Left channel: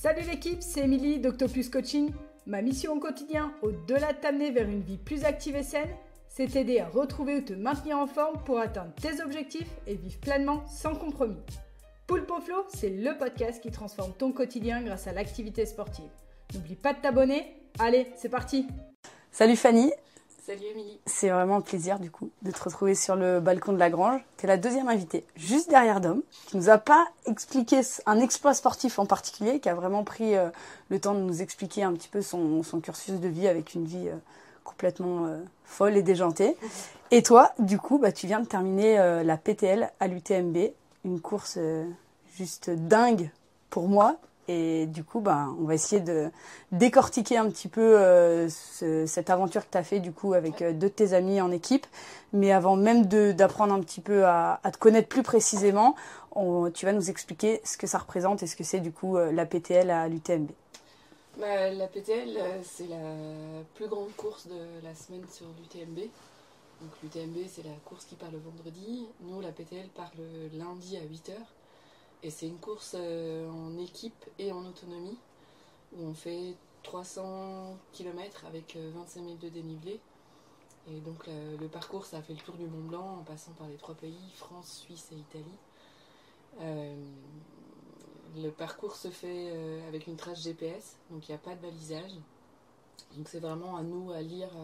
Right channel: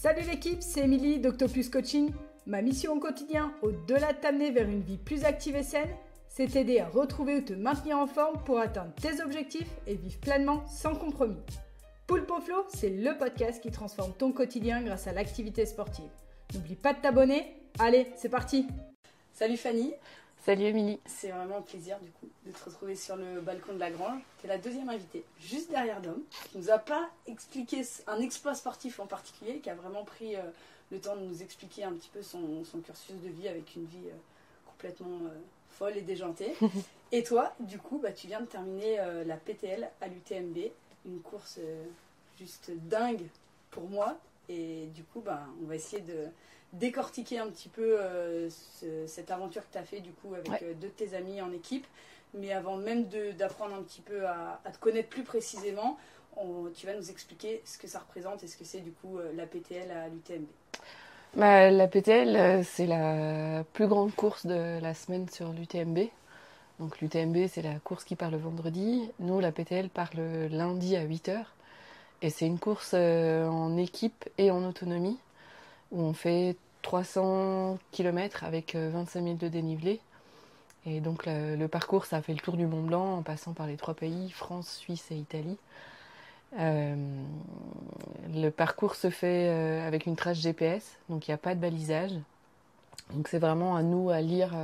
Salut l'équipe, c'est Émilie d'Octopus Coaching. Ma mission au quotidien, au-delà de t'amener vers une vie plus active et saine, c'est t'aider à retrouver ou te maintenir en forme pour atteindre tes objectifs et vivre pleinement sans compromis. Poulpe au Flow, c'est le podcast qui transforme ton quotidien grâce à l'activité sportive. N'oublie pas de t'abonner. Allez, c'est parti. Salut Fanny. Salut Émilie. C'est vraiment un plaisir du coup de te retrouver sur le balcon de la Grange. Tu es la deuxième invitée, juste derrière Dom, qui nous a pas expliqué un exploit sportif en particulier, qui a vraiment pris le temps de nous expliquer un petit peu son cursus de vie avec une vie complètement folle et déjantée. Et toi, du coup, tu viens de terminer la PTL à l'UTMB, une course juste dingue pour moi. Et du coup, on va essayer de décortiquer un petit peu cette aventure que tu as fait du coup avec deux de tes amis en équipe. Mais avant même d'apprendre un petit peu à te connaître plus précisément, tu vas nous expliquer ce que ça représente et ce que c'est du coup la PTL à l'UTMB. La PTL, c'est la plus grande course de la semaine sur l'UTMB. Donc l'UTMB, c'est la course qui part le vendredi. Nous, la PTL part le lundi à 8h. Et c'est une course en équipe et en autonomie, où on fait 300 km avec 25 000 de dénivelé. Et donc le parcours, ça fait le tour du Mont Blanc en passant par les 3 pays, France, Suisse et Italie. Le parcours se fait avec une trace GPS, donc il n'y a pas de balisage. Donc c'est vraiment à nous à lire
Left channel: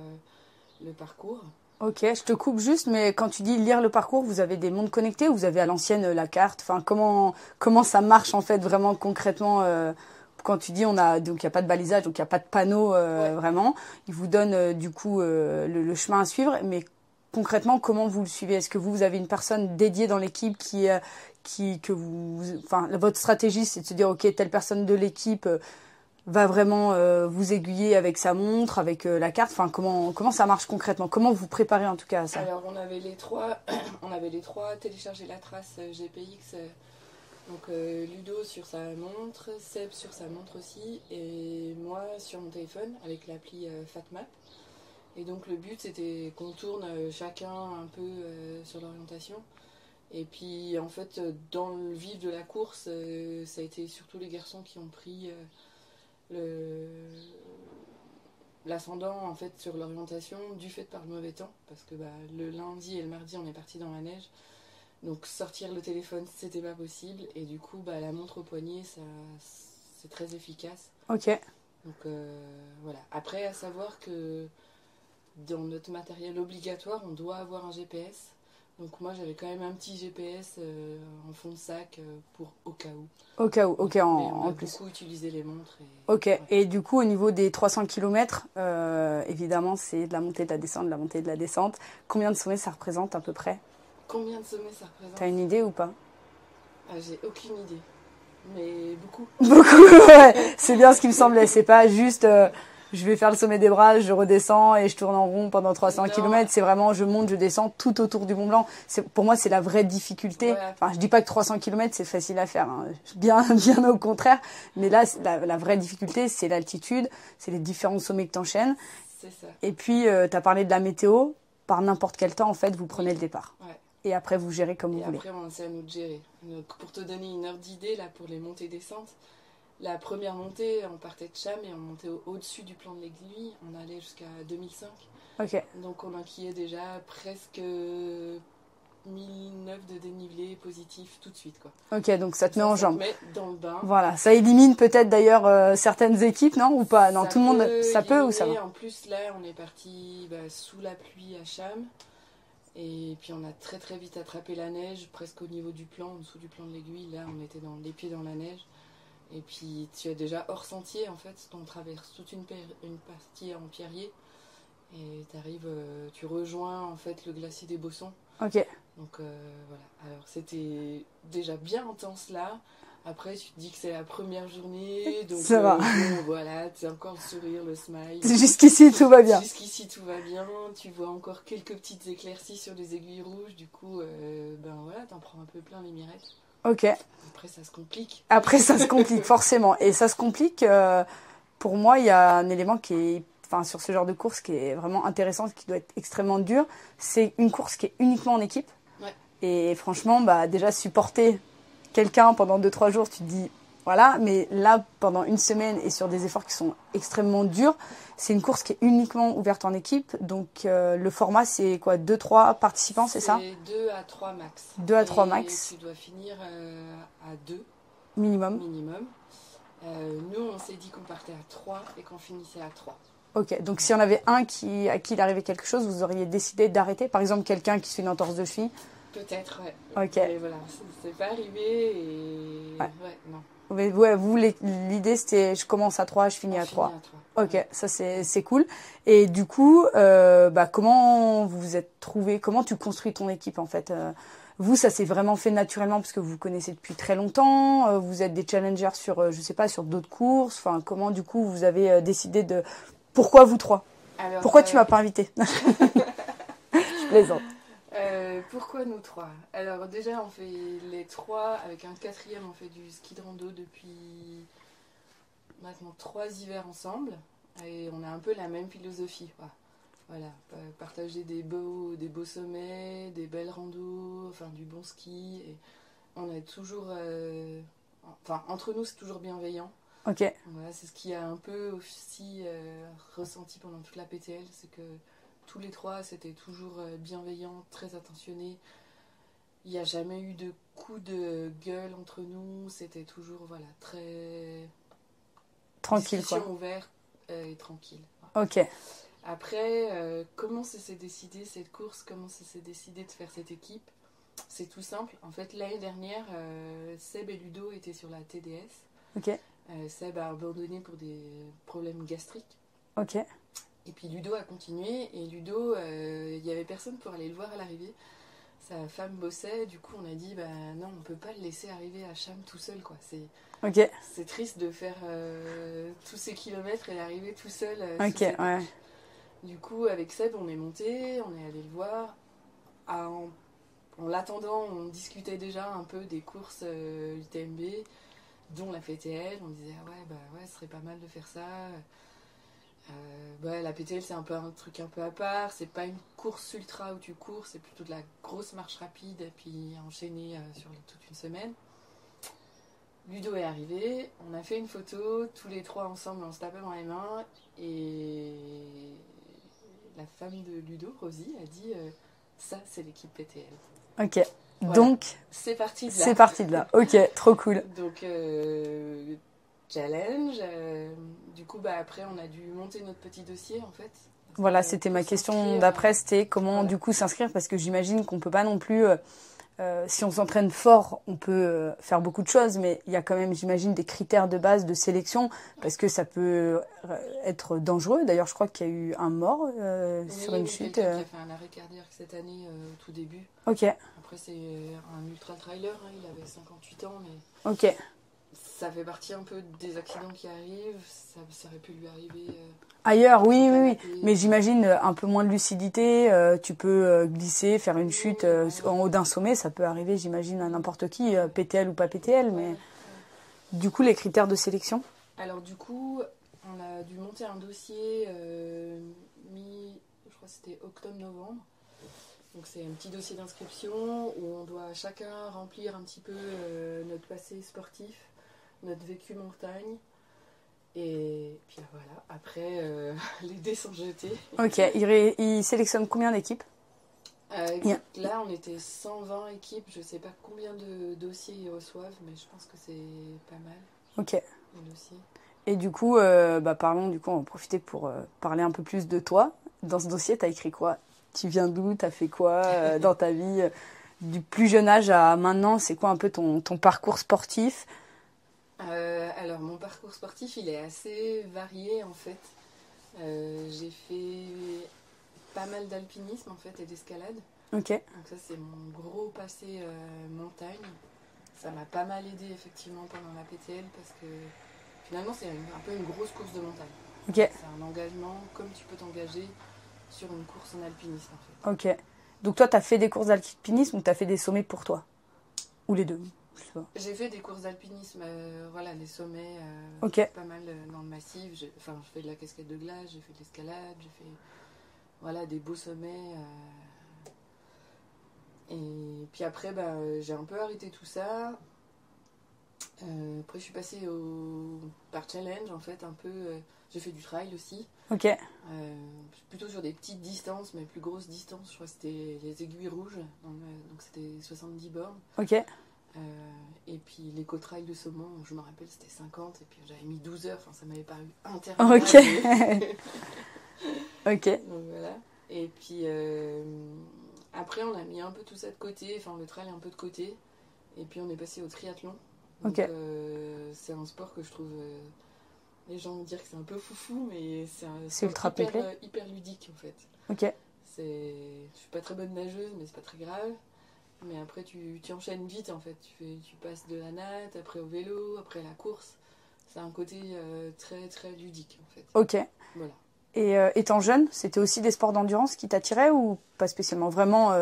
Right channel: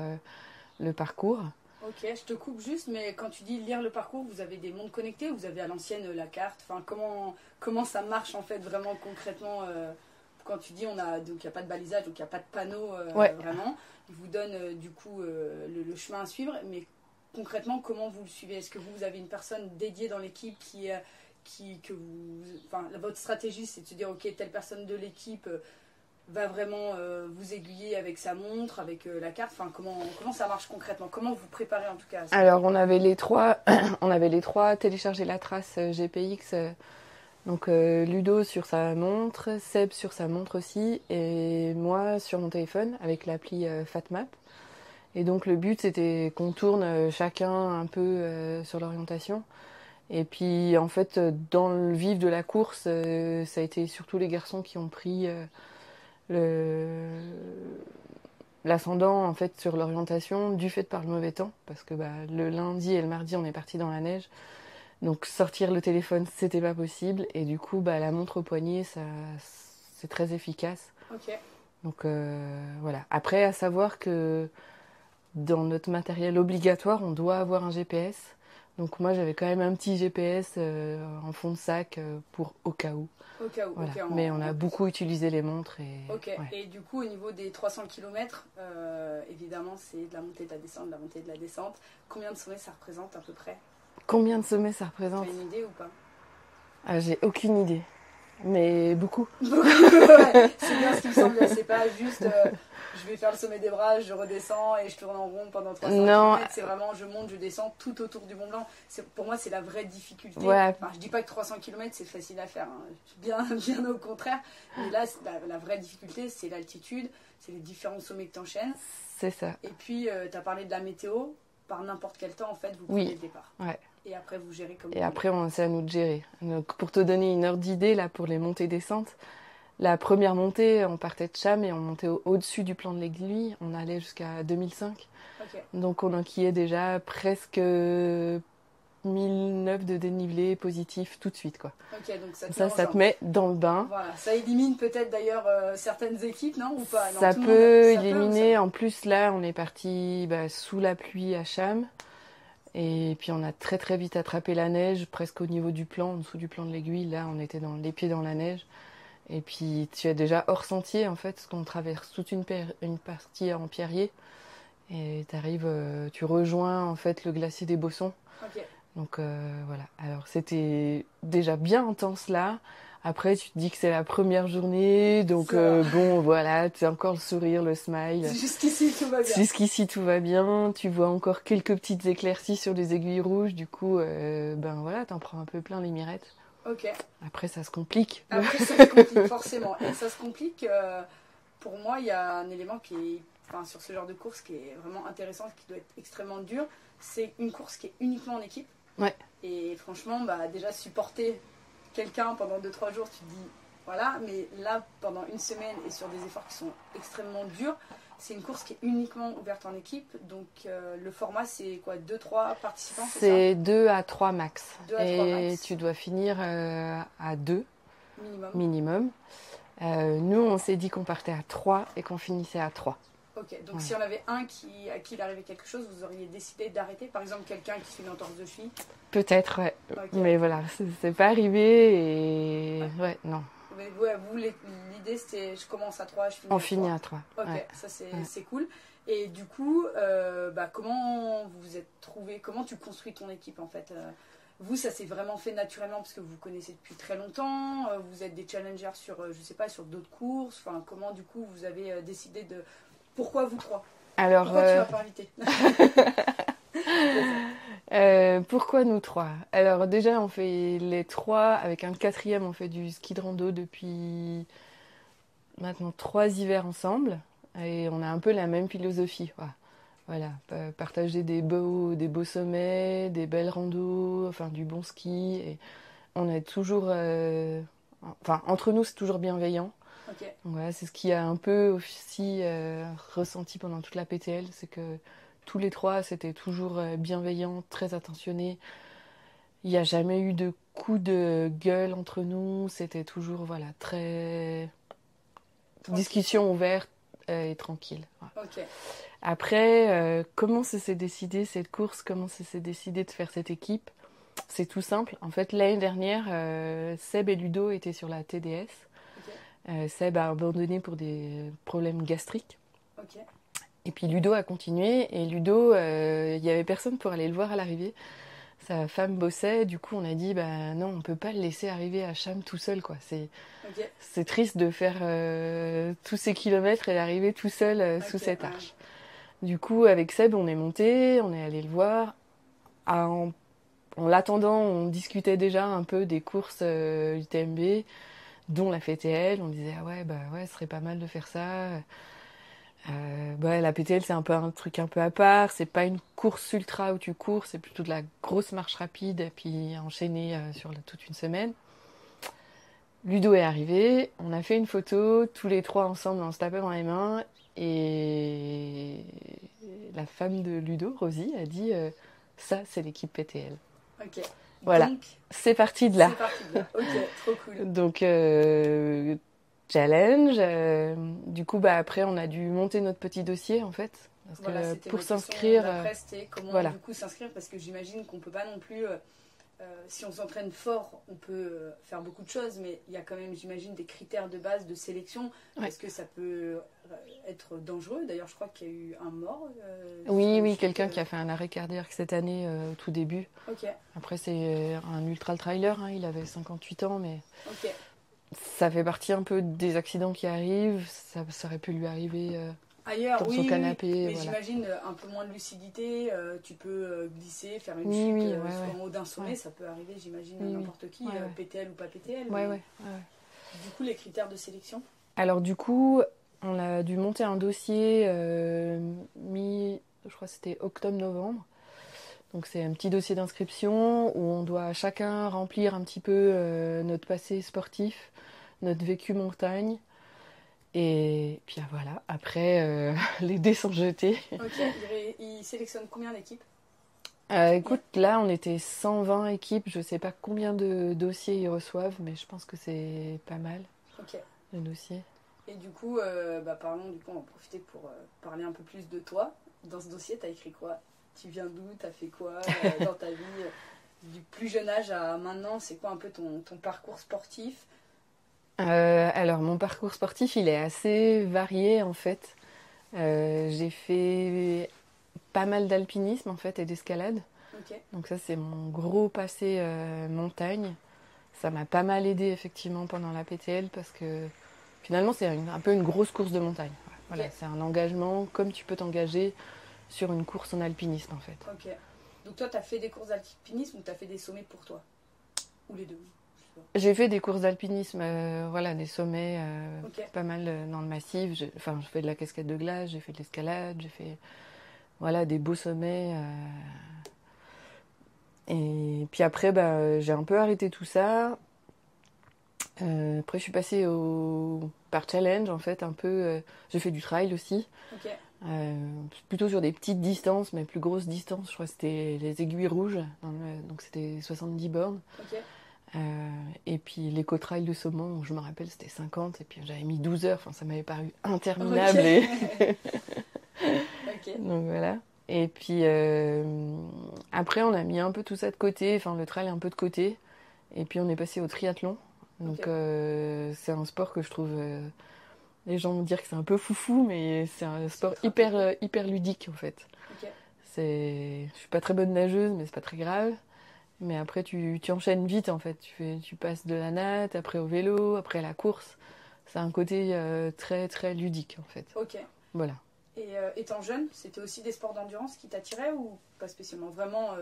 le parcours. Ok, je te coupe juste, mais quand tu dis lire le parcours, vous avez des montres connectées ou vous avez à l'ancienne la carte? Enfin, comment ça marche en fait vraiment concrètement quand tu dis donc il n'y a pas de balisage, donc il n'y a pas de panneau vraiment. Ils vous donnent du coup le chemin à suivre, mais concrètement comment vous le suivez? Est-ce que vous avez une personne dédiée dans l'équipe votre stratégie c'est de se dire ok, telle personne de l'équipe va vraiment vous aiguiller avec sa montre, avec la carte. Enfin, comment ça marche concrètement? Comment vous préparez en tout cas à ça? Alors, on avait les trois téléchargé la trace GPX. Donc, Ludo sur sa montre, Seb sur sa montre aussi, et moi sur mon téléphone avec l'appli FatMap. Et donc, le but, c'était qu'on tourne chacun un peu sur l'orientation. Et puis, en fait, dans le vif de la course, ça a été surtout les garçons qui ont pris l'ascendant en fait sur l'orientation du fait par le mauvais temps, parce que le lundi et le mardi on est parti dans la neige, donc sortir le téléphone c'était pas possible, et du coup la montre au poignet c'est très efficace. Ok. Donc voilà. Après, à savoir que dans notre matériel obligatoire on doit avoir un GPS. Donc moi j'avais quand même un petit GPS en fond de sac pour au cas où. Au cas où, voilà. ok. Mais on a beaucoup utilisé les montres. Ok, et du coup au niveau des 300 km, évidemment c'est de la montée, de la descente, de la montée, de la descente. Combien de sommets ça représente à peu près? Combien de sommets ça représente? T'as une idée ou pas? J'ai aucune idée, mais beaucoup. Beaucoup, ouais. C'est bien ce qui me semblait, c'est pas juste... je vais faire le sommet des Bras, je redescends et je tourne en rond pendant 300 km. C'est vraiment, je monte, je descends tout autour du Mont Blanc. Pour moi, c'est la vraie difficulté. Ouais. Enfin, je dis pas que 300 km, c'est facile à faire. Hein. Bien au contraire. Mais là, la vraie difficulté, c'est l'altitude, c'est les différents sommets que tu enchaînes. C'est ça. Et puis, tu as parlé de la météo. Par n'importe quel temps, en fait, vous prenez le départ. Ouais. Et après, vous gérez comme vous voulez. Et après, c'est à nous de gérer. Donc, pour te donner une ordre d'idée, là, pour les montées-descentes, la première montée, on partait de Cham et on montait au-dessus du plan de l'Aiguille. On allait jusqu'à 2005. Ok. Donc on enquillait déjà presque 1009 de dénivelé positif tout de suite, quoi. Ok, donc ça te met en Ça jambe. te met dans le bain. Voilà, ça élimine peut-être d'ailleurs certaines équipes, non? Ou pas? Non, ça tout peut le monde, ça peut ou ça éliminer. va? En plus, là, on est parti sous la pluie à Cham. Et puis on a très très vite attrapé la neige, presque au niveau du plan, en dessous du plan de l'Aiguille. Là, on était les pieds dans la neige. Et puis tu es déjà hors sentier en fait, parce qu'on traverse toute une partie en pierrier. Et tu rejoins en fait le glacier des Bossons. Ok. Donc voilà. Alors c'était déjà bien intense là. Après tu te dis que c'est la première journée, donc bon voilà, tu as encore le sourire, le smile. Jusqu'ici tout va bien. Jusqu'ici tout va bien. Tu vois encore quelques petites éclaircies sur les aiguilles rouges. Du coup, voilà, t'en prends un peu plein les mirettes. Ok. Après, ça se complique. Après, ça se complique, forcément. Et ça se complique, pour moi, il y a un élément qui est, sur ce genre de course qui est vraiment intéressant, qui doit être extrêmement dur. C'est une course qui est uniquement en équipe. Ouais. Et franchement, déjà, supporter quelqu'un pendant 2-3 jours, tu te dis, voilà, mais là, pendant une semaine et sur des efforts qui sont extrêmement durs, c'est une course qui est uniquement ouverte en équipe. Donc, le format, c'est quoi? 2-3 participants, c'est ça? C'est 2 à 3 max. 2 à 3 max. Et tu dois finir à 2 minimum. Nous, on s'est dit qu'on partait à 3 et qu'on finissait à 3. Ok, donc si on avait un à qui il arrivait quelque chose, vous auriez décidé d'arrêter? Par exemple, quelqu'un qui se fait une entorse de cheville? Peut-être, ouais. Ok. Mais voilà, c'est pas arrivé et... Ouais, non. Mais ouais, vous, l'idée, c'était je commence à 3, je finis On à finit 3. à 3. Ok, Ouais. ça c'est cool. Et du coup, comment vous vous êtes trouvé? Comment tu construis ton équipe en fait? Vous, ça s'est vraiment fait naturellement parce que vous vous connaissez depuis très longtemps. Vous êtes des challengers sur, je sais pas, sur d'autres courses. Enfin, comment du coup vous avez décidé de... Pourquoi vous trois? Alors, Pourquoi tu m'as pas invité? pourquoi nous 3? Alors déjà, on fait les 3 avec un 4e, on fait du ski de rando depuis maintenant 3 hivers ensemble. Et on a un peu la même philosophie. Voilà, partager des beaux sommets, des belles randos, enfin du bon ski. Et on est toujours... Enfin, entre nous, c'est toujours bienveillant. Ok. Donc voilà, c'est ce qui a un peu aussi ressenti pendant toute la PTL, c'est que tous les 3, c'était toujours bienveillant, très attentionné. Il n'y a jamais eu de coup de gueule entre nous, c'était toujours voilà, très... Tranquille, discussion quoi. ouverte et tranquille. Voilà. Ok. Après, comment ça s'est décidé cette course, comment ça s'est décidé de faire cette équipe? C'est tout simple. En fait, l'année dernière, Seb et Ludo étaient sur la TDS. Ok. Seb a abandonné pour des problèmes gastriques. Ok. Et puis Ludo a continué. Et Ludo, il n'y avait personne pour aller le voir à l'arrivée. Sa femme bossait. Du coup, on a dit, bah non, on ne peut pas le laisser arriver à Cham tout seul, quoi. Ok. C'est triste de faire tous ces kilomètres et d'arriver tout seul sous cette ouais. arche. Du coup, avec Seb, on est monté, on est allé le voir. En l'attendant, on discutait déjà un peu des courses UTMB, dont la PTL. On disait, ah ouais, ce serait pas mal de faire ça. La PTL, c'est un peu un truc un peu à part. C'est pas une course ultra où tu cours, c'est plutôt de la grosse marche rapide, et puis enchaînée sur toute une semaine. Ludo est arrivé, on a fait une photo, tous les 3 ensemble, on se tapait dans les mains, et la femme de Ludo, Rosie, a dit ça, c'est l'équipe PTL. Ok. Voilà. Donc, c'est parti de là. C'est parti de là. Ok, trop cool. Donc, challenge. Du coup, après, on a dû monter notre petit dossier, en fait. Voilà, c'était ma question d'après, c'était comment du coup s'inscrire, parce que j'imagine qu'on peut pas non plus... si on s'entraîne fort, on peut faire beaucoup de choses, mais il y a quand même, j'imagine, des critères de base de sélection, parce que ça peut être dangereux. D'ailleurs, je crois qu'il y a eu un mort. Oui, quelqu'un qui a fait un arrêt cardiaque cette année, au tout début. Ok. Après, c'est un ultra-trailer, hein, il avait 58 ans, mais ok. Ça fait partie un peu des accidents qui arrivent. Ça aurait pu lui arriver... Ailleurs, oui, mais j'imagine un peu moins de lucidité, tu peux glisser, faire une chute en haut d'un sommet, ça peut arriver, j'imagine, à n'importe qui, PTL ou pas PTL. Du coup, les critères de sélection? Alors du coup, on a dû monter un dossier je crois que c'était octobre-novembre. Donc c'est un petit dossier d'inscription où on doit chacun remplir un petit peu notre passé sportif, notre vécu montagne. Et puis voilà, après, les dés sont jetés. Ok, il sélectionne combien d'équipes? Écoute, là, on était 120 équipes. Je sais pas combien de dossiers ils reçoivent, mais je pense que c'est pas mal. Ok. Les dossiers. Et du coup, parlons, du coup, on va profiter pour parler un peu plus de toi. Dans ce dossier, tu as écrit quoi? Tu viens d'où? Tu as fait quoi dans ta vie? Du plus jeune âge à maintenant, c'est quoi un peu ton parcours sportif? Alors, mon parcours sportif, il est assez varié, en fait. J'ai fait pas mal d'alpinisme, en fait, et d'escalade. Ok. Donc ça, c'est mon gros passé montagne. Ça m'a pas mal aidé, effectivement, pendant la PTL, parce que finalement, c'est un peu une grosse course de montagne. Voilà, c'est un engagement comme tu peux t'engager sur une course en alpinisme, en fait. Ok. Donc toi, tu as fait des courses d'alpinisme ou tu as fait des sommets pour toi? Ou les deux? J'ai fait des courses d'alpinisme, des sommets, pas mal dans le massif. Je fais de la cascade de glace, j'ai fait de l'escalade, j'ai fait des beaux sommets. Et puis après, j'ai un peu arrêté tout ça. Après, je suis passée par challenge, en fait, un peu. J'ai fait du trail aussi. Ok. Plutôt sur des petites distances, mais plus grosses distances. Je crois que c'était les Aiguilles Rouges. Donc, c'était 70 bornes. Ok. Et puis, l'éco-trail de Saumon, je me rappelle, c'était 50. Et puis, j'avais mis 12 heures. Enfin, ça m'avait paru interminable. Ok. Donc, voilà. Et puis, après, on a mis un peu tout ça de côté. Enfin, le trail un peu de côté. Et puis, on est passé au triathlon. Donc, c'est un sport que je trouve... les gens vont dire que c'est un peu foufou, mais c'est un sport hyper ludique, en fait. Ok. Je suis pas très bonne nageuse, mais c'est pas très grave. Mais après, tu enchaînes vite, en fait. Tu passes de la natte, après au vélo, après à la course. C'est un côté très, très ludique, en fait. Ok. Voilà. Et étant jeune, c'était aussi des sports d'endurance qui t'attiraient ou pas spécialement? Vraiment,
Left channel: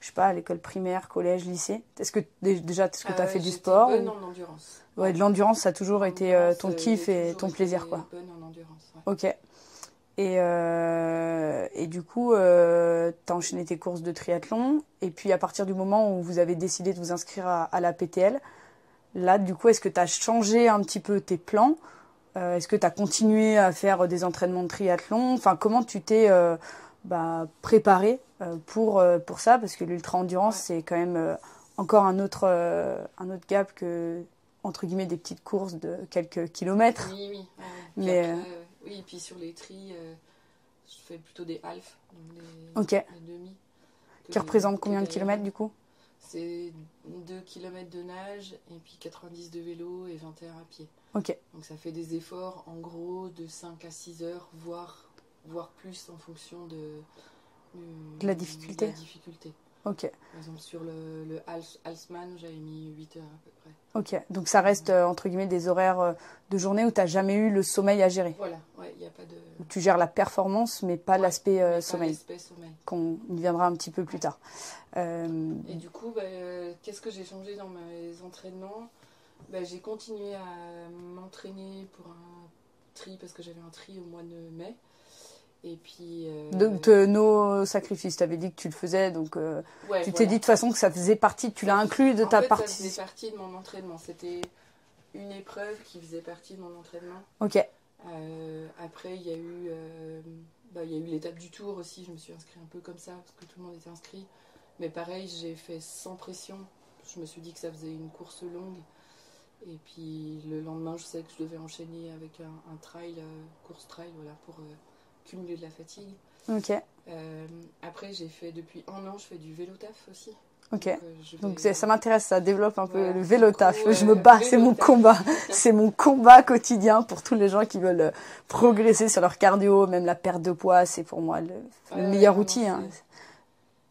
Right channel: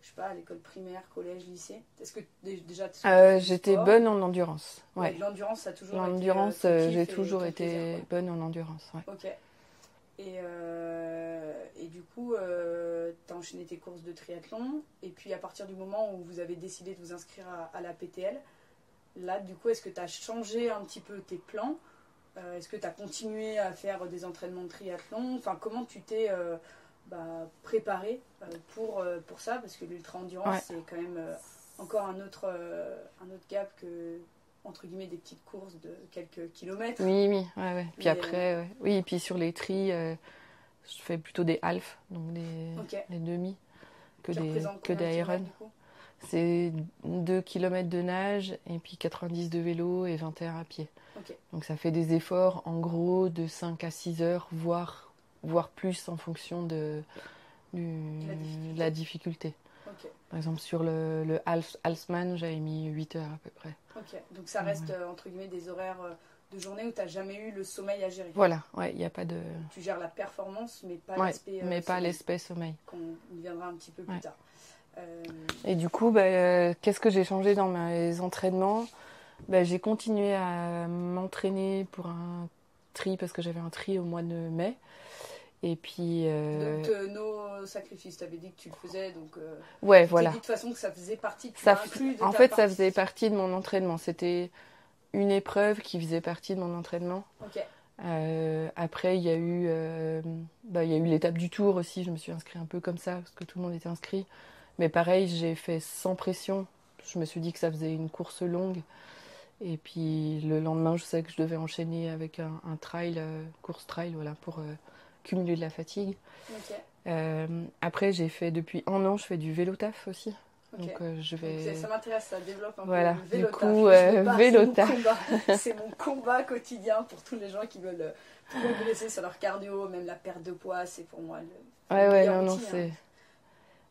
je sais pas, à l'école primaire, collège, lycée. Est-ce que déjà tu as fait du sport? J'étais bonne en endurance. Ouais, de l'endurance, ça a toujours été ton kiff et ton plaisir, quoi. Bonne en endurance, ouais. Ok. Et du coup, tu as enchaîné tes courses de triathlon. Et puis, à partir du moment où vous avez décidé de vous inscrire à la PTL, là, du coup, est-ce que tu as changé un petit peu tes plans? Est-ce que tu as continué à faire des entraînements de triathlon? Enfin, comment tu t'es préparé pour ça? Parce que l'ultra-endurance, c'est quand même encore un autre gap que, entre guillemets, des petites courses de quelques kilomètres. Oui. Ouais. Puis après, oui, et puis sur les tris, je fais plutôt des halfs, donc des demi. Qui représentent combien de kilomètres, du coup? C'est 2 km de nage, et puis 90 de vélo et 21 à pied. Ok. Donc ça fait des efforts, en gros, de 5 à 6 heures, voire plus en fonction de la difficulté. Ok. Par exemple, sur le Halsman, j'avais mis 8 heures à peu près. Ok, donc ça reste, entre guillemets, des horaires de journée où tu n'as jamais eu le sommeil à gérer. Voilà, ouais, il n'y a pas de... Tu gères la performance, mais pas l'aspect mais sommeil. pas l'aspect sommeil. Qu'on y viendra un petit peu plus tard. Et du coup, qu'est-ce que j'ai changé dans mes entraînements? J'ai continué à m'entraîner pour un tri, parce que j'avais un tri au mois de mai. Et puis... Donc, nos sacrifices, tu avais dit que tu le faisais, donc tu t'es dit de toute façon que ça faisait partie, tu l'as inclus de ta partie. En fait, ça faisait partie de mon entraînement. C'était une épreuve qui faisait partie de mon entraînement. Ok. Après, il y a eu l'étape du Tour aussi. Je me suis inscrite un peu comme ça, parce que tout le monde était inscrit. Mais pareil, j'ai fait sans pression. Je me suis dit que ça faisait une course longue. Et puis, le lendemain, je sais que je devais enchaîner avec un trail, course trail, voilà, pour... cumuler de la fatigue. Ok. Après, j'ai fait depuis un an, je fais du vélo taf aussi. Ok. Donc, ça m'intéresse, ça développe un peu le vélo vélo taf. Je me bats, c'est mon combat. C'est mon combat quotidien pour tous les gens qui veulent progresser sur leur cardio, même la perte de poids, c'est pour moi le meilleur outil.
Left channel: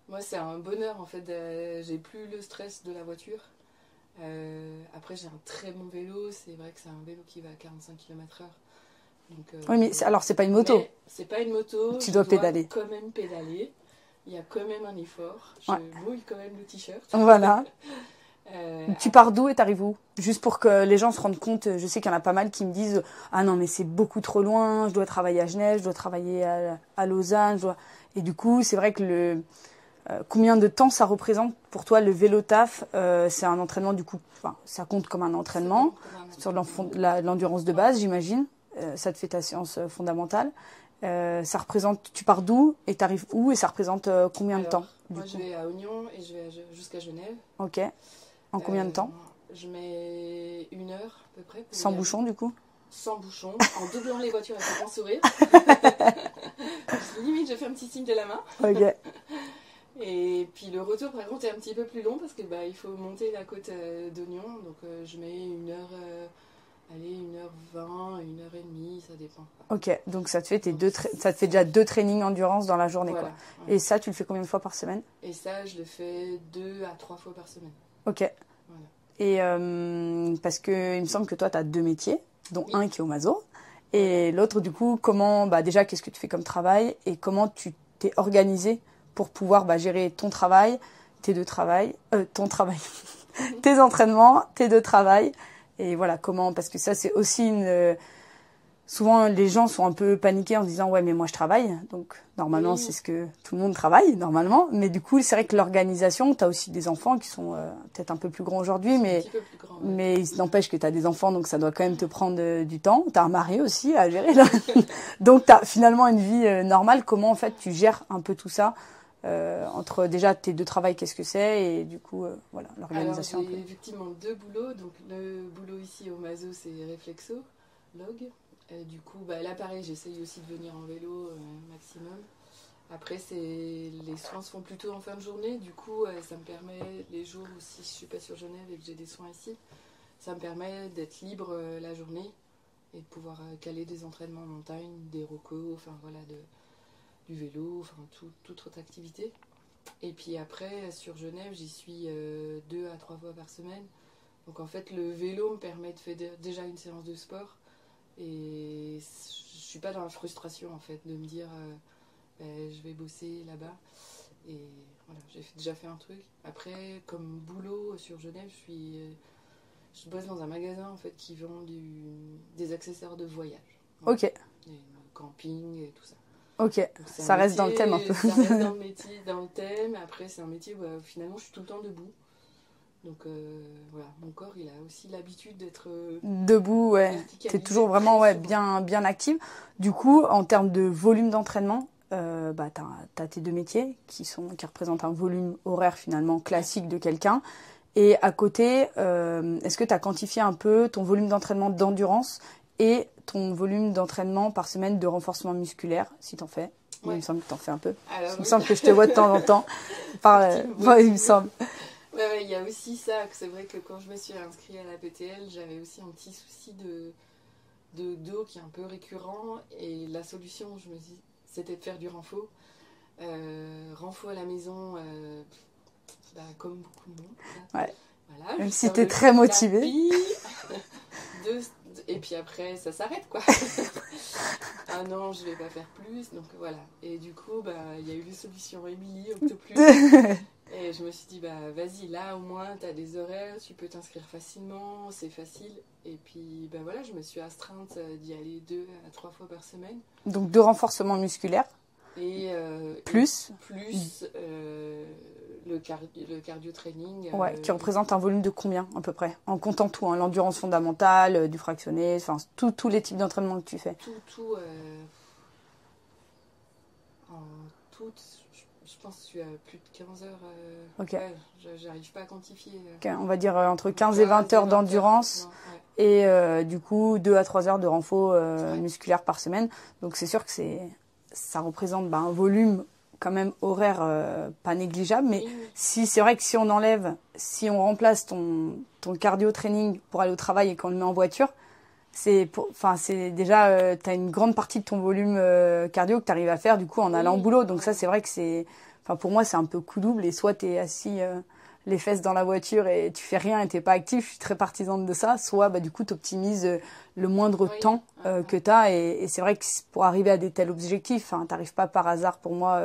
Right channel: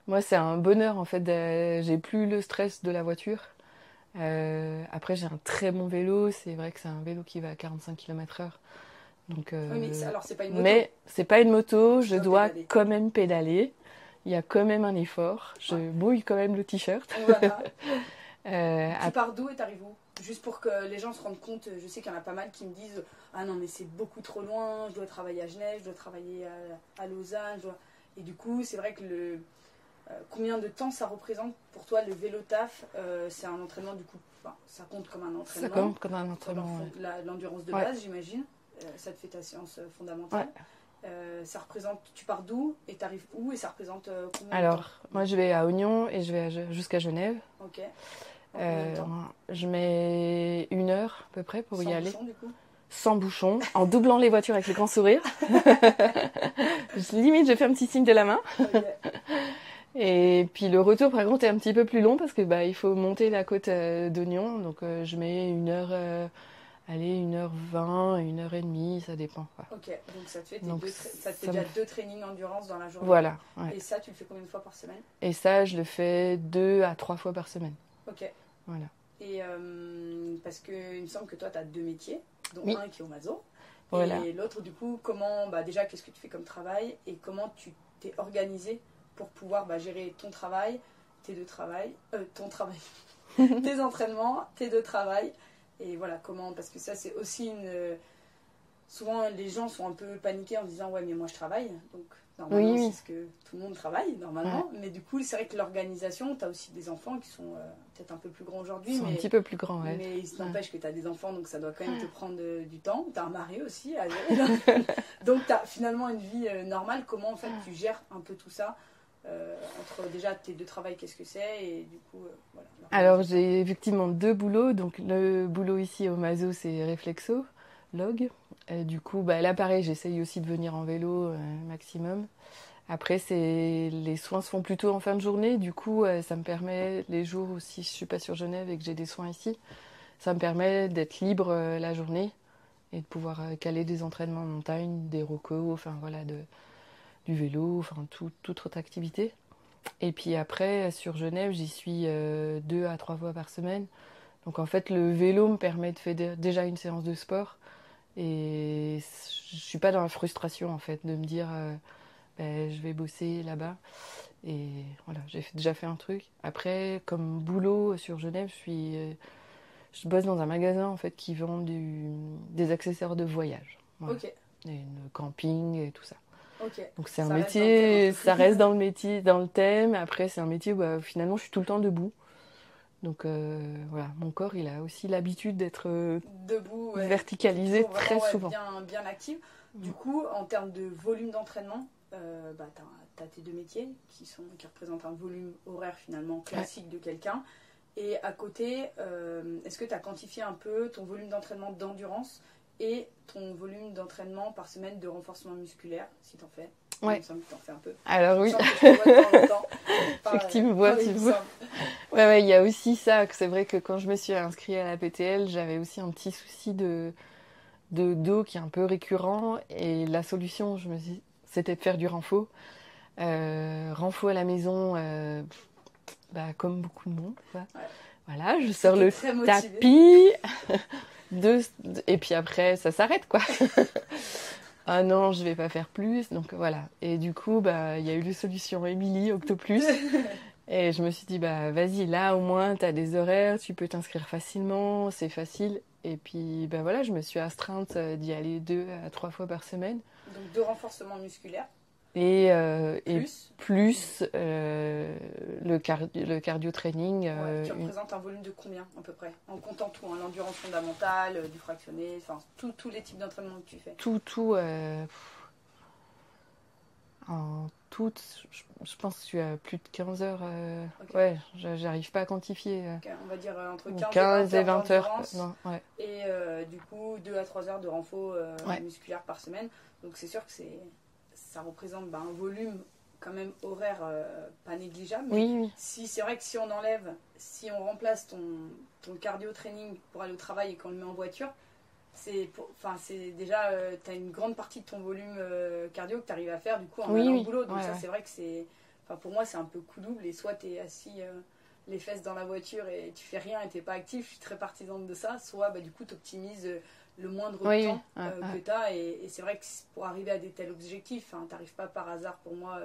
Moi, c'est un bonheur en fait. J'ai plus le stress de la voiture. Après, j'ai un très bon vélo. C'est vrai que c'est un vélo qui va à 45 km/h. Donc, oui, mais alors c'est pas une moto. Mais c'est pas une moto, je dois pédaler. Quand même pédaler. Il y a quand même un effort. Je brouille quand même le t-shirt. Voilà. Tu pars d'où et t'arrives où? Juste pour que les gens se rendent compte, je sais qu'il y en a pas mal qui me disent « Ah non, mais c'est beaucoup trop loin, je dois travailler à Genève, je dois travailler à Lausanne. » Et du coup, c'est vrai que combien de temps ça représente pour toi le vélo taf? C'est un entraînement du coup, ça compte comme un entraînement, sur l'endurance de base, j'imagine. Ça te fait ta séance fondamentale. Ça représente, tu pars d'où et t'arrives où et ça représente combien de temps? Moi je vais à Oignon et je vais jusqu'à Genève. Ok. En combien de temps? Je mets 1 heure à peu près pour Sans bouchon du coup? Sans bouchon, en doublant les voitures avec le grand sourire. Limite je fais un petit signe de la main. Ok. Et puis le retour par contre est un petit peu plus long parce que il faut monter la côte d'Oignon. Donc je mets 1 heure... 1h20, 1h30, ça dépend. Ok, donc ça te fait, déjà 2 trainings endurance dans la journée. Voilà. Ouais. Et ça, tu le fais combien de fois par semaine? Et ça, je le fais 2 à 3 fois par semaine. Ok. Voilà. Et parce qu'il me semble que toi, tu as 2 métiers, dont un qui est au Mazo. Voilà. Et l'autre, du coup, déjà, qu'est-ce que tu fais comme travail et comment tu t'es organisé pour pouvoir gérer ton travail, tes 2 travails, tes entraînements, tes 2 travails. Et voilà, comment, parce que ça, c'est aussi souvent les gens sont un peu paniqués en se disant ouais mais moi je travaille, donc normalement Oui. c'est ce que tout le monde travaille normalement, mais du coup c'est vrai que l'organisation, tu as aussi des enfants qui sont peut-être un peu plus grands aujourd'hui, Ils sont mais un petit peu plus grands, ouais. il n'empêche que tu as des enfants, donc ça doit quand même te prendre du temps. Tu as un mari aussi à gérer. Là. Donc tu as finalement une vie normale. Comment en fait tu gères un peu tout ça entre déjà tes deux travails, qu'est-ce que c'est, et du coup, voilà, Alors l'organisation. j'ai effectivement 2 boulots. Donc le boulot ici au Mazo, c'est réflexologue. Du coup, là pareil, j'essaye aussi de venir en vélo maximum. Après, les soins se font plutôt en fin de journée. Du coup, ça me permet, les jours où si je suis pas sur Genève et que j'ai des soins ici, ça me permet d'être libre la journée et de pouvoir caler des entraînements en montagne, des rocos, enfin voilà, du vélo, enfin toute autre activité. Et puis après, sur Genève, j'y suis 2 à 3 fois par semaine. Donc en fait, le vélo me permet de faire déjà une séance de sport. Et je suis pas dans la frustration en fait de me dire je vais bosser là-bas. Et voilà, j'ai déjà fait un truc. Après, comme boulot sur Genève, je bosse dans un magasin en fait qui vend des accessoires de voyage. Voilà. Ok, Et le camping et tout ça. ok. Donc c'est Ça un reste dans métier, le thème un peu. ça reste dans le métier, dans le thème. Après, c'est un métier où finalement je suis tout le temps debout. Donc voilà, mon corps il a aussi l'habitude d'être Debout, ouais. T'es verticalisé toujours vraiment très souvent. bien active. Du coup, en termes de volume d'entraînement, t'as tes deux métiers qui représentent un volume horaire finalement classique de quelqu'un. Et à côté, est-ce que tu as quantifié un peu ton volume d'entraînement d'endurance et ton volume d'entraînement par semaine de renforcement musculaire, si t'en fais? Il me semble que t'en fais un peu. Alors Il me oui, semble que je te vois de temps en temps. effectivement, Il me semble. Ouais, il y a aussi ça. C'est vrai que quand je me suis inscrite à la PTL, j'avais aussi un petit souci de dos qui est un peu récurrent. Et la solution, je me dis, c'était de faire du renfo. Renfo à la maison, comme beaucoup de monde. Quoi. Ouais. Voilà, Même je si sors t'es le très motivée. tapis. Et puis après, ça s'arrête, quoi. Ah non, je vais pas faire plus. Donc voilà. Et du coup, il y a eu les solutions Émilie, Octoplus. Et je me suis dit, vas-y, là au moins, tu as des horaires, tu peux t'inscrire facilement, c'est facile. Et puis, voilà, je me suis astreinte d'y aller 2 à 3 fois par semaine. Donc de renforcement musculaire. Et Plus le cardio training. qui représente un volume de combien à peu près? En comptant tout, hein, l'endurance fondamentale, du fractionné, enfin tous les types d'entraînement que tu fais. En tout, je pense que je suis à plus de 15 heures. Ok. Ouais, j'arrive pas à quantifier. On va dire entre 15 et 20 heures d'endurance ouais. et du coup 2 à 3 heures de renfo Ouais. musculaire par semaine. Donc c'est sûr que ça représente un volume quand même horaire pas négligeable. Mais Oui. c'est vrai que si on remplace ton cardio training pour aller au travail et qu'on le met en voiture, c'est déjà, tu as une grande partie de ton volume cardio que tu arrives à faire du coup en allant au boulot. Donc ça, c'est vrai que pour moi, c'est un peu coup double. Et soit tu es assis les fesses dans la voiture et tu fais rien et tu n'es pas actif, je suis très partisane de ça. Soit du coup, tu optimises le moindre temps que tu as. Et c'est vrai que pour arriver à des tels objectifs, tu n'arrives pas par hasard pour moi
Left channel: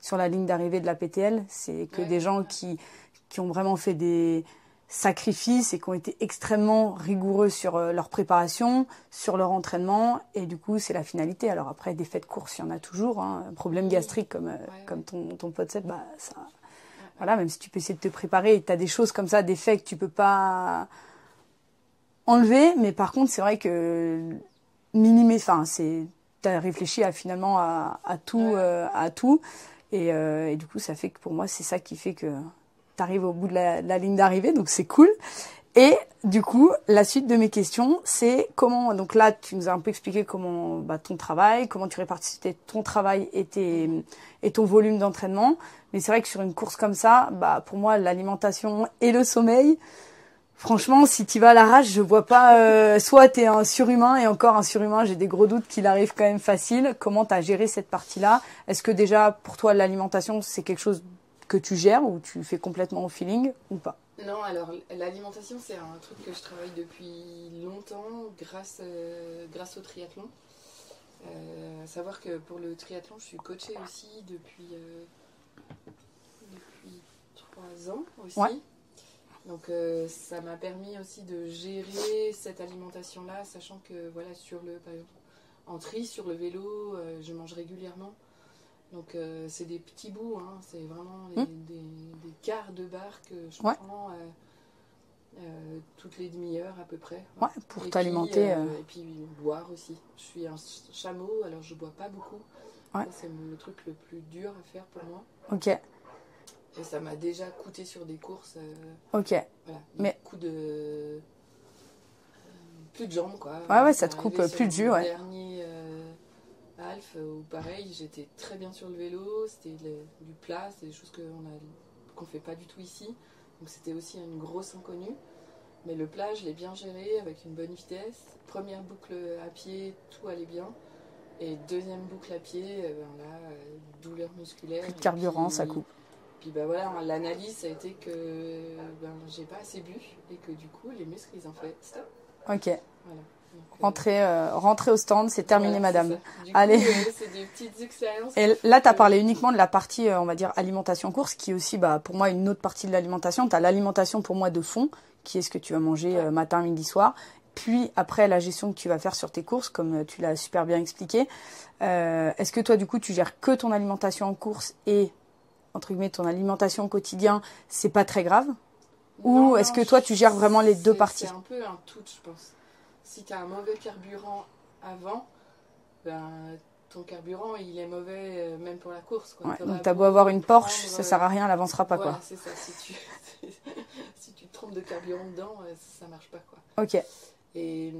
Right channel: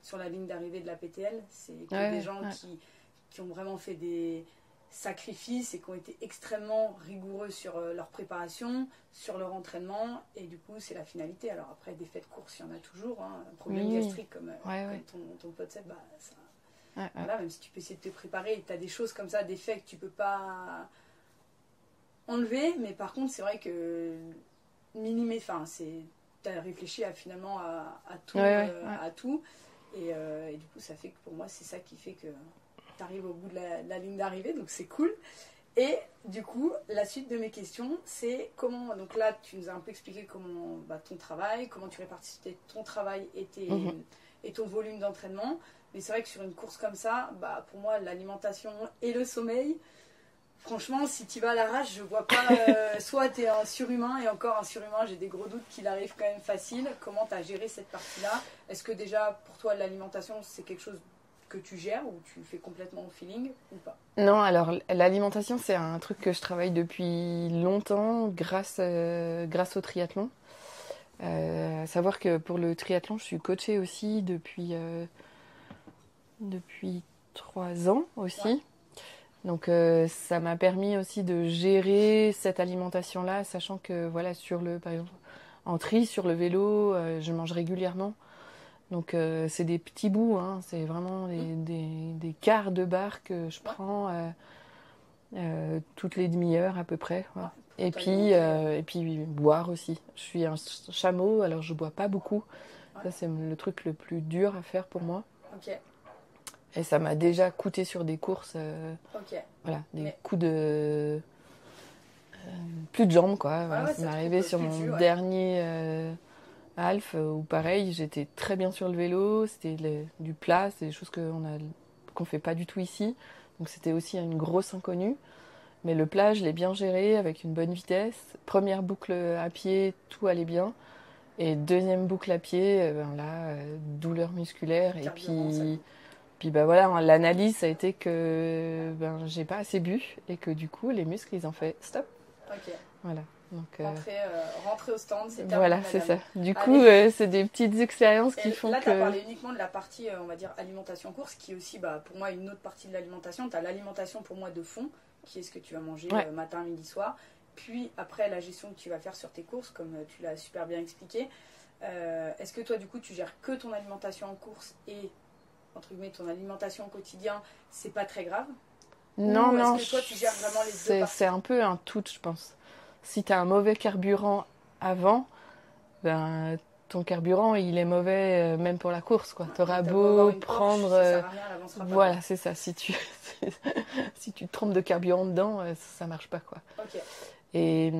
sur la ligne d'arrivée de la PTL. C'est que des gens qui ont vraiment fait des sacrifices et qui ont été extrêmement rigoureux sur leur préparation, sur leur entraînement, et du coup c'est la finalité. Alors après, des faits de course, il y en a toujours, hein. Problème gastrique comme ton pote Seb, voilà, même si tu peux essayer de te préparer et tu as des choses comme ça, des faits que tu peux pas enlever, mais par contre c'est vrai que tu as réfléchi finalement à tout, à tout, et du coup ça fait que pour moi c'est ça qui fait que tu arrives au bout de la ligne d'arrivée, donc c'est cool. Et du coup, la suite de mes questions, c'est comment... Donc là, tu nous as un peu expliqué comment ton travail, comment tu répartissais ton travail et ton volume d'entraînement. Mais c'est vrai que sur une course comme ça, pour moi, l'alimentation et le sommeil, franchement, si tu vas à l'arrache, je vois pas... soit tu es un surhumain, et encore un surhumain, j'ai des gros doutes qu'il arrive quand même facile. Comment tu as géré cette partie-là? Est-ce que déjà, pour toi, l'alimentation, c'est quelque chose que tu gères ou tu fais complètement au feeling ou pas? Non, alors l'alimentation, c'est un truc que je travaille depuis longtemps grâce au triathlon. À savoir que pour le triathlon, je suis coachée aussi depuis 3 ans aussi. Ouais. Donc ça m'a permis aussi de gérer cette alimentation-là, sachant que voilà, par exemple, en tri sur le vélo, je mange régulièrement. Donc c'est des petits bouts, hein, c'est vraiment des quarts de barre que je prends toutes les demi-heures à peu près. Ouais. Pour t'alimenter. Et puis boire aussi. Je suis un chameau, alors je bois pas beaucoup. Ouais. Ça c'est le truc le plus dur à faire pour moi. Ok. Et ça m'a déjà coûté sur des courses. Voilà, coups de... plus de jambes, quoi. Ouais, ça te coupe sur plus de jus, dernier half, où pareil, j'étais très bien sur le vélo. C'était du plat, c'est des choses qu'on fait pas du tout ici. Donc c'était aussi une grosse inconnue. Mais le plat, je l'ai bien géré avec une bonne vitesse. Première boucle à pied, tout allait bien. Et deuxième boucle à pied, douleur musculaire. Carburant, ça coupe. Puis voilà, l'analyse ça a été que j'ai pas assez bu et que du coup les muscles ils ont fait stop. Ok. Voilà. Donc, rentrer au stand, c'est terminé, madame. C'est du coup, c'est des petites expériences. Et là, tu as parlé uniquement de la partie, on va dire, alimentation course, qui est aussi, pour moi, une autre partie de l'alimentation. Tu as l'alimentation, pour moi, de fond, qui est ce que tu vas manger matin, midi, soir. Puis, après, la gestion que tu vas faire sur tes courses, comme tu l'as super bien expliqué. Est-ce que toi, du coup, tu gères que ton alimentation en course et, entre guillemets, ton alimentation au quotidien, c'est pas très grave? Ou est-ce que toi, tu gères vraiment les deux parties? C'est un peu un tout, je pense. Si tu as un mauvais carburant avant, ton carburant, il est mauvais même pour la course. Tu as beau avoir une Porsche, ça ne sert à rien, elle n'avancera pas. Voilà, c'est ça. Si tu te trompes de carburant dedans, ça ne marche pas. Ok. Et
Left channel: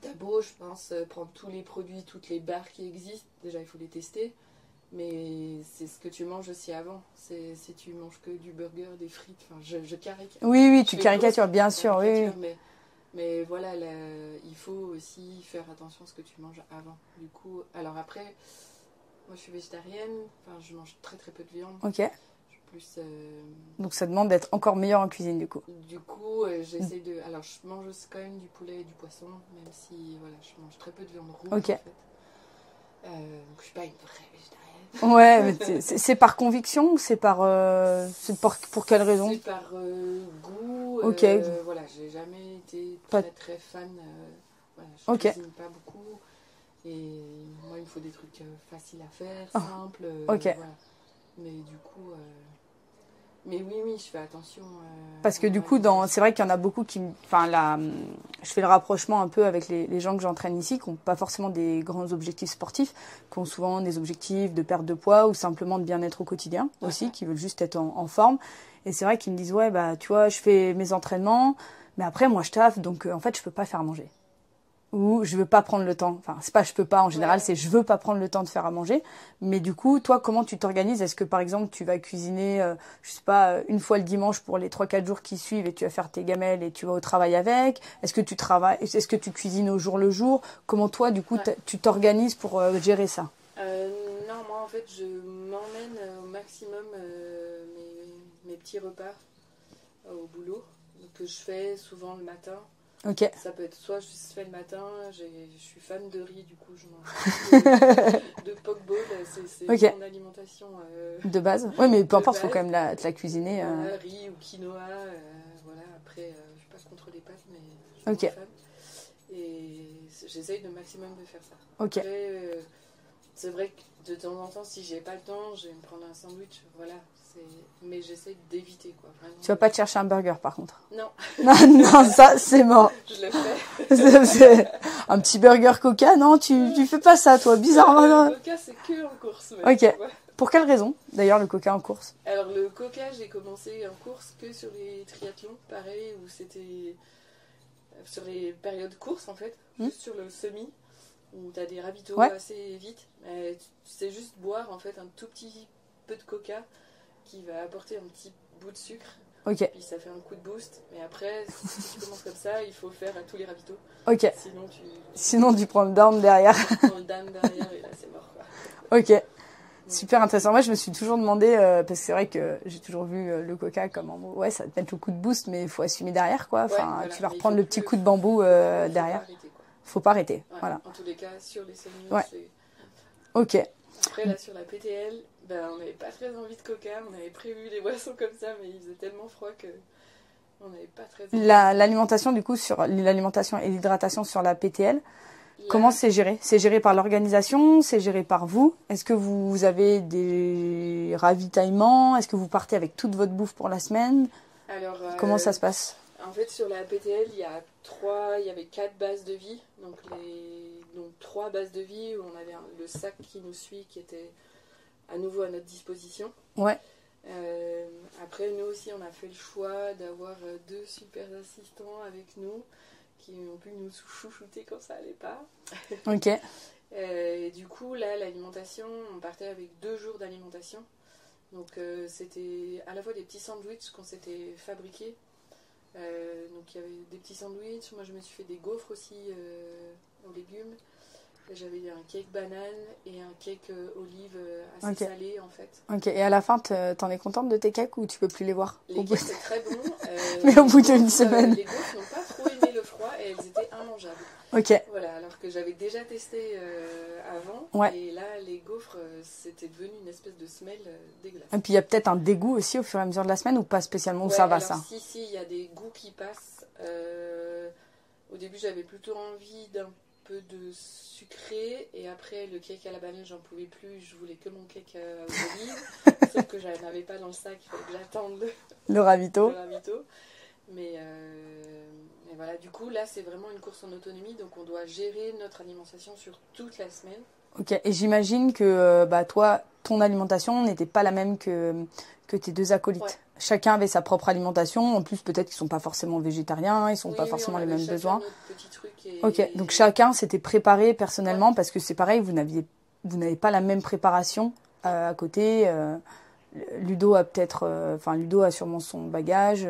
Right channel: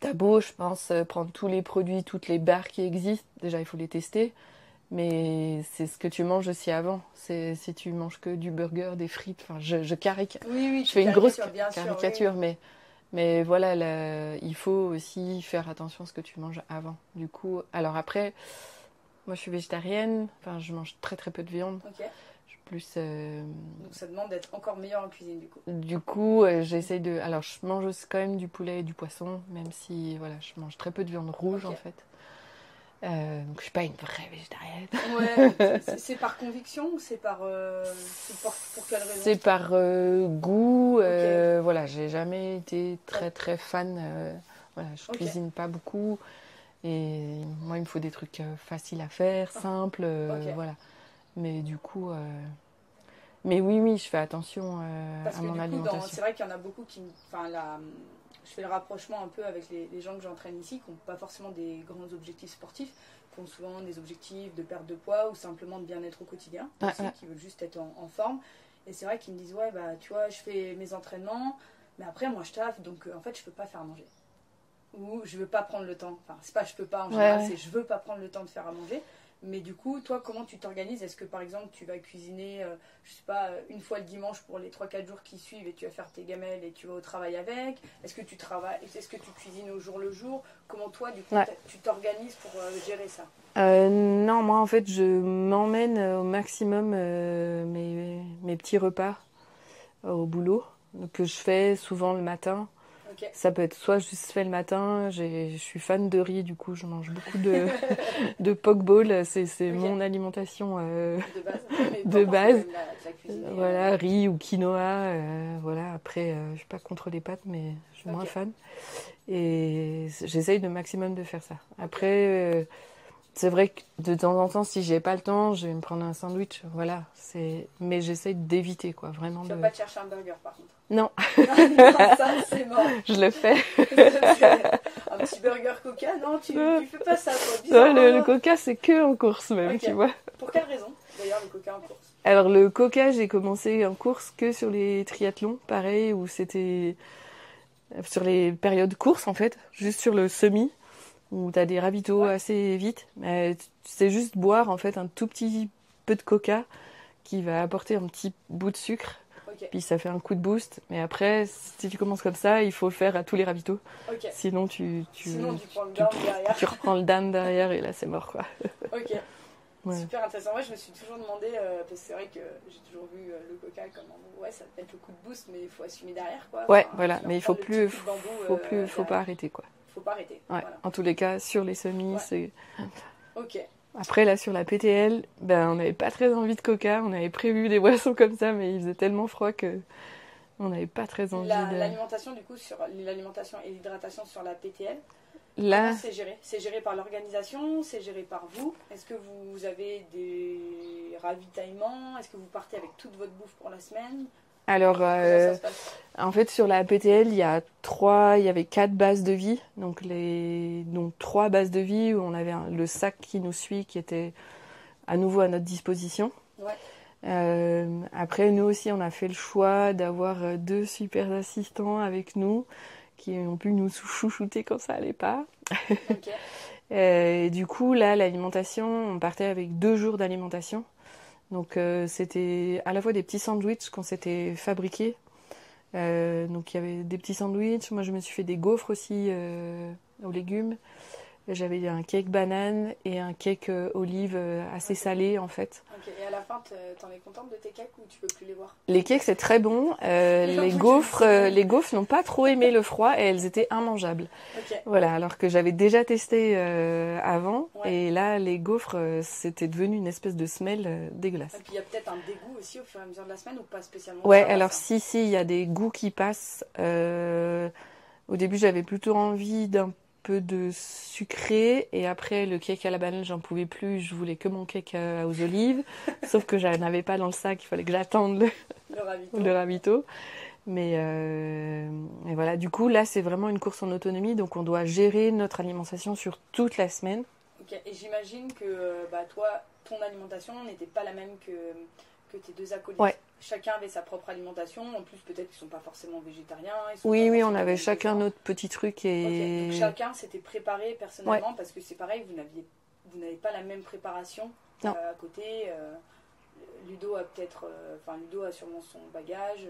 tu as beau, je pense, prendre tous les produits, toutes les barres qui existent. Déjà, il faut les tester. Mais c'est ce que tu manges aussi avant. Si tu manges que du burger, des frites, je caricature. Oui, tu caricatures, bien sûr. Oui. Mais voilà, il faut aussi faire attention à ce que tu manges avant. Du coup, alors après, moi je suis végétarienne, je mange très très peu de viande. Ok. Je suis plus. Donc ça demande d'être encore meilleur en cuisine du coup. Du coup, j'essaye de. Alors je mange aussi quand même du poulet et du poisson, même si je mange très peu de viande rouge en fait. Donc je suis pas une vraie végétarienne. Ouais, c'est par conviction ou c'est pour quelle raison? C'est par goût. Ok. Voilà, j'ai jamais été très très fan. Je cuisine pas beaucoup et moi il me faut des trucs faciles à faire, simples. Voilà. Mais du coup. Mais oui, je fais attention. Parce que du coup, c'est vrai qu'il y en a beaucoup qui. Je fais le rapprochement un peu avec les gens que j'entraîne ici, qui n'ont pas forcément des grands objectifs sportifs, qui ont souvent des objectifs de perte de poids ou simplement de bien-être au quotidien aussi, qui veulent juste être en forme. Et c'est vrai qu'ils me disent, tu vois, je fais mes entraînements, mais après, moi, je taffe, donc en fait, je ne peux pas faire à manger. Ou je veux pas prendre le temps. Enfin, c'est pas je peux pas en général, c'est je veux pas prendre le temps de faire à manger. Mais du coup, toi, comment tu t'organises? Est-ce que par exemple, tu vas cuisiner, je sais pas, une fois le dimanche pour les 3-4 jours qui suivent et tu vas faire tes gamelles et tu vas au travail avec? Est-ce que tu cuisines au jour le jour? Comment toi, du coup, tu t'organises pour gérer ça? Non, moi en fait, je m'emmène au maximum mes petits repas au boulot, que je fais souvent le matin. Okay. Ça peut être soit juste fait le matin, je suis fan de riz, du coup je mange beaucoup de poke bowl, c'est mon alimentation de base. Oui, mais peu importe, il faut quand même la cuisiner. Voilà, riz ou quinoa, voilà. Après, je suis pas contre les pâtes, mais je suis moins fan. Et j'essaye de maximum de faire ça. Après, c'est vrai que de temps en temps, si j'ai pas le temps, je vais me prendre un sandwich, voilà. Mais j'essaye d'éviter, quoi, vraiment. Tu vas pas te chercher un burger, par contre? Non. non, ça, c'est mort. Je le fais. Un petit burger Coca, non, tu fais pas ça, toi, bizarrement. Le Coca, c'est que en course, même, tu vois. Pour quelle raison, d'ailleurs, le Coca en course? Alors, le Coca, j'ai commencé en course que sur les triathlons, pareil, où c'était sur les périodes courses, en fait, juste sur le semi, où tu as des ravitaux assez vite. C'est juste boire, en fait, un tout petit peu de Coca qui va apporter un petit bout de sucre. Puis ça fait un coup de boost. Mais après, si tu commences comme ça, il faut le faire à tous les ravitaux. Sinon, tu prends le down derrière. Tu reprends le down derrière et là, c'est mort, quoi. Super intéressant. Moi, je me suis toujours demandé, parce que c'est vrai que j'ai toujours vu le Coca comme ça te met le coup de boost, mais il faut assumer derrière, quoi. Voilà. Tu vas mais reprendre le petit coup de bambou derrière. Faut pas arrêter, quoi. Faut pas arrêter. Voilà. En tous les cas, sur les semis, c'est... Après, là, sur la PTL, on n'avait pas très envie de Coca. On avait prévu des boissons comme ça, mais il faisait tellement froid que on n'avait pas très envie. L'alimentation, du coup, sur l'alimentation et l'hydratation sur la PTL, Là, comment c'est géré? C'est géré par l'organisation? C'est géré par vous? Est-ce que vous avez des ravitaillements? Est-ce que vous partez avec toute votre bouffe pour la semaine? alors, Comment ça se passe? en fait, sur la PTL, il y avait 4 bases de vie. Donc 3 bases de vie où on avait le sac qui nous suit qui était à nouveau à notre disposition. Ouais. Après, nous aussi, on a fait le choix d'avoir 2 super assistants avec nous qui ont pu nous chouchouter quand ça allait pas. Ok. Et du coup, là, l'alimentation, on partait avec 2 jours d'alimentation. Donc, c'était à la fois des petits sandwichs qu'on s'était fabriqués. Donc, il y avait des petits sandwichs. Moi, je me suis fait des gaufres aussi aux légumes. J'avais un cake banane et un cake olive assez salé en fait. Ok, et à la fin, t'en es contente de tes cakes ou tu peux plus les voir? Les cakes c'est très bon. Les gaufres n'ont pas trop aimé le froid et elles étaient immangeables. Ok. Voilà, alors que j'avais déjà testé avant. Ouais. Et là, les gaufres, c'était devenu une espèce de semelle dégueulasse. Et puis il y a peut-être un dégoût aussi au fur et à mesure de la semaine ou pas spécialement? Ouais, ça va, alors ça. si, il y a des goûts qui passent. Au début, j'avais plutôt envie d'un peu de sucré et après le cake à la banane j'en pouvais plus, je voulais que mon cake aux olives sauf que j'en avais pas dans le sac, il fallait que j'attende Le ravito. mais et voilà, du coup là c'est vraiment une course en autonomie, donc on doit gérer notre alimentation sur toute la semaine. Ok, et j'imagine que toi, ton alimentation n'était pas la même que tes 2 acolytes. Ouais. Chacun avait sa propre alimentation. En plus, peut-être qu'ils sont pas forcément végétariens. Ils sont pas Oui, forcément on avait les mêmes chacun besoins. notre petit truc. Et... Ok, donc chacun s'était préparé personnellement parce que c'est pareil, vous n'avez pas la même préparation à côté. Ludo a peut-être, Ludo a sûrement son bagage.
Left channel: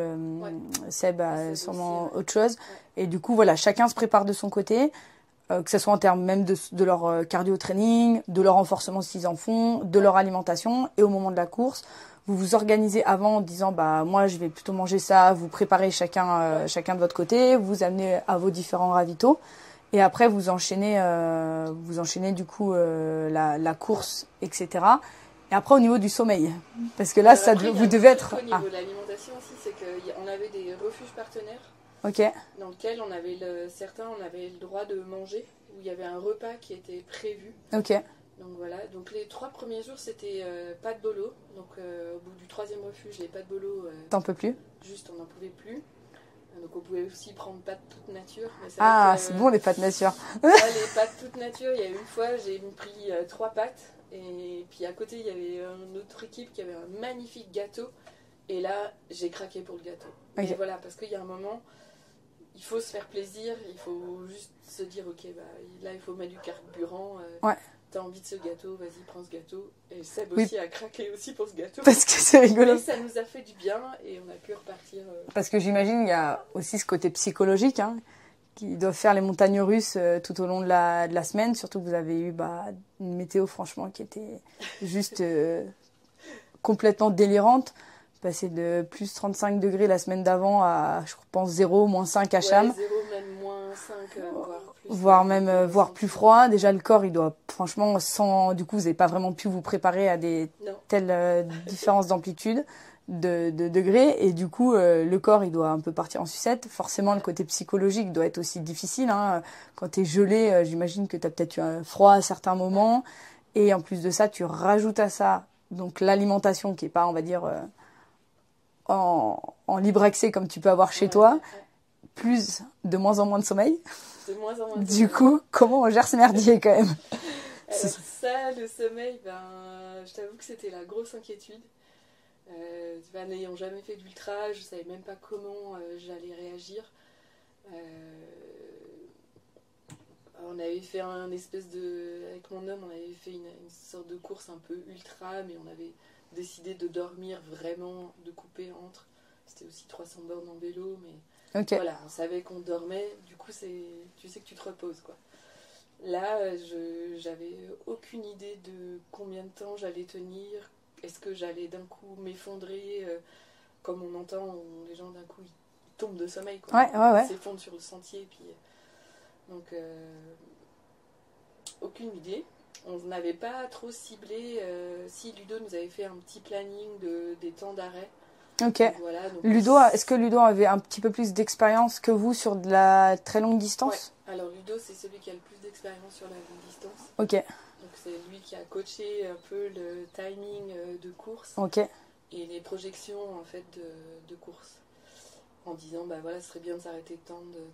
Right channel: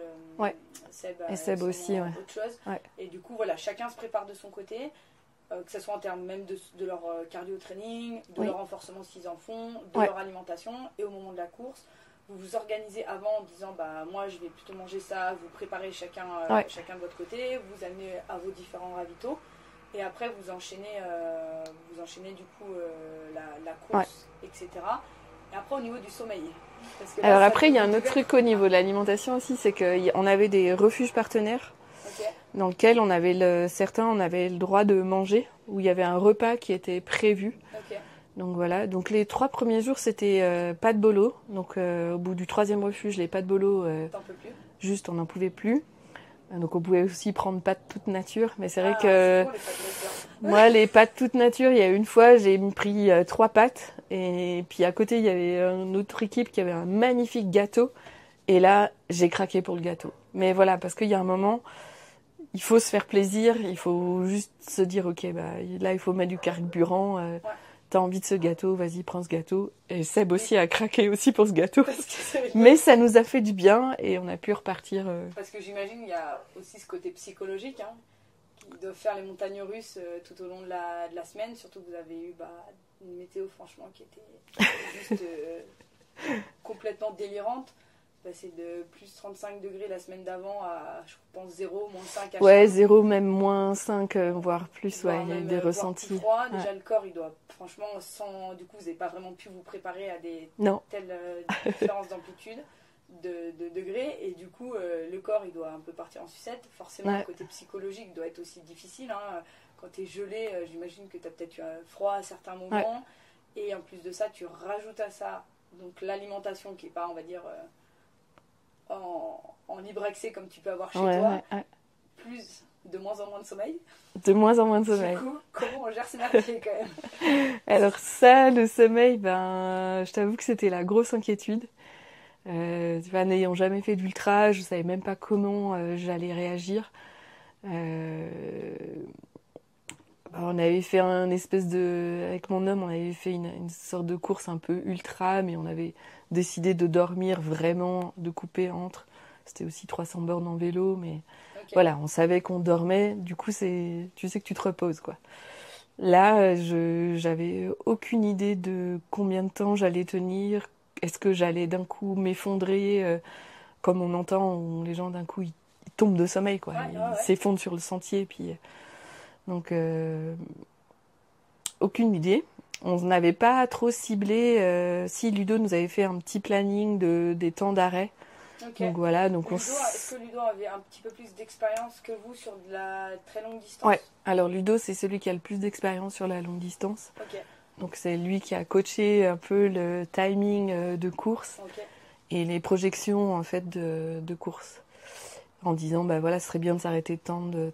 Seb a Seb sûrement aussi, autre chose. Ouais. Et du coup, voilà, chacun se prépare de son côté. Que ce soit en termes même de leur cardio-training, de leur renforcement s'ils en font, de leur alimentation. Et au moment de la course, vous vous organisez avant en disant moi je vais plutôt manger ça, vous préparez chacun de votre côté, vous amenez à vos différents ravitaux. Et après, vous enchaînez du coup la course, etc. Et après, au niveau du sommeil. Parce que là, alors après, il y a un autre truc au niveau Ah. de l'alimentation aussi, c'est qu'on avait des refuges partenaires. Ok. Dans lequel on avait certains on avait le droit de manger, où il y avait un repas qui était prévu. Ok. Donc voilà, donc les 3 premiers jours c'était pas de bolo, donc au bout du 3e refuge les pâtes bolo, T'en peux plus? juste on n'en pouvait plus. Donc on pouvait aussi prendre pâtes toute nature, mais c'est Ah, vrai que c'est bon les pâtes nature. moi les pâtes toute nature, il y a une fois j'ai pris 3 pâtes et puis à côté il y avait une autre équipe qui avait un magnifique gâteau et là j'ai craqué pour le gâteau. Mais voilà, parce qu'il y a un moment il faut se faire plaisir, il faut juste se dire ok là il faut mettre du carburant, t'as envie de ce gâteau, vas-y prends ce gâteau. Et Seb aussi a craqué aussi pour ce gâteau. Parce que c'est rigolo. Mais ça nous a fait du bien et on a pu repartir. Parce que j'imagine il y a aussi ce côté psychologique qui doivent faire les montagnes russes tout au long de la semaine, surtout que vous avez eu une météo franchement qui était juste complètement délirante. Passer de plus 35 degrés la semaine d'avant à, je pense, 0, moins 5 à Cham. Ouais, 0, même moins 5, voire plus. Voire plus froid. Déjà, le corps, il doit, franchement, du coup, vous n'avez pas vraiment pu vous préparer à telles différences d'amplitude, de degrés. Et du coup, le corps, il doit un peu partir en sucette. Forcément, le côté psychologique doit être aussi difficile. Quand tu es gelé, j'imagine que tu as peut-être eu un froid à certains moments. Ouais. Et en plus de ça, tu rajoutes à ça donc l'alimentation qui n'est pas, on va dire... en libre accès comme tu peux avoir chez toi, plus de moins en moins de sommeil. De moins en moins de sommeil. Du coup, comment on gère ce merdier quand même? Alors ça, le sommeil, je t'avoue que c'était la grosse inquiétude. N'ayant jamais fait d'ultra, je savais même pas comment j'allais réagir. On avait fait avec mon homme, on avait fait une sorte de course un peu ultra, mais on avait décidé de dormir vraiment, de couper entre. C'était aussi 300 bornes en vélo, mais voilà, on savait qu'on dormait. Du coup, tu sais que tu te reposes, quoi. Là, j'avais aucune idée de combien de temps j'allais tenir. Est-ce que j'allais d'un coup m'effondrer, comme on entend, où les gens d'un coup ils tombent de sommeil, quoi. Ils s'effondrent sur le sentier, puis donc aucune idée. On n'avait pas trop ciblé. Si Ludo nous avait fait un petit planning des temps d'arrêt, Ok. Donc voilà. Donc Est-ce que Ludo avait un petit peu plus d'expérience que vous sur de la très longue distance? Ouais. Alors Ludo, c'est celui qui a le plus d'expérience sur la longue distance. Ok. Donc c'est lui qui a coaché un peu le timing de course Ok. et les projections en fait de course. En disant, bah voilà, ce serait bien de s'arrêter tant de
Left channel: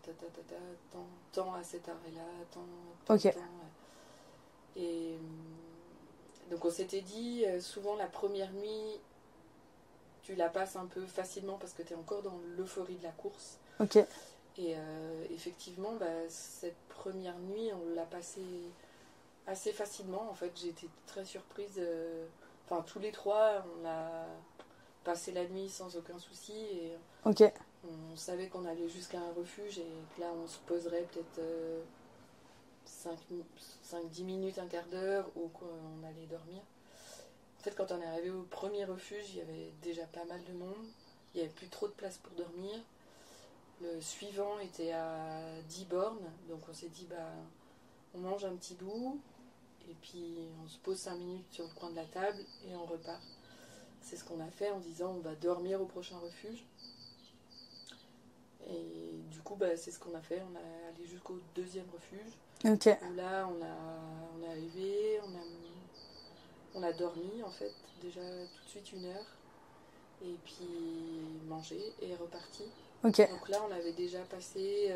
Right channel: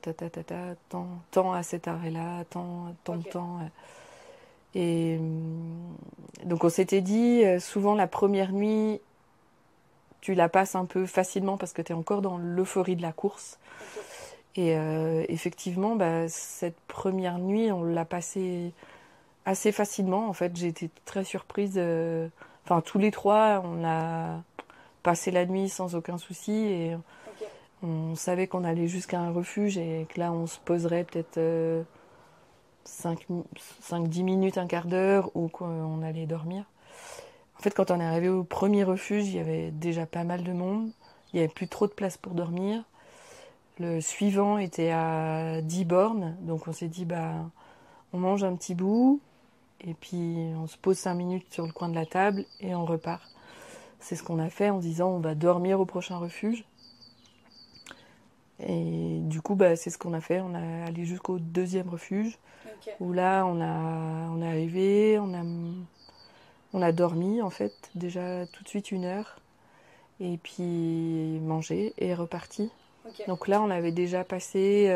tant à cet arrêt-là, tant, Ok. temps. Et donc on s'était dit, souvent la première nuit, tu la passes un peu facilement parce que tu es encore dans l'euphorie de la course. Ok. Et effectivement, bah, cette première nuit, on l'a passée assez facilement. En fait, j'ai été très surprise. Enfin, tous les trois, on a passé la nuit sans aucun souci. Et Ok. on savait qu'on allait jusqu'à un refuge et que là, on se poserait peut-être 5-10 minutes, un quart d'heure, ou qu'on allait dormir. En fait, quand on est arrivé au premier refuge, il y avait déjà pas mal de monde. Il n'y avait plus trop de place pour dormir. Le suivant était à 10 bornes. Donc on s'est dit, bah, on mange un petit bout et puis on se pose 5 minutes sur le coin de la table et on repart. C'est ce qu'on a fait en disant, on va dormir au prochain refuge. Et du coup, bah, c'est ce qu'on a fait. On est allé jusqu'au deuxième refuge. Ok. Où là, on est arrivé, on a dormi en fait, déjà tout de suite 1 heure. Et puis mangé et reparti. Ok. Donc là, on avait déjà passé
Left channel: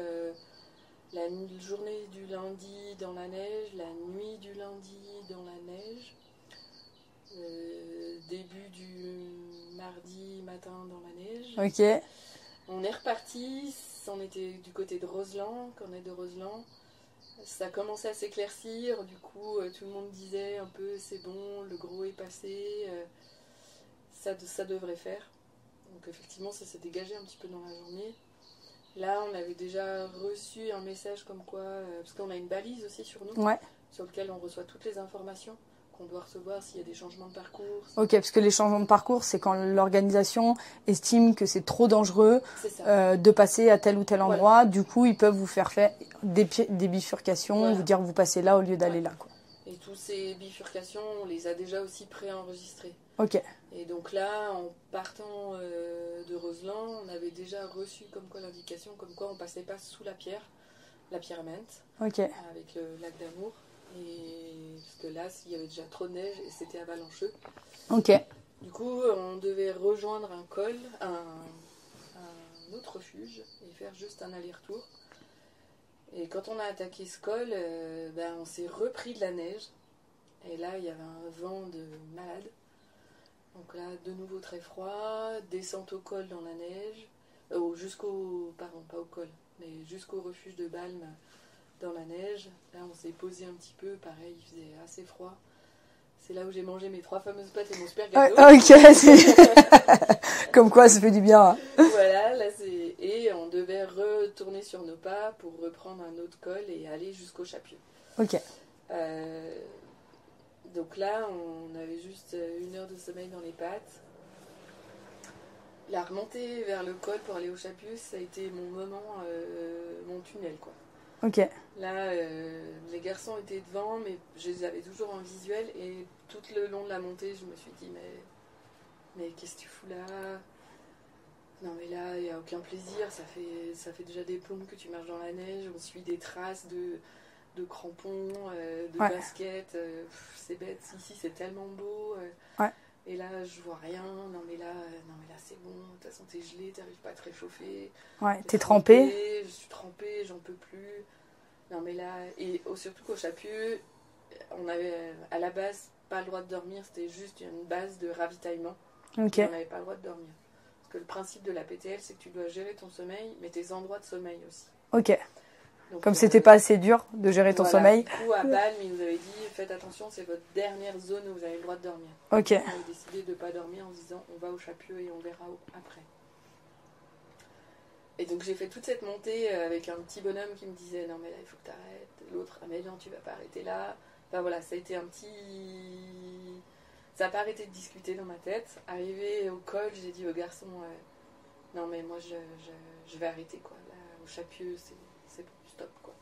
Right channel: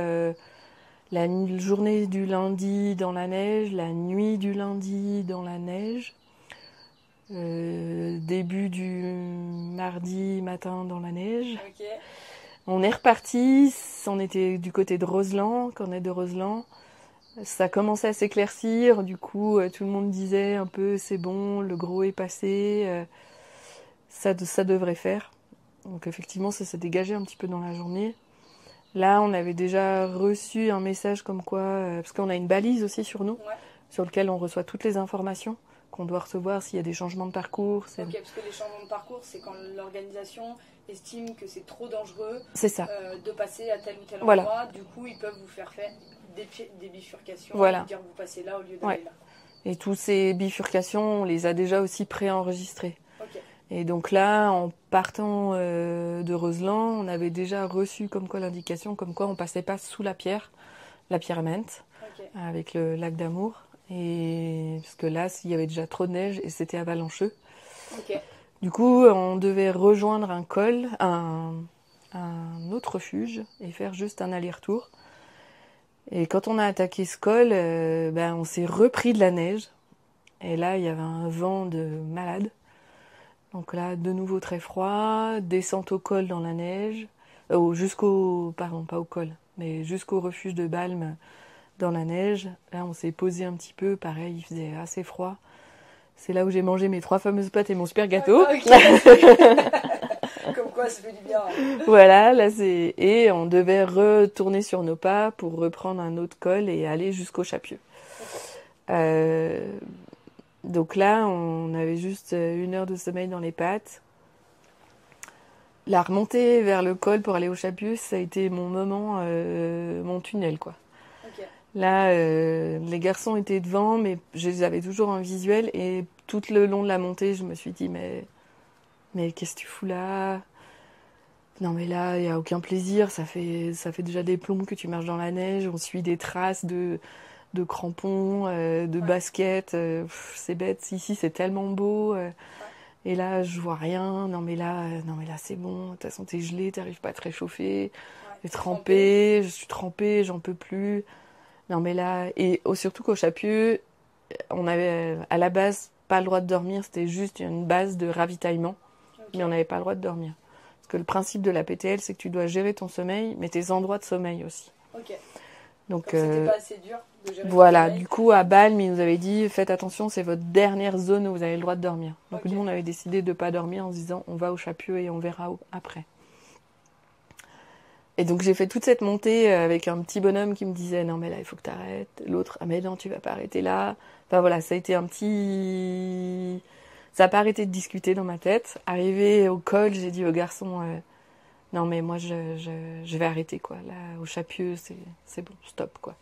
la journée du lundi dans la neige, la nuit du lundi dans la neige, début du mardi matin dans la neige. Ok. On est reparti, on était du côté de Roseland, Cornet de Roseland. Ça commençait à s'éclaircir, du coup tout le monde disait un peu c'est bon, le gros est passé, ça devrait faire. Donc effectivement ça s'est dégagé un petit peu dans la journée. Là on avait déjà reçu un message comme quoi, parce qu'on a une balise aussi sur nous, Ouais. sur lequel on reçoit toutes les informations qu'on doit recevoir s'il y a des changements de parcours. Ok, parce que les changements de parcours, c'est quand l'organisation estime que c'est trop dangereux C'est ça. de passer à tel ou tel endroit. Voilà. Du coup, ils peuvent vous faire des bifurcations, Voilà. vous dire vous passez là au lieu d'aller Ouais. là. Quoi. Et toutes ces bifurcations, on les a déjà aussi préenregistrées. Ok. Et donc là, en partant de Roseland, on avait déjà reçu comme quoi l'indication, comme quoi on passait pas sous la pierre à Menthe, Ok. avec le lac d'Amour. Et parce que là, il y avait déjà trop de neige et c'était avalancheux. Ok. Du coup, on devait rejoindre un col, un autre refuge et faire juste un aller-retour. Et quand on a attaqué ce col, on s'est repris de la neige. Et là, il y avait un vent de malade. Donc là, de nouveau très froid, descente au col dans la neige, pardon, pas au col, mais jusqu'au refuge de Balme dans la neige. Là, on s'est posé un petit peu, pareil, il faisait assez froid. C'est là où j'ai mangé mes 3 fameuses pâtes et mon super gâteau. Ok. Comme quoi, ça fait du bien. Voilà, là c'est... Et on devait retourner sur nos pas pour reprendre un autre col et aller jusqu'au Chapieux. Ok. Donc là, on avait juste 1 heure de sommeil dans les pattes. La remontée vers le col pour aller au Chapieux, ça a été mon moment, mon tunnel, quoi. Ok. Là, les garçons étaient devant, mais je les avais toujours en visuel. Et tout le long de la montée, je me suis dit, mais qu'est-ce que tu fous là? Non, mais là, il n'y a aucun plaisir. Ça fait déjà des plombs que tu marches dans la neige. On suit des traces de crampons, de baskets. C'est bête. Ici, c'est tellement beau. Ouais. Et là, je vois rien. Non, mais là, c'est bon. De toute façon, t'es gelé, t'arrives pas à te réchauffer. Ouais. T'es T'es trempé. Je suis trempée, j'en peux plus. Non, mais là, et surtout qu'au Chapieux, on avait à la base pas le droit de dormir, c'était juste une base de ravitaillement. Ok. Et on n'avait pas le droit de dormir. Parce que le principe de la PTL, c'est que tu dois gérer ton sommeil, mais tes endroits de sommeil aussi. Ok. Donc, Comme c'était pas assez dur de gérer ton voilà, sommeil. du coup, à Balme, ils nous avaient dit, faites attention, c'est votre dernière zone où vous avez le droit de dormir. Donc, Ok. nous, on avait décidé de ne pas dormir en se disant, on va au Chapieux et on verra après. Et donc j'ai fait toute cette montée avec un petit bonhomme qui me disait non mais là il faut que tu arrêtes, l'autre ah mais non tu vas pas arrêter là. Enfin voilà, ça a été ça n'a pas arrêté de discuter dans ma tête. Arrivé au col, j'ai dit au garçon non mais moi je vais arrêter quoi. Là au Chapieux c'est bon, stop quoi.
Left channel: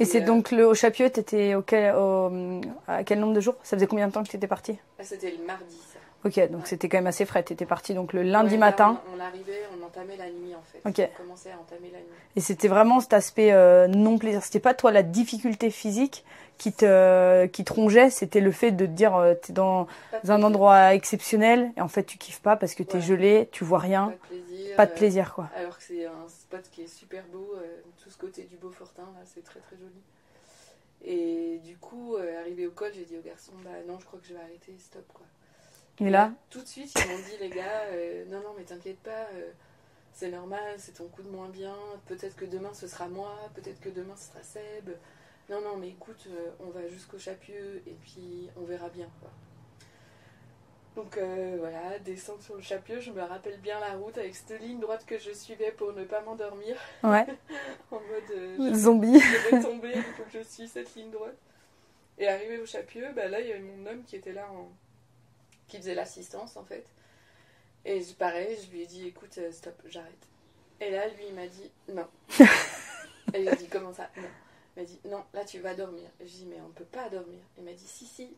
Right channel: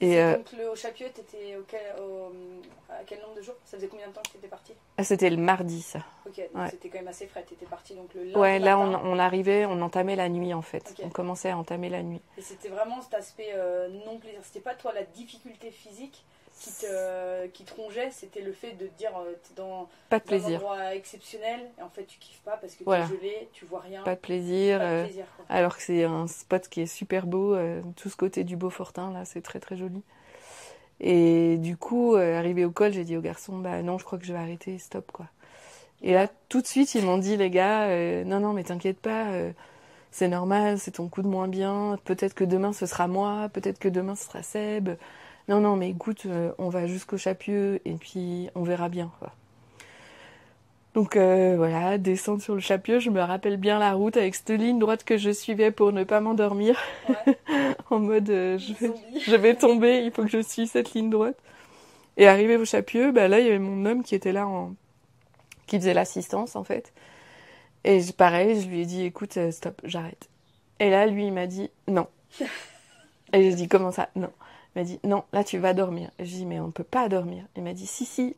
Et c'est donc au Chapieux, t'étais à quel nombre de jours? Ça faisait combien de temps que t'étais partie? C'était le mardi, ça. Ok, donc c'était quand même assez frais. T'étais partie donc le lundi matin. Là, on arrivait, on entamait la nuit en fait. Okay. On commençait à entamer la nuit. Et c'était vraiment cet aspect non plaisir. C'était pas toi la difficulté physique qui te rongeait, c'était le fait de te dire t'es dans un endroit exceptionnel et en fait tu kiffes pas parce que t'es gelé, tu vois rien. Pas de plaisir. Pas de plaisir quoi. Alors que c'est un spot qui est super beau, tout ce côté du Beaufortin là, c'est très très joli. Et du coup, arrivé au col, j'ai dit aux garçons, bah non, je crois que je vais arrêter, stop quoi. Et là, tout de suite, ils m'ont dit, les gars, non, mais t'inquiète pas, c'est normal, c'est ton coup de moins bien, peut-être que demain ce sera moi, peut-être que demain ce sera Seb. Non, mais écoute, on va jusqu'au Chapieux et puis on verra bien, quoi. Donc voilà, descendre sur le Chapieux, je me rappelle bien la route avec cette ligne droite que je suivais pour ne pas m'endormir. Ouais. En mode zombie. Je vais tomber, il faut que je suive cette ligne droite. Et arrivé au Chapieux, bah là il y avait mon homme qui était là, qui faisait l'assistance en fait. Et pareil, je lui ai dit écoute, stop, j'arrête. Et là lui il m'a dit non. Et j'ai dit comment ça? Non. Il m'a dit non, là tu vas dormir. Et je lui ai dit mais on ne peut pas dormir. Il m'a dit si.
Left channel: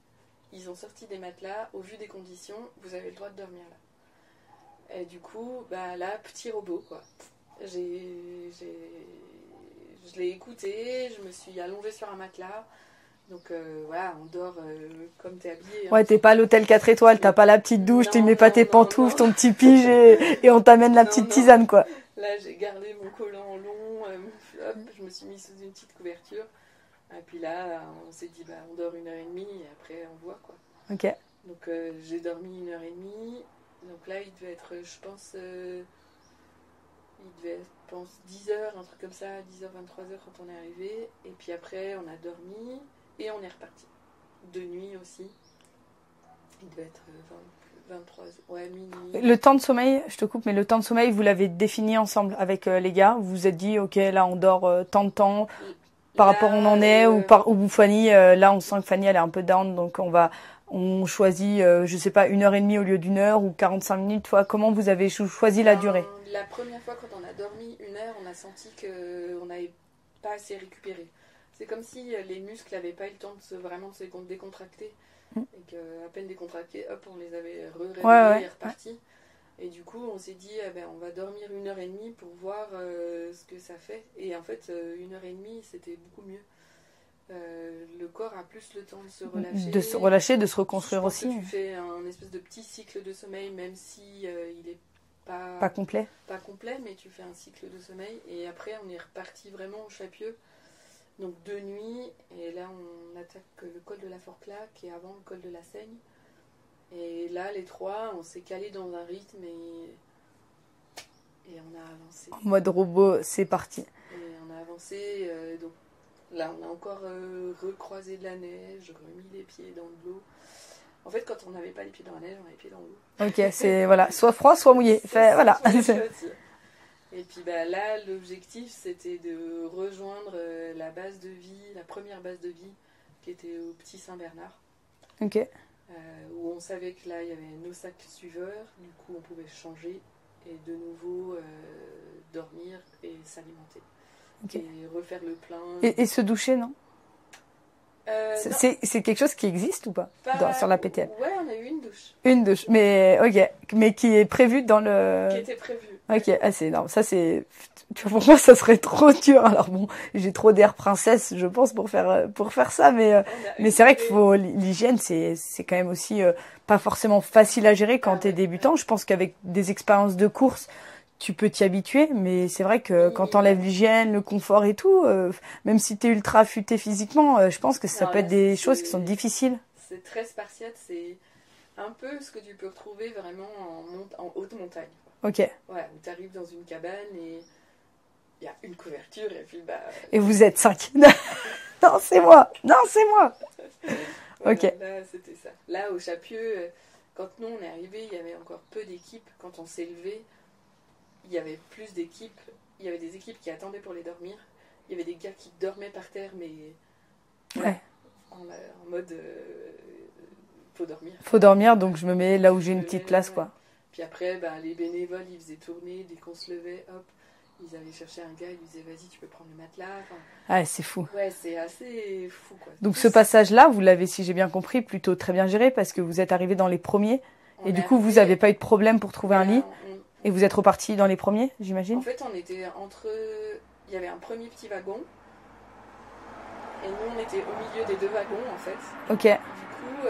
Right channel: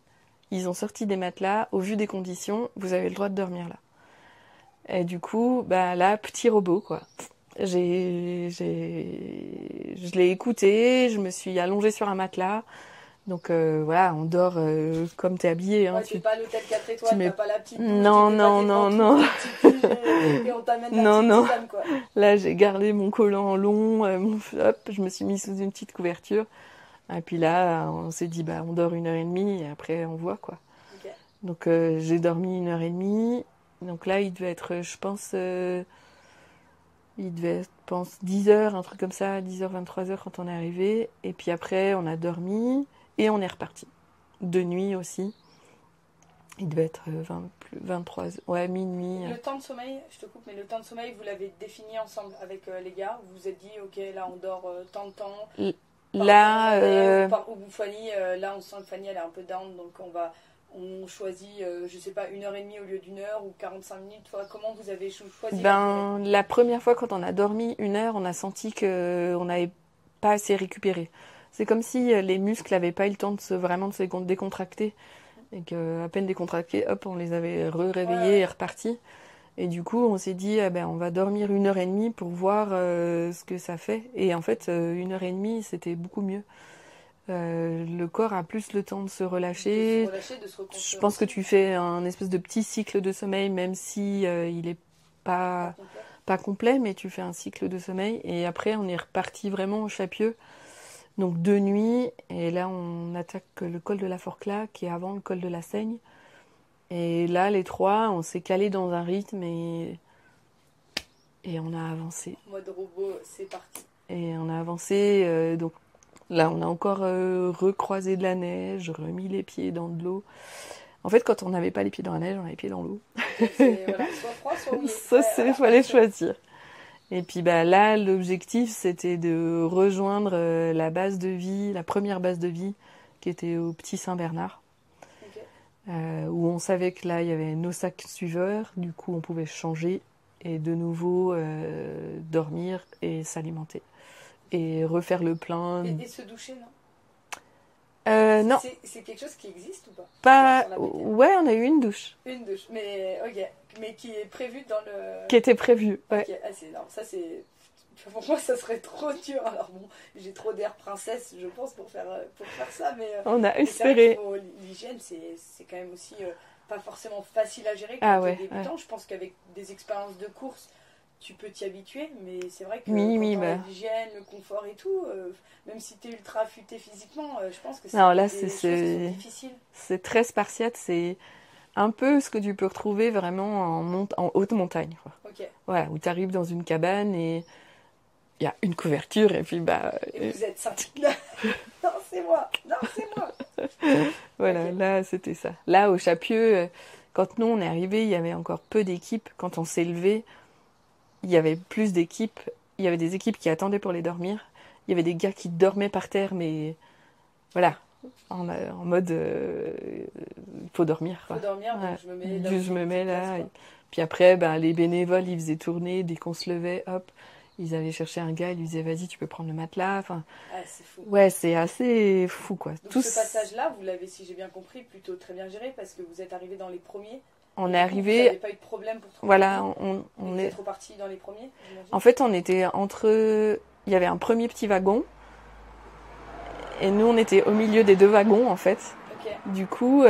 Ils ont sorti des matelas, au vu des conditions, vous avez le droit de dormir là. Et du coup, bah là, petit robot, quoi. Je l'ai écouté, je me suis allongée sur un matelas. Donc voilà, on dort comme t'es habillée. Hein, ouais, t'es pas à l'hôtel 4 étoiles, t'as pas la petite douche, tu mets pas tes pantoufles, ton petit pige et on t'amène la petite tisane, quoi. Là, j'ai gardé mon collant long, hop, je me suis mise sous une petite couverture. Et puis là, on s'est dit, bah, on dort 1h30 et après, on voit, quoi. Ok. Donc, j'ai dormi 1h30. Donc là, il devait être, je pense, 10h, un truc comme ça, 10h, 23h quand on est arrivé. Et puis après, on a dormi et on est reparti. De nuit aussi. Il devait être 23h, ouais, minuit. Le temps de sommeil, je te coupe, mais le temps de sommeil, vous l'avez défini ensemble avec les gars? Vous vous êtes dit, ok, là, on dort tant de temps. Par rapport à où on en est, ou Fanny, là on sent que Fanny elle est un peu down, donc on choisit, je sais pas, 1h30 au lieu d'1h ou 45 minutes. Toi, comment vous avez choisi la durée? La première fois quand on a dormi 1 heure, on a senti qu'on n'avait pas assez récupéré. C'est comme si les muscles n'avaient pas eu le temps de vraiment de se décontracter. Et qu'à peine décontractés, hop, on les avait réveillés et repartis. Et du coup, on s'est dit, on va dormir 1h30 pour voir ce que ça fait. Et en fait, 1h30, c'était beaucoup mieux. Le corps a plus le temps de se relâcher. De se relâcher, de se reconstruire. Je pense que tu fais un espèce de petit cycle de sommeil, même si il est pas complet. Pas complet, mais tu fais un cycle de sommeil. Et après, on est reparti vraiment au Chapieux. Donc 2 nuits. Et là, on attaque le col de la Forclaz, qui est avant le col de la Seigne. Et là, les 3, on s'est calé dans un rythme et on a avancé. En mode robot, c'est parti. Et on a avancé. Donc là, on a encore recroisé de la neige, remis les pieds dans de l'eau. En fait, quand on n'avait pas les pieds dans la neige, on avait les pieds dans l'eau. Ok, c'est voilà, soit froid, soit mouillé. Il fallait choisir. Et puis là, l'objectif, c'était de rejoindre la base de vie, la première base de vie, qui était au Petit Saint-Bernard. Ok. Où on savait que là il y avait nos sacs suiveurs, du coup on pouvait changer et de nouveau dormir et s'alimenter. Okay. Et refaire le plein. Et se doucher, non? Non. C'est quelque chose qui existe ou pas sur la PTL? Ouais, on a eu une douche. Une douche, mais ok, mais qui est prévue dans le... Qui était prévue. Ouais. Ok, c'est énorme. Ça c'est... Pour moi, ça serait trop dur. Alors bon, j'ai trop d'air princesse, je pense, pour faire ça, mais c'est vrai que l'hygiène, c'est quand même aussi pas forcément facile à gérer quand t'es débutant. Ouais. Je pense qu'avec des expériences de course, tu peux t'y habituer, mais c'est vrai que quand t'enlèves l'hygiène, le confort et tout, même si t'es ultra affûté physiquement, je pense que ça peut être des choses qui sont difficiles. C'est très spartiate, c'est un peu ce que tu peux retrouver vraiment en haute montagne. Quoi. Ok. Voilà, où t'arrives dans une cabane et il y a une couverture et puis et vous êtes 5. Non, c'est moi. Voilà, okay. Là, c'était ça. Là, au Chapieux, quand nous, on est arrivés, il y avait encore peu d'équipes. Quand on s'est levé, il y avait plus d'équipes. Il y avait des équipes qui attendaient pour les dormir. Il y avait des gars qui dormaient par terre, mais voilà, en mode faut dormir. Faut dormir, donc je me mets là où j'ai une petite place, quoi. Puis après, les bénévoles, ils faisaient tourner dès qu'on se levait, hop. Ils allaient chercher un gars, ils lui disaient vas-y, tu peux prendre le matelas. Enfin, Ah, c'est fou. ouais, c'est assez fou, quoi. Donc Tous- ce passage-là, vous l'avez, si j'ai bien compris, plutôt très bien géré parce que vous êtes arrivé dans les premiers. on Et est du coup, vous arrivé- n'avez pas eu de problème pour trouver voilà, un lit. on Et vous est- êtes reparti dans les premiers, j'imagine. En fait, on était entre. Il y avait un premier petit wagon. Et nous, on était au milieu des 2 wagons, en fait. Ok. Du coup,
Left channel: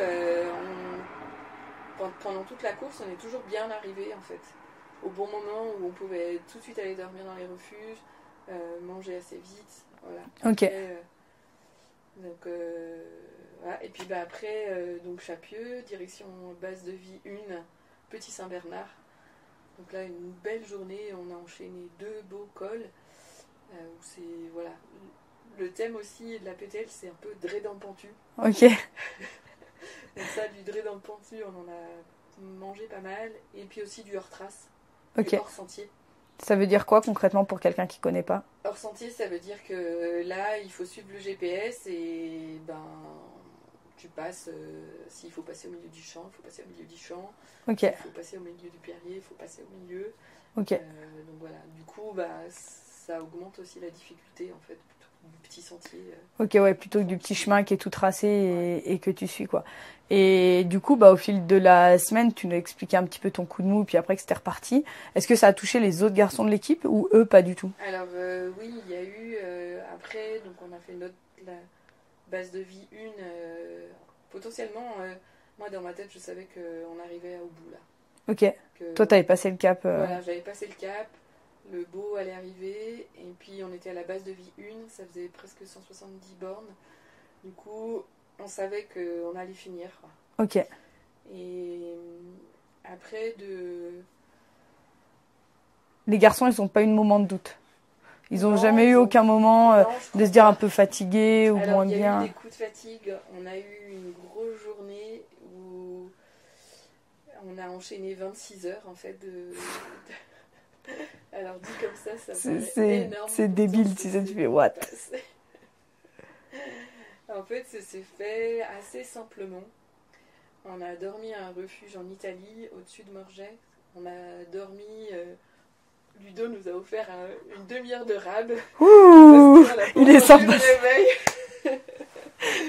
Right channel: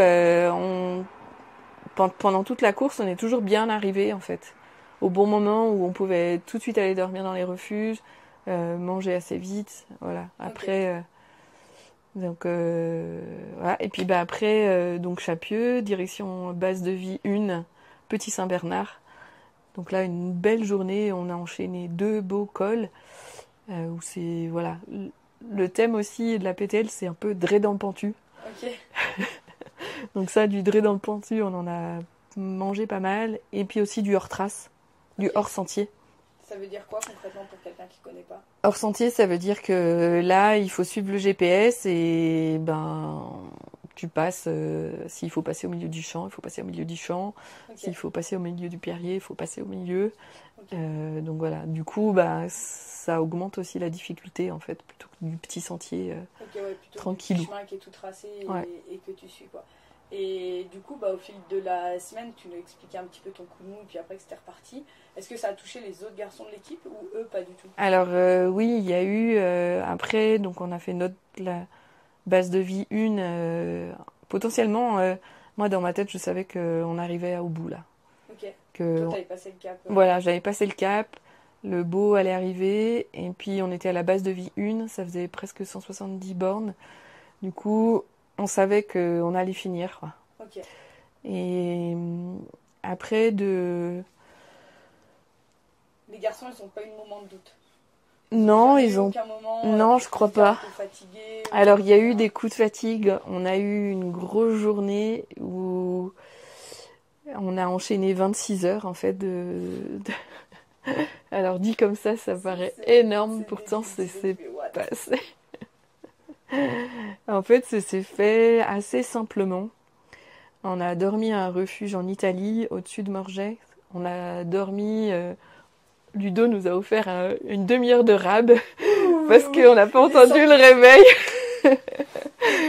pendant toute la course, on est toujours bien arrivé, en fait. Au bon moment où on pouvait tout de suite aller dormir dans les refuges, manger assez vite. Voilà. Ok. Après, voilà. Et puis bah, après, donc Chapieux, direction base de vie 1, Petit Saint-Bernard. Donc là, une belle journée. On a enchaîné 2 beaux cols. Où c'est. Voilà. Le thème aussi de la PTL, c'est un peu Dré dans le Pentu. Ok. Donc ça, du Dré dans le Pentu, on en a mangé pas mal. Et puis aussi du hors-trace, Ok. du hors-sentier. Ça veut dire quoi concrètement pour quelqu'un qui connaît pas? Hors-sentier, ça veut dire que là, il faut suivre le GPS et ben, tu passes. S'il faut passer au milieu du champ, il faut passer au milieu du champ. Ok. S'il faut passer au milieu du pierrier, il faut passer au milieu. Ok. Donc voilà. Du coup, bah, ça augmente aussi la difficulté en fait, plutôt que du petit sentier. Ok, ouais, plutôt du petit Tranquille. chemin qui est tout tracé et, Ouais. et que tu suis, quoi. Et du coup, bah, au fil de la semaine, tu nous as expliqué un petit peu ton coup de mou, puis après que c'était reparti. Est-ce que ça a touché les autres garçons de l'équipe ou eux, pas du tout? Alors oui, il y a eu après, donc on a fait la base de vie 1. Potentiellement, moi dans ma tête, je savais qu'on arrivait au bout là. Ok. Que, Toi, t'avais passé le cap. Voilà, j'avais passé le cap, le beau allait arriver, et puis on était à la base de vie 1, ça faisait presque 170 bornes. Du coup, on savait qu'on allait finir, quoi. Ok. Et après, Les garçons, ils n'ont pas eu de moment de doute. Ils n'ont Non, jamais ils eu ont- aucun moment Non, je de crois se dire pas. un peu fatigué. Ou Alors, il y a dire- eu des coups de fatigue. On a eu une grosse journée où on a enchaîné 26 heures, en fait. Alors, dit comme ça paraît énorme. C'est pourtant, débile, tu sais, tu fais what? c'est- En fait, ça s'est fait assez simplement. On a dormi à un refuge en Italie, au-dessus de Morges. On a dormi... Ludo nous a offert une demi-heure de rab parce qu'on n'a pas il est entendu le sympa. réveil.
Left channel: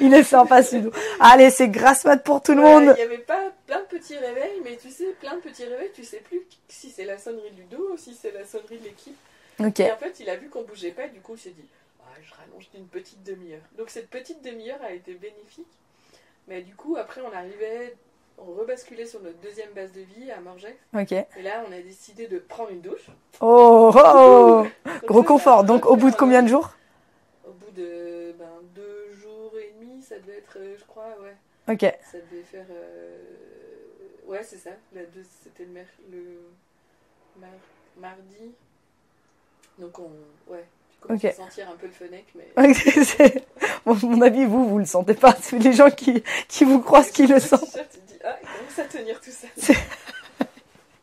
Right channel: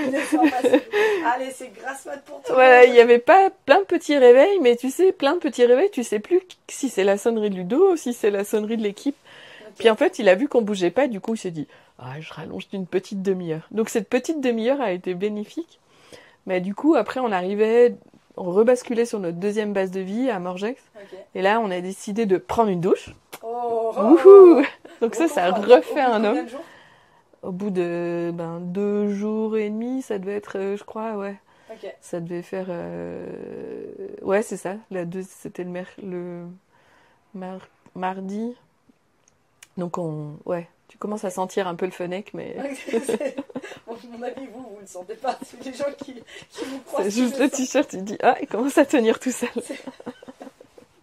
Il est sympa, celui-là. Allez, c'est grasse mat pour tout le Ouais, il monde. n'y avait pas plein de petits réveils, mais tu sais, plein de petits réveils, tu sais plus si c'est la sonnerie de Ludo ou si c'est la sonnerie de l'équipe. Ok. Et en fait, il a vu qu'on bougeait pas, du coup, il s'est dit ah, je rallonge d'une petite demi-heure. Donc cette petite demi-heure a été bénéfique. Mais du coup, après, on rebasculait sur notre deuxième base de vie à Morgex. Ok. Et là, on a décidé de prendre une douche. Oh, oh, Wouhou. oh. Donc Gros ça a confort. Donc, au refait bout de un combien homme. de jours? Au bout de 2 jours et demi, ça devait être, je crois, ouais. Ok. Ça devait faire. Ouais, c'est ça. C'était mardi. Donc, ouais. Tu commences Ok. à sentir un peu le fennec, mais. Bon, à mon avis, vous le sentez pas. C'est les gens qui vous croisent C'est qui juste le le sentent. t-shirt, tu te dis, ah, il commence à tenir tout seul.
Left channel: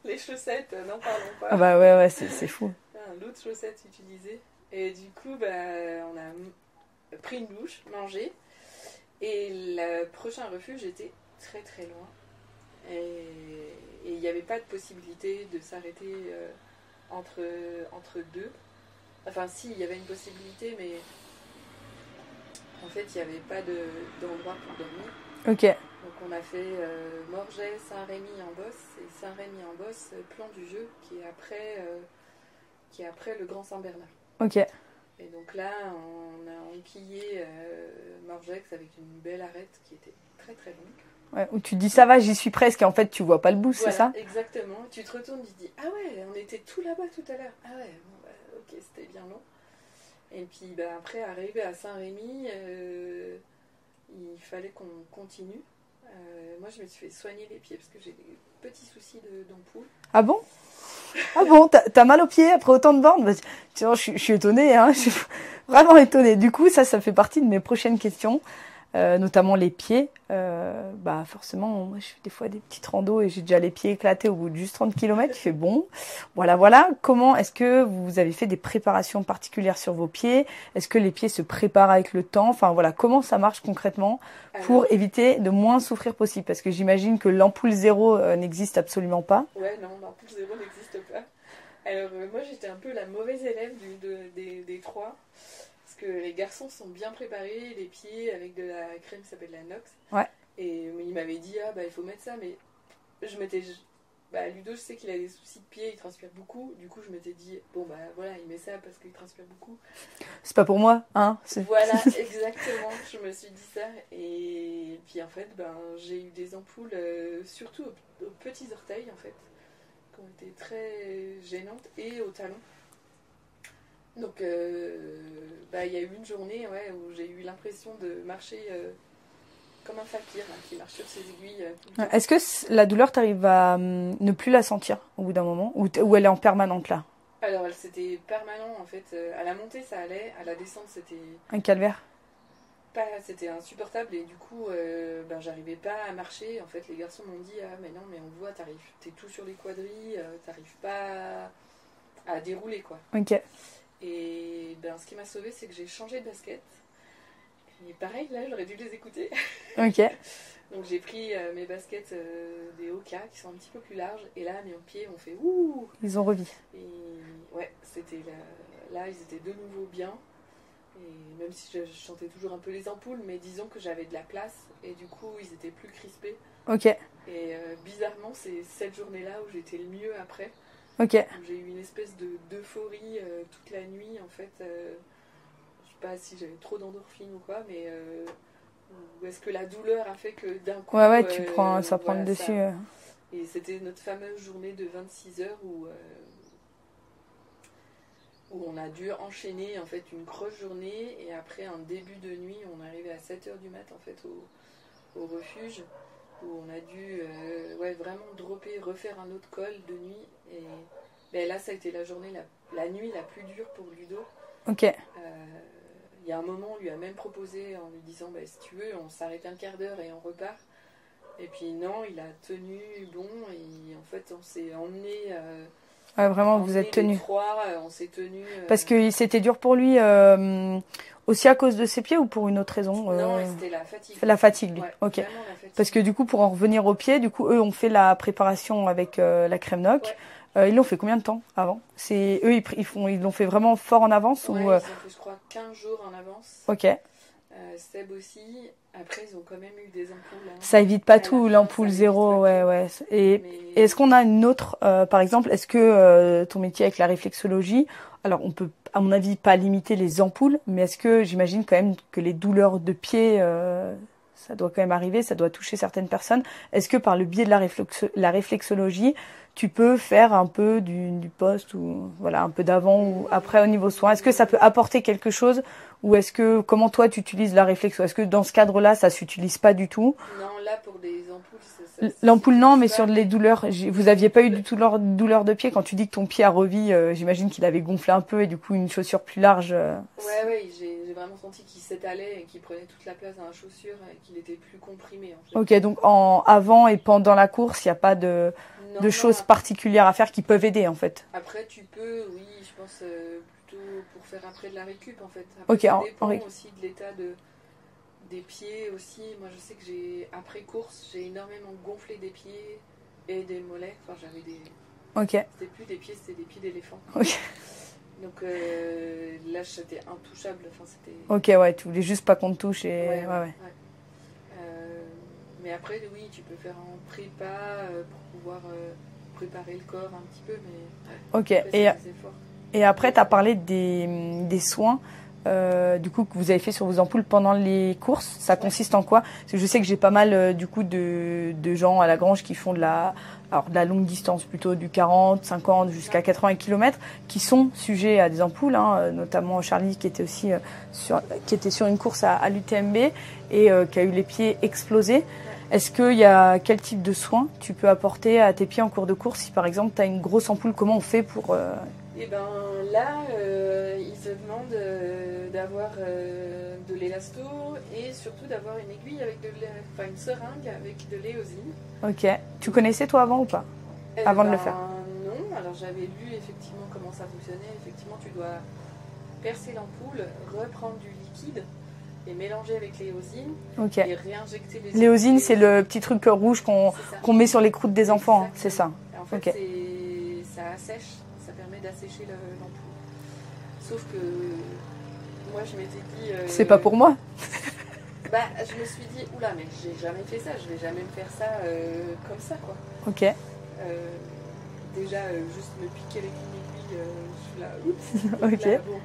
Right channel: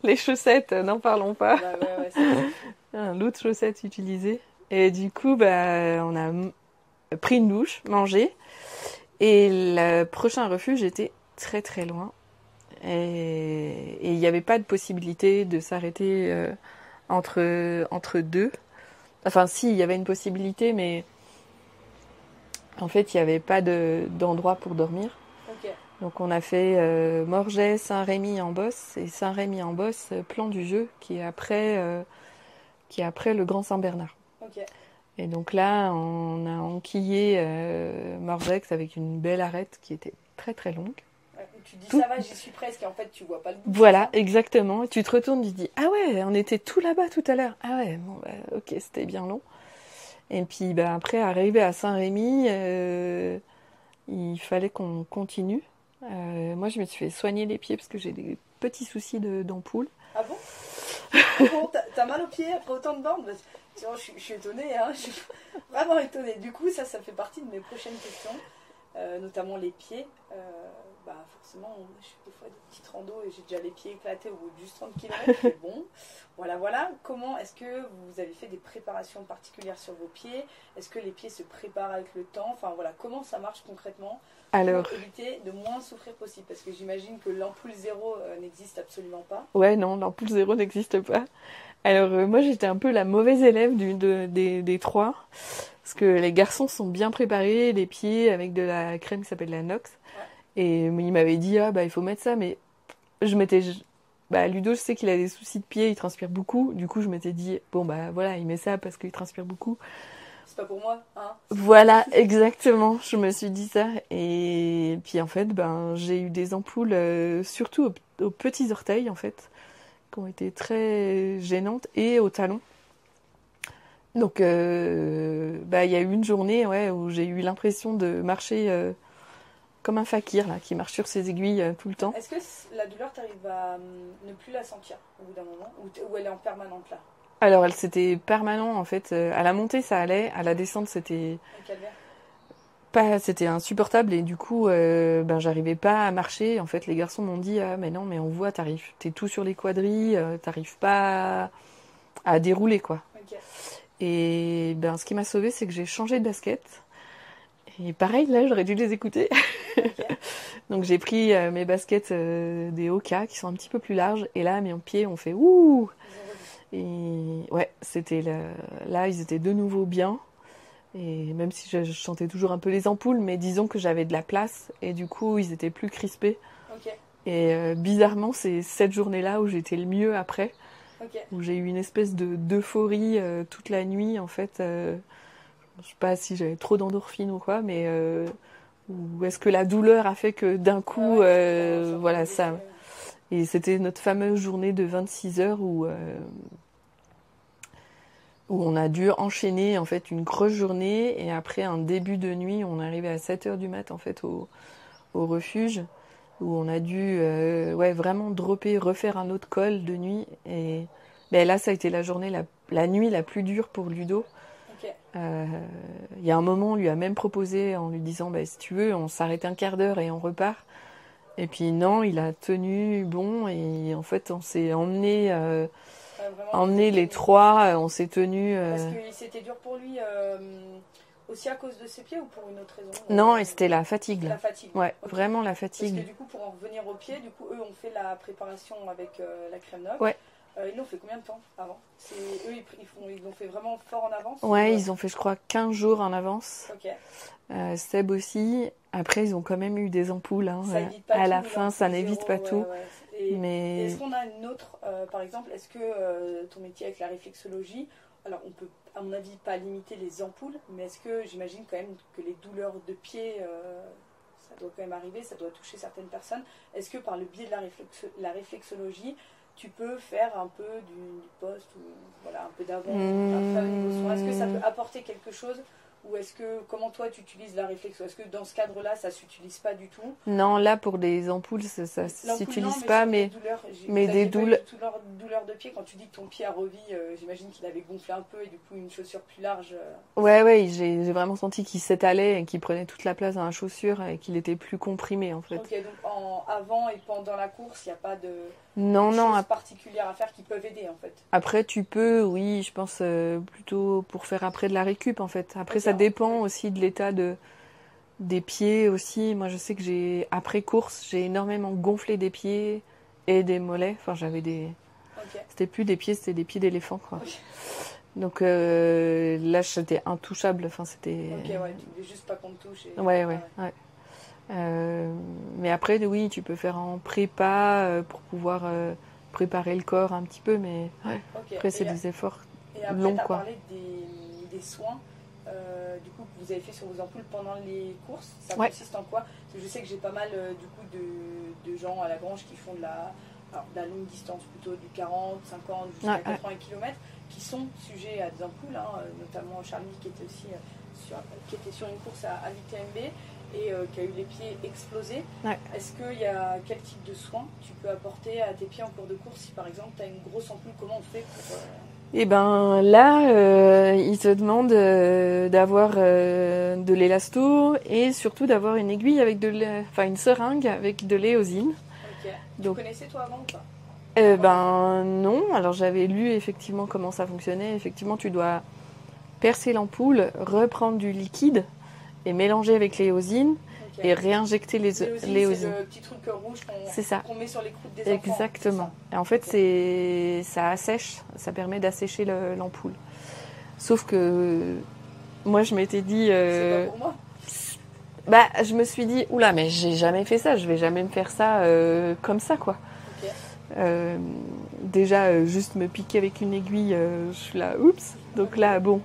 Les chaussettes, n'en parlons pas. Bah ouais, c'est fou. L'autre chaussette utilisée. Et du coup, bah, on a pris une douche, mangé. Et le prochain refuge était très très loin. Et il n'y avait pas de possibilité de s'arrêter entre deux. Enfin, si, il y avait une possibilité, mais en fait, il n'y avait pas d'endroit pour dormir. Ok. Donc, on a fait Morges, Saint-Rémy en Bosse et Saint-Rémy en Bosse, plan du jeu, qui est après le Grand Saint-Bernard. Ok. Et donc là, on a enquillé Morgex avec une belle arête qui était très très longue. Ouais, où tu te dis ça va, j'y suis presque et en fait tu vois pas le bout. Voilà, C'est exactement. Tu te retournes, tu te dis ah ouais, on était tout là-bas tout à l'heure. Ah ouais, bon bah, ok, c'était bien long. Et puis bah, après, arrivé à Saint-Rémy, il fallait qu'on continue. Moi, je me suis fait soigner les pieds parce que j'ai des petits soucis d'ampoule. ça. Ah bon? Ah bon, t'as mal aux pieds après autant de bornes? Bah, tu vois, je suis étonnée, hein. Je suis vraiment étonnée. Du coup, ça fait partie de mes prochaines questions, notamment les pieds. Bah forcément, moi je fais des fois des petites randos et j'ai déjà les pieds éclatés au bout de juste 30 km. Je fais bon, voilà. Comment est-ce que vous avez fait des préparations particulières sur vos pieds? Est-ce que les pieds se préparent avec le temps? Enfin voilà, comment ça marche concrètement pour éviter de moins souffrir possible? Parce que j'imagine que l'ampoule zéro n'existe absolument pas. Ouais, non, l'ampoule zéro n'existe pas. Alors, moi, j'étais un peu la mauvaise élève des trois. Parce que les garçons sont bien préparés, les pieds avec de la crème qui s'appelle la Nox. Ouais. Et il m'avait dit, ah bah il faut mettre ça, mais Ludo, je sais qu'il a des soucis de pied, il transpire beaucoup. Du coup, je m'étais dit, bon bah voilà, il met ça parce qu'il transpire beaucoup. C'est pas pour moi, hein. Voilà, exactement, je me suis dit ça. Et puis en fait, j'ai eu des ampoules, surtout aux petits orteils en fait, qui ont été très gênantes, et au talon. Donc, il y a eu une journée où j'ai eu l'impression de marcher comme un fakir là, qui marche sur ses aiguilles tout le temps. Est-ce que la douleur, t'arrives à ne plus la sentir au bout d'un moment, ou elle est en permanente là? Alors, c'était permanent en fait. À la montée, ça allait. À la descente, c'était Un calvaire. c'était insupportable. Et du coup, j'arrivais pas à marcher. En fait, les garçons m'ont dit, ah, mais non, mais on voit, t'es tout sur les quadrilles, t'arrives pas à dérouler quoi. Ok. Et ce qui m'a sauvée, c'est que j'ai changé de basket. Et pareil, là, j'aurais dû les écouter. Ok. Donc j'ai pris mes baskets des Hoka qui sont un petit peu plus larges. Et là, mes pieds ont fait ouh. Ils ont revu. Et ouais, là, ils étaient de nouveau bien. Et même si je sentais toujours un peu les ampoules, mais disons que j'avais de la place. Et du coup, ils étaient plus crispés. Ok. Et bizarrement, c'est cette journée-là où j'étais le mieux après. Ok. Où j'ai eu une espèce d'euphorie toute la nuit, en fait. Je sais pas si j'avais trop d'endorphines ou quoi, mais ou est-ce que la douleur a fait que d'un coup, ça prend dessus. ça. Et c'était notre fameuse journée de 26 heures où on a dû enchaîner en fait une grosse journée, et après un début de nuit, on est arrivé à 7 heures du mat en fait au refuge, où on a dû vraiment dropper, refaire un autre col de nuit. Et là, ça a été la journée, la nuit la plus dure pour Ludo. Ok. Il y a un moment, on lui a même proposé en lui disant, si tu veux, on s'arrête un quart d'heure et on repart. Et puis non, il a tenu bon, et en fait, on s'est emmené, les trois, on s'est tenus. Parce que c'était dur pour lui aussi à cause de ses pieds, ou pour une autre raison? Non, et c'était la fatigue. La fatigue. Ouais, okay. Vraiment la fatigue. Parce que du coup, pour en revenir aux pieds, eux ont fait la préparation avec la crème Noc. Ouais. Ils l'ont fait combien de temps avant? Eux, ils l'ont fait vraiment fort en avance? Ouais, ils ont fait, je crois, 15 jours en avance. Ok. Seb aussi. Après, ils ont quand même eu des ampoules. Hein. Ça évite pas tout, l'ampoule zéro. Ouais. Et est-ce qu'on a une autre, par exemple, est-ce que ton métier avec la réflexologie, alors on peut, à mon avis, pas limiter les ampoules, mais est-ce que j'imagine quand même que les douleurs de pied, ça doit quand même arriver, ça doit toucher certaines personnes. Est-ce que par le biais de la réflexologie, tu peux faire un peu du post, ou voilà, un peu d'avant ou après au niveau soin? Est-ce que ça peut apporter quelque chose, ou comment toi tu utilises la réflexion? Est-ce que dans ce cadre-là, ça s'utilise pas du tout? Non, là pour les ampoules, ça l'ampoule non, mais sur les douleurs, vous n'aviez pas eu du tout douleur de pied quand tu dis que ton pied a revu? J'imagine qu'il avait gonflé un peu, et du coup une chaussure plus large. Ouais, j'ai vraiment senti qu'il s'étalait et qu'il prenait toute la place dans la chaussure, et qu'il était plus comprimé en fait. Ok, donc avant et pendant la course, il n'y a pas de choses particulières à faire qui peuvent aider en fait? Après, tu peux, oui, je pense plutôt pour faire après de la récup en fait. Après, ça dépend aussi de l'état des pieds aussi. Moi, je sais que après course, j'ai énormément gonflé des pieds et des mollets. Enfin, j'avais des... Ok. C'était plus des pieds, c'était des pieds d'éléphant. Okay. Donc là, j'étais intouchable. Enfin, c'était... Ok, ouais, tu voulais juste pas qu'on te touche. Ouais. Mais après, oui, tu peux faire en prépa pour pouvoir préparer le corps un petit peu, mais après, c'est des efforts. Et après, tu as parlé des soins du coup, que vous avez fait sur vos ampoules pendant les courses. Ça consiste en quoi? Parce que je sais que j'ai pas mal du coup de gens à la Grange qui font de la longue distance, plutôt du 40, 50 jusqu'à 80 km, qui sont sujets à des ampoules, hein, notamment Charlie qui était aussi sur une course à l'UTMB et qui a eu les pieds explosés. Ouais. Est-ce qu'il y a quel type de soins tu peux apporter à tes pieds en cours de course? Si par exemple tu as une grosse ampoule, comment on fait pour... Eh ben là, il te demande d'avoir de l'élasto, et surtout d'avoir une aiguille avec une seringue avec de l'éosine. Ok. Tu connaissais toi avant ou pas? Avant de le faire? Non. Alors j'avais lu effectivement comment ça fonctionnait. Effectivement, tu dois percer l'ampoule, reprendre du liquide et mélanger avec l'éosine Ok. et réinjecter L'éosine, c'est le petit truc rouge qu'on met sur les croûtes des enfants. Exactement. C'est ça. Et en fait, ça assèche, ça permet d'assécher l'ampoule. Sauf que moi, je m'étais dit... C'est pas pour moi. Bah, je me suis dit, oula, mais j'ai jamais fait ça, je vais jamais me faire ça comme ça, quoi. Ok. Déjà, juste me piquer avec une aiguille, je suis là, oups. Donc Ok. là, bon.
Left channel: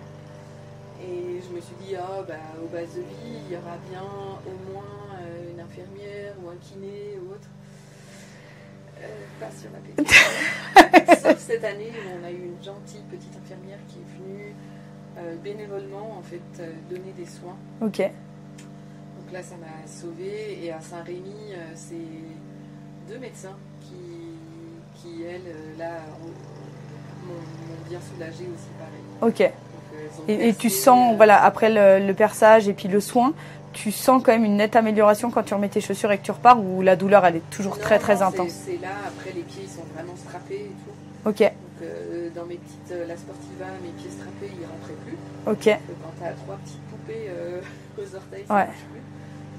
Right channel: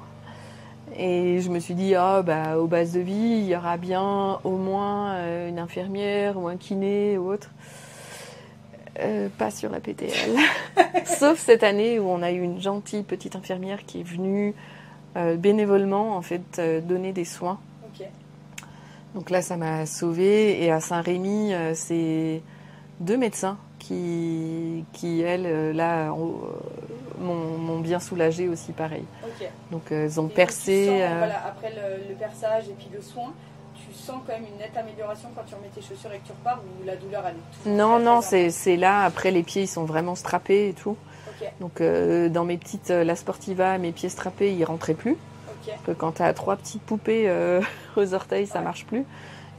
Et je me suis dit, aux bases de vie, il y aura bien au moins une infirmière ou un kiné ou autre. Pas sur la PTL. Sauf cette année où on a eu une gentille petite infirmière qui est venue bénévolement, en fait, donner des soins. Ok. Donc là, ça m'a sauvée. Et à Saint-Rémy, c'est 2 médecins qui elles, là, m'ont bien soulagée aussi, pareil. Ok. Donc, elles ont Et percé. tu sens, voilà, après le perçage et puis le soin, tu sens quand même une nette amélioration quand tu remets tes chaussures et que tu repars, ou la douleur, elle est toujours très intense? C'est là. Après, les pieds, ils sont vraiment strappés et tout. Ok. Donc, dans mes petites La Sportiva, mes pieds strappés, ils rentraient plus. Ok. Quand tu as 3 petites poupées aux orteils, ça marche plus.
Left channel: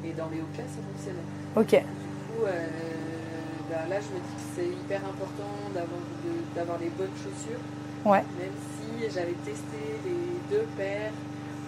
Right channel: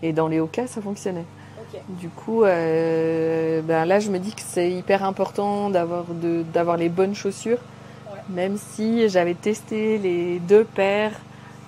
Et dans les Hoka, ça fonctionnait. Ok. Du coup, là, je me dis que c'est hyper important d'avoir les bonnes chaussures. Ouais. Même si j'avais testé les 2 paires.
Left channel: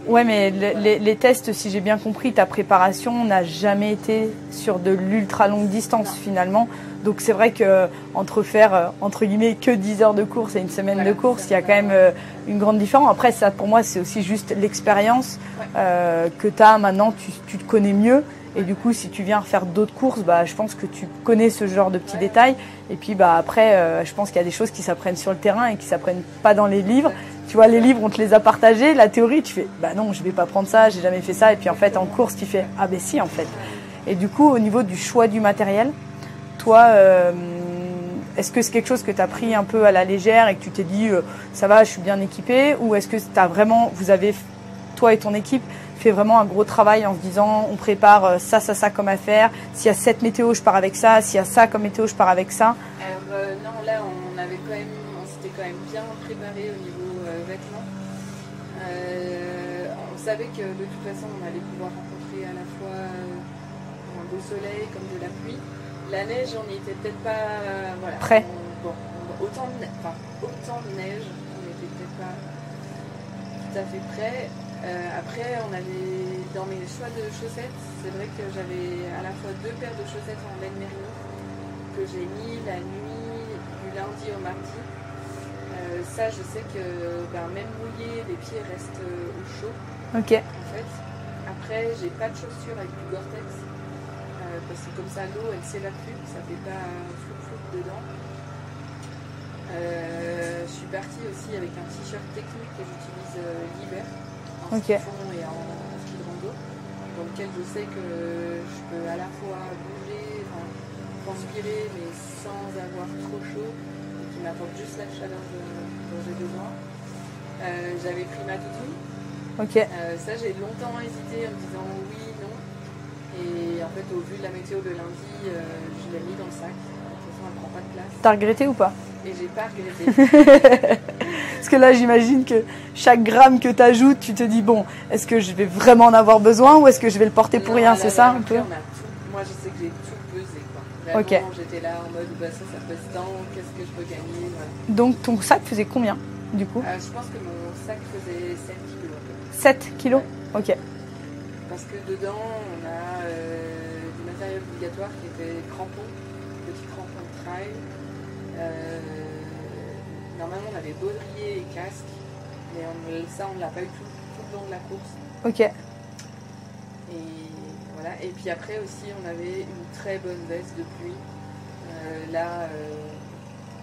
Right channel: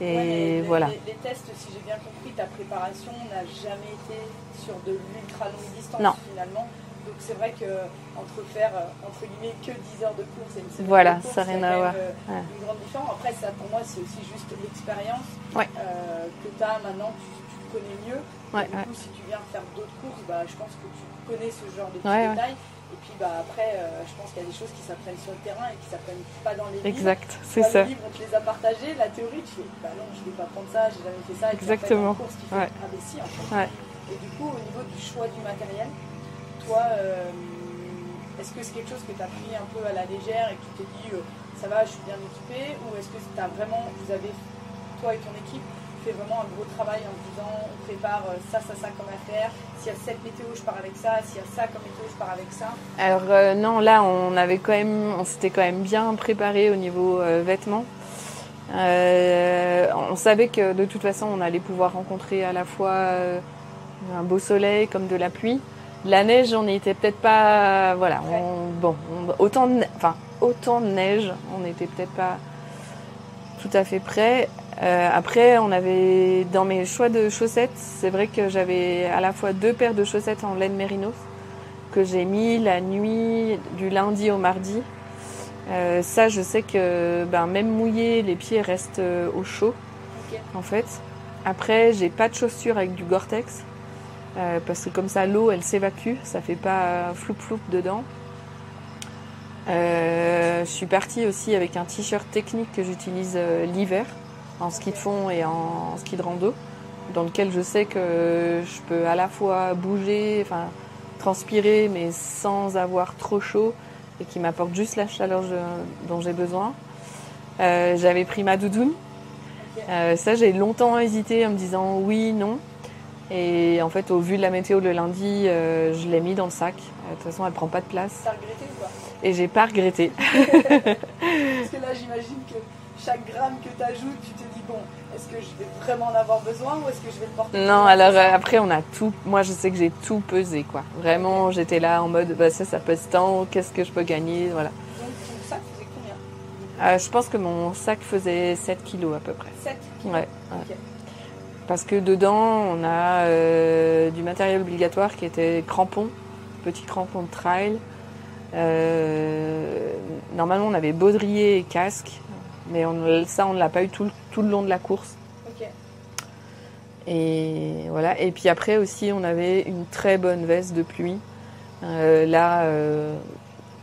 Ouais, mais voilà. les tests, si j'ai bien compris, ta préparation n'a jamais été sur de l'ultra longue distance, Non. finalement. Donc c'est vrai que entre faire entre guillemets que 10 heures de course et une semaine de course, il y a quand même une grande différence. Après, ça pour moi, c'est aussi juste l'expérience que tu as maintenant, tu te connais mieux. Et du coup, si tu viens faire d'autres courses, je pense que tu connais ce genre de petits détails. Et puis après, je pense qu'il y a des choses qui s'apprennent sur le terrain et qui s'apprennent pas dans les livres. Tu vois, les livres, on te les a partagés. La théorie, tu fais, non, je vais pas prendre ça, j'ai jamais fait ça. Et puis en fait, en course, tu fais, ah ben si, en fait. Et du coup, au niveau du choix du matériel, toi, est-ce que c'est quelque chose que tu as pris un peu à la légère et que tu t'es dit, ça va, je suis bien équipée? Ou est-ce que vous avez, toi et ton équipe, fait vraiment un gros travail en se disant, on prépare ça comme affaire. S'il y a cette météo, je pars avec ça. S'il y a ça comme météo, je pars avec ça. Alors non, là, on s'était quand même bien préparé au niveau vêtements. On savait que de toute façon, on allait pouvoir rencontrer à la fois un beau soleil comme de la pluie. La neige, on n'était peut-être pas prêt. Autant de neige, on n'était peut-être pas tout à fait prêt. Après, on avait dans mes choix de chaussettes, c'est vrai que j'avais à la fois 2 paires de chaussettes en laine mérinos que j'ai mis la nuit du lundi au mardi. Ça, je sais que même mouillé, les pieds restent au chaud. Ok. En fait. Après, j'ai pas de chaussures avec du Gore-Tex. Parce que comme ça, l'eau, elle s'évacue. Ça fait pas floup-floup dedans. Je suis partie aussi avec un t-shirt technique que j'utilise l'hiver en ski de fond et en ski de rando, dans lequel je sais que je peux à la fois bouger, transpirer, mais sans avoir trop chaud et qui m'apporte juste la chaleur dont j'ai besoin. J'avais pris ma doudoune. Ok. Ça, j'ai longtemps hésité en me disant oui, non. Et en fait, au vu de la météo le lundi, je l'ai mis dans le sac. De toute façon, elle prend pas de place. T'as regretté ou pas? Et j'ai pas regretté. Parce que là, j'imagine que chaque gramme que tu ajoutes, tu te dis, bon, est-ce que je vais vraiment en avoir besoin ou est-ce que je vais le porter pour rien? Alors, c'est ça, après, on a tout. Moi, je sais que j'ai tout pesé, quoi. Vraiment, j'étais là en mode, ça pèse tant, qu'est-ce que je peux gagner, voilà. Donc, ton sac faisait combien, du coup? Je pense que mon sac faisait 7 kilos à peu près. 7 kilos? Ouais. Ok. Parce que dedans, on a du matériel obligatoire qui était crampons, petits crampons de trail. Normalement, on avait baudrier et casque, mais on ne l'a pas eu tout le long de la course. Ok. Et voilà. Et puis après aussi, on avait une très bonne veste de pluie. Là,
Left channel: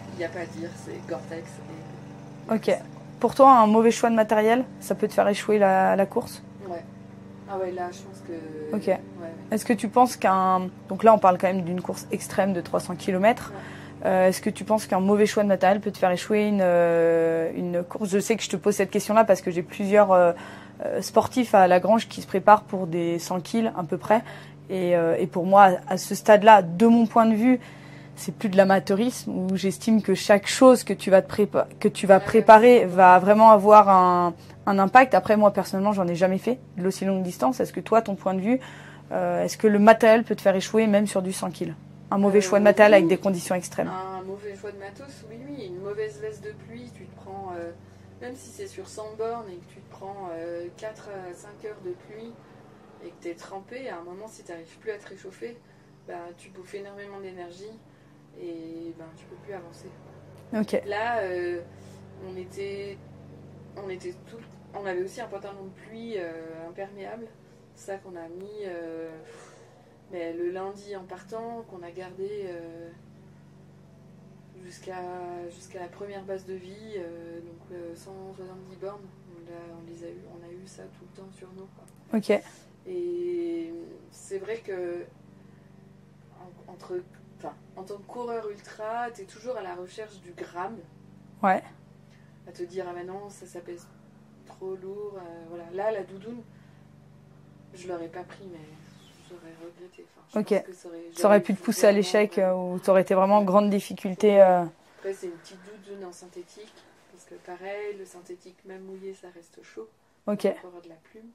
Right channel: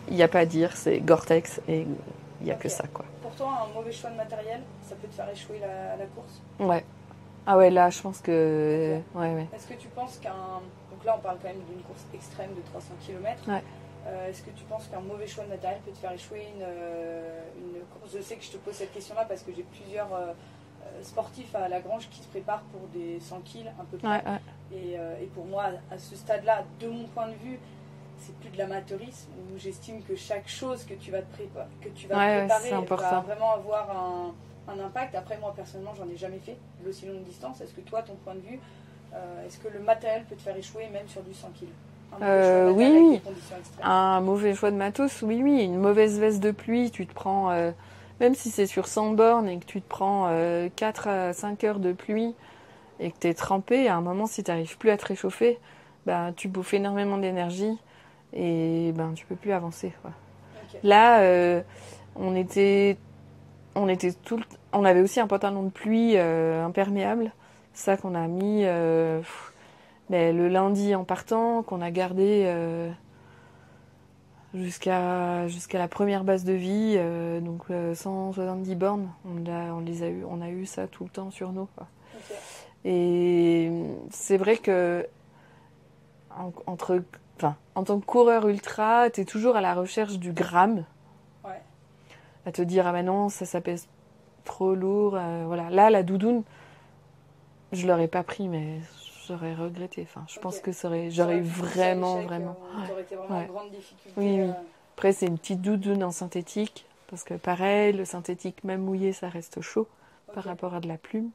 il n'y a pas à dire, c'est Gore-Tex et il n'y a que ça, quoi. Pour toi, un mauvais choix de matériel, ça peut te faire échouer la course? Ouais. Ah ouais, là, je pense que... Ok. Ouais. Est-ce que tu penses donc là, on parle quand même d'une course extrême de 300 km. Ouais. Est-ce que tu penses qu'un mauvais choix de matériel peut te faire échouer une course? Je sais que je te pose cette question-là parce que j'ai plusieurs sportifs à Lagrange qui se préparent pour des 100 kg à peu près. Ouais. Et pour moi, à ce stade-là, de mon point de vue, c'est plus de l'amateurisme où j'estime que chaque chose que tu vas préparer va vraiment avoir un impact. Après, moi, personnellement, j'en ai jamais fait de l'aussi longue distance. Est-ce que toi, ton point de vue, est-ce que le matériel peut te faire échouer même sur du 100 kg? Un mauvais choix de matériel avec des conditions extrêmes. Un mauvais choix de matos, oui. Une mauvaise veste de pluie, tu te prends, même si c'est sur 100 bornes et que tu te prends 4 à 5 heures de pluie et que tu es trempé, à un moment, si tu n'arrives plus à te réchauffer, bah, tu bouffes énormément d'énergie et ben, tu peux plus avancer, quoi. Ok. Là, on avait aussi un pantalon de pluie imperméable, ça qu'on a mis mais le lundi en partant, qu'on a gardé jusqu'à la première base de vie, donc 170 bornes, on a eu ça tout le temps sur nous, quoi. Ok. Et c'est vrai que en tant que coureur ultra, tu es toujours à la recherche du gramme. Ouais. À te dire, ah ben non, ça pèse trop lourd. Voilà. Là, la doudoune, je l'aurais pas pris, mais j'aurais regretté. Enfin, je pense que ça aurait pu te pousser à l'échec ou tu aurais été vraiment en grande difficulté. Après, c'est une petite doudoune en synthétique, parce que pareil, le synthétique, même mouillé, ça reste chaud par rapport à de la plume.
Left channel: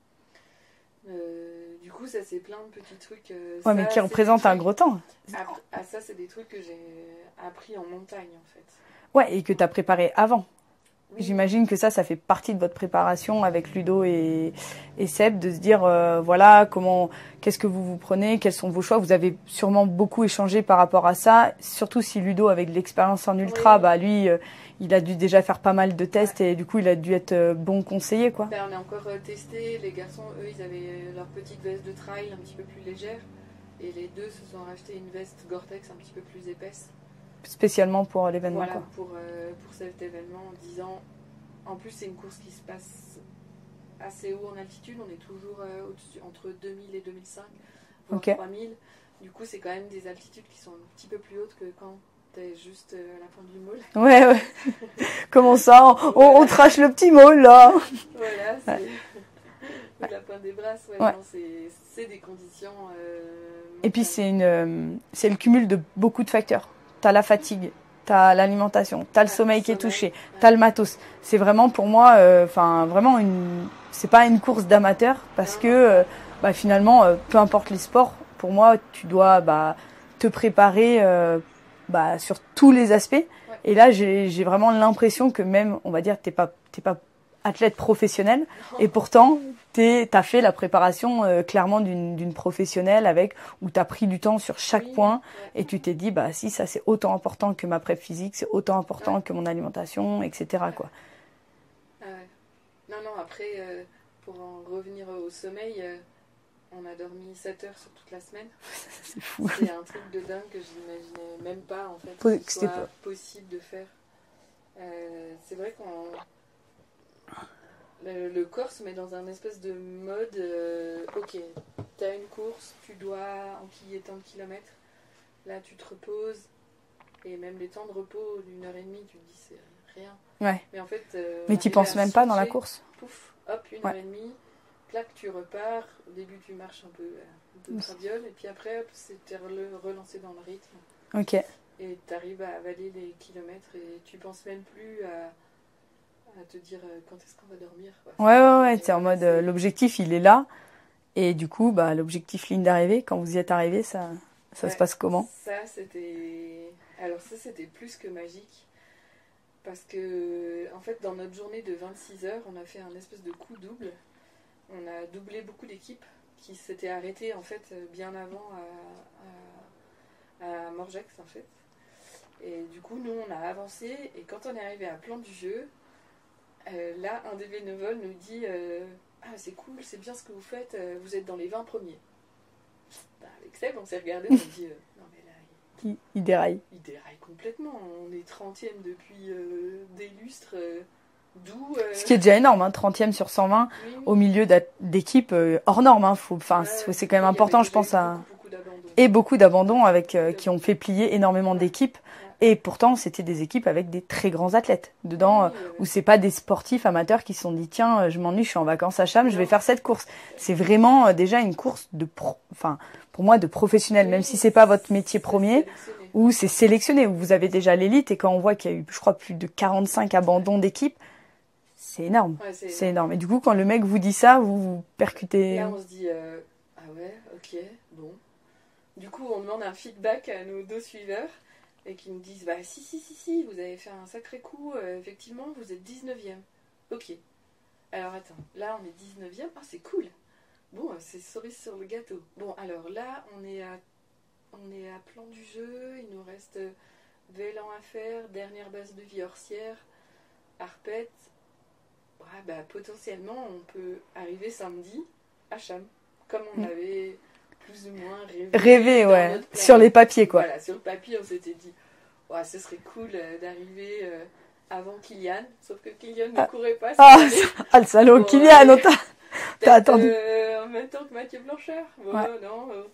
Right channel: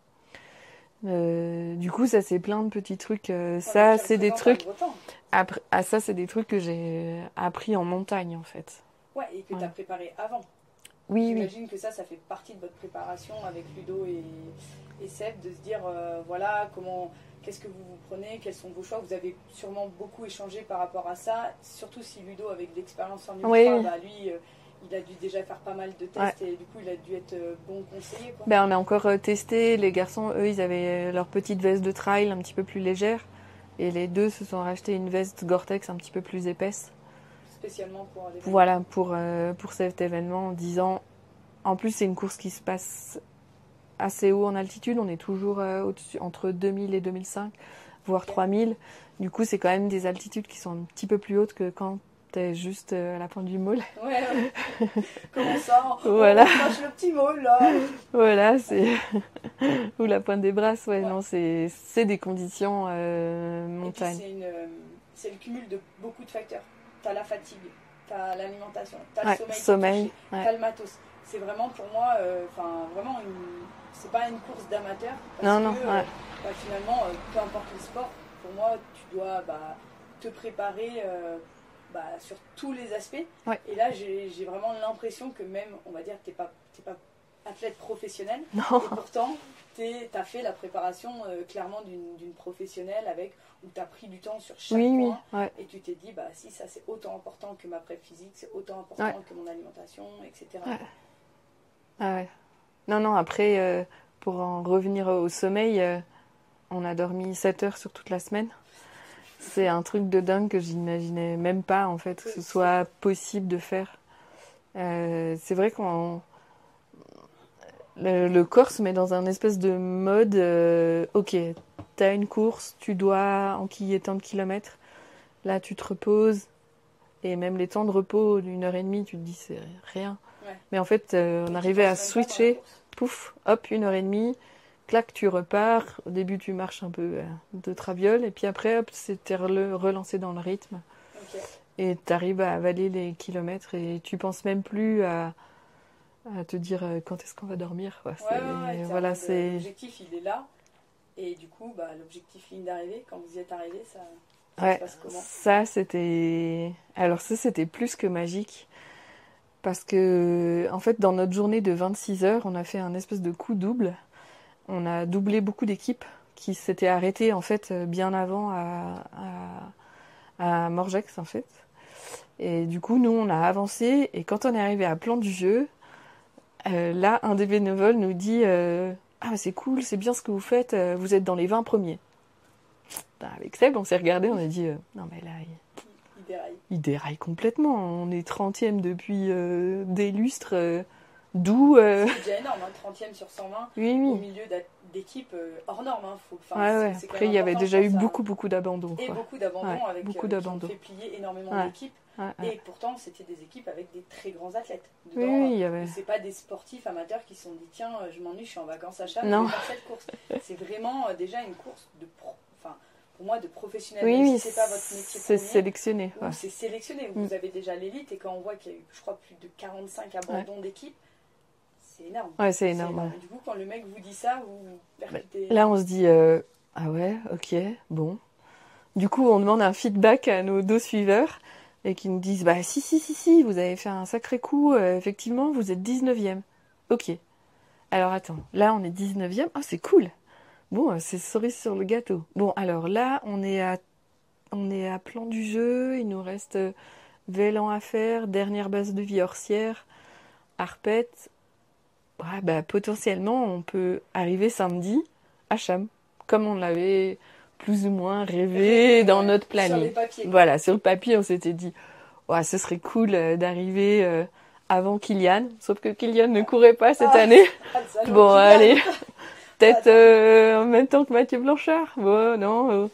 Du coup, ça, c'est plein de petits trucs. Mais qui représentent un gros temps. Après, ça, c'est des trucs que j'ai appris en montagne, en fait. Ouais, et que tu as préparé avant. Oui. J'imagine que ça fait partie de votre préparation avec Ludo et Seb, de se dire, voilà, qu'est-ce que vous prenez, quels sont vos choix. Vous avez sûrement beaucoup échangé par rapport à ça, surtout si Ludo, avec de l'expérience en ultra, bah lui, il a dû déjà faire pas mal de tests et du coup, il a dû être bon conseiller, quoi. Ben, on a encore testé. Les garçons, eux, ils avaient leur petite veste de trail un petit peu plus légère. Et les deux se sont rachetés une veste Gore-Tex un petit peu plus épaisse. Spécialement pour l'événement. Voilà, pour cet événement, en disant... En plus, c'est une course qui se passe assez haut en altitude. On est toujours au-dessus, entre 2000 et 2005, voire 3000. Du coup, c'est quand même des altitudes qui sont un petit peu plus hautes que quand t'es juste à la pointe du môle. Ouais. Comment ça on crache le petit môle, là. Voilà, c'est... Ou la pointe des brasses, non, c'est des conditions et puis, c'est le cumul de beaucoup de facteurs. T'as la fatigue, t'as l'alimentation, t'as le sommeil qui est touché, t'as le matos. C'est vraiment pour moi, vraiment c'est pas une course d'amateur parce que finalement, peu importe les sports, pour moi, tu dois te préparer sur tous les aspects. Ouais. Et là, j'ai vraiment l'impression que même, on va dire, t'es pas athlète professionnel et pourtant t'as fait la préparation clairement d'une professionnelle où t'as pris du temps sur chaque point et tu t'es dit si ça c'est autant important que ma prep physique, c'est autant important que mon alimentation, etc. quoi. Ah ouais. Non, après pour en revenir au sommeil, on a dormi 7 heures sur toute la semaine. C'est un truc de dingue que j'imaginais même pas en fait que ce soit possible de faire. C'est vrai qu'on le corps se met dans un espèce de mode ok, t'as une course, tu dois enquiller tant de kilomètres, là tu te reposes et même les temps de repos d'une heure et demie tu te dis c'est rien, mais en fait mais tu penses même pas dans la course, pouf, hop, une heure et demie, clac, tu repars. Au début tu marches un peu de traviole et puis après hop, c'était relancé dans le rythme, et t'arrives à avaler les kilomètres et tu penses même plus à te dire quand est-ce qu'on va dormir, quoi. C'est en mode l'objectif il est là et du coup l'objectif ligne d'arrivée, quand vous y êtes arrivé, ça se passe comment? Ça c'était plus que magique parce que en fait dans notre journée de 26 heures on a fait un espèce de coup double. On a doublé beaucoup d'équipes qui s'étaient arrêtées en fait bien avant à Morgex en fait, et du coup nous on a avancé et quand on est arrivé à Plan du Jeu, là, un des bénévoles nous dit ah, c'est cool, c'est bien ce que vous faites, vous êtes dans les 20 premiers. Avec Seb, on s'est regardé, on a dit non, mais là, il déraille. Il déraille complètement. On est 30e depuis des lustres, d'où. Ce qui est déjà énorme, 30e sur 120, au milieu d'équipes hors normes. C'est quand même important, je pense. Il y a eu beaucoup d'abandons. Et beaucoup d'abandons qui ont fait plier énormément d'équipes. Et pourtant, c'était des équipes avec des très grands athlètes dedans, où c'est pas des sportifs amateurs qui se sont dit tiens, je m'ennuie, je suis en vacances à Cham, je vais faire cette course. C'est vraiment déjà une course pour moi de professionnel, même si c'est pas votre métier premier, sélectionné, où c'est sélectionné, où vous avez déjà l'élite, et quand on voit qu'il y a eu, je crois, plus de 45 abandons d'équipes, C'est énorme. Ouais, c'est C'est énorme. énorme. Et du coup, quand le mec vous dit ça, vous percutez. Là, on se dit, ah ouais, ok, bon. Du coup, on demande un feedback à nos 2 suiveurs et qui nous disent, bah si, vous avez fait un sacré coup, effectivement, vous êtes 19e. Ok. Alors attends, là, on est 19e. Ah, c'est cool. Bon, c'est cerise sur le gâteau. Bon, alors là, on est à plan du jeu, il nous reste Vélan à faire, dernière base de vie Orsière, Arpette. Ouais, bah, potentiellement, on peut arriver samedi à Cham, comme on avait plus ou moins rêvé dans ouais. notre planning. Sur les papiers, quoi. Voilà, sur le papier, on s'était dit, ouais, ce serait cool d'arriver avant Kylian, sauf que Kylian ne courait pas cette année. Ah, le salaud, Bon, Kylian, allez. Peut-être En même temps que Mathieu Blanchard. Bon, non.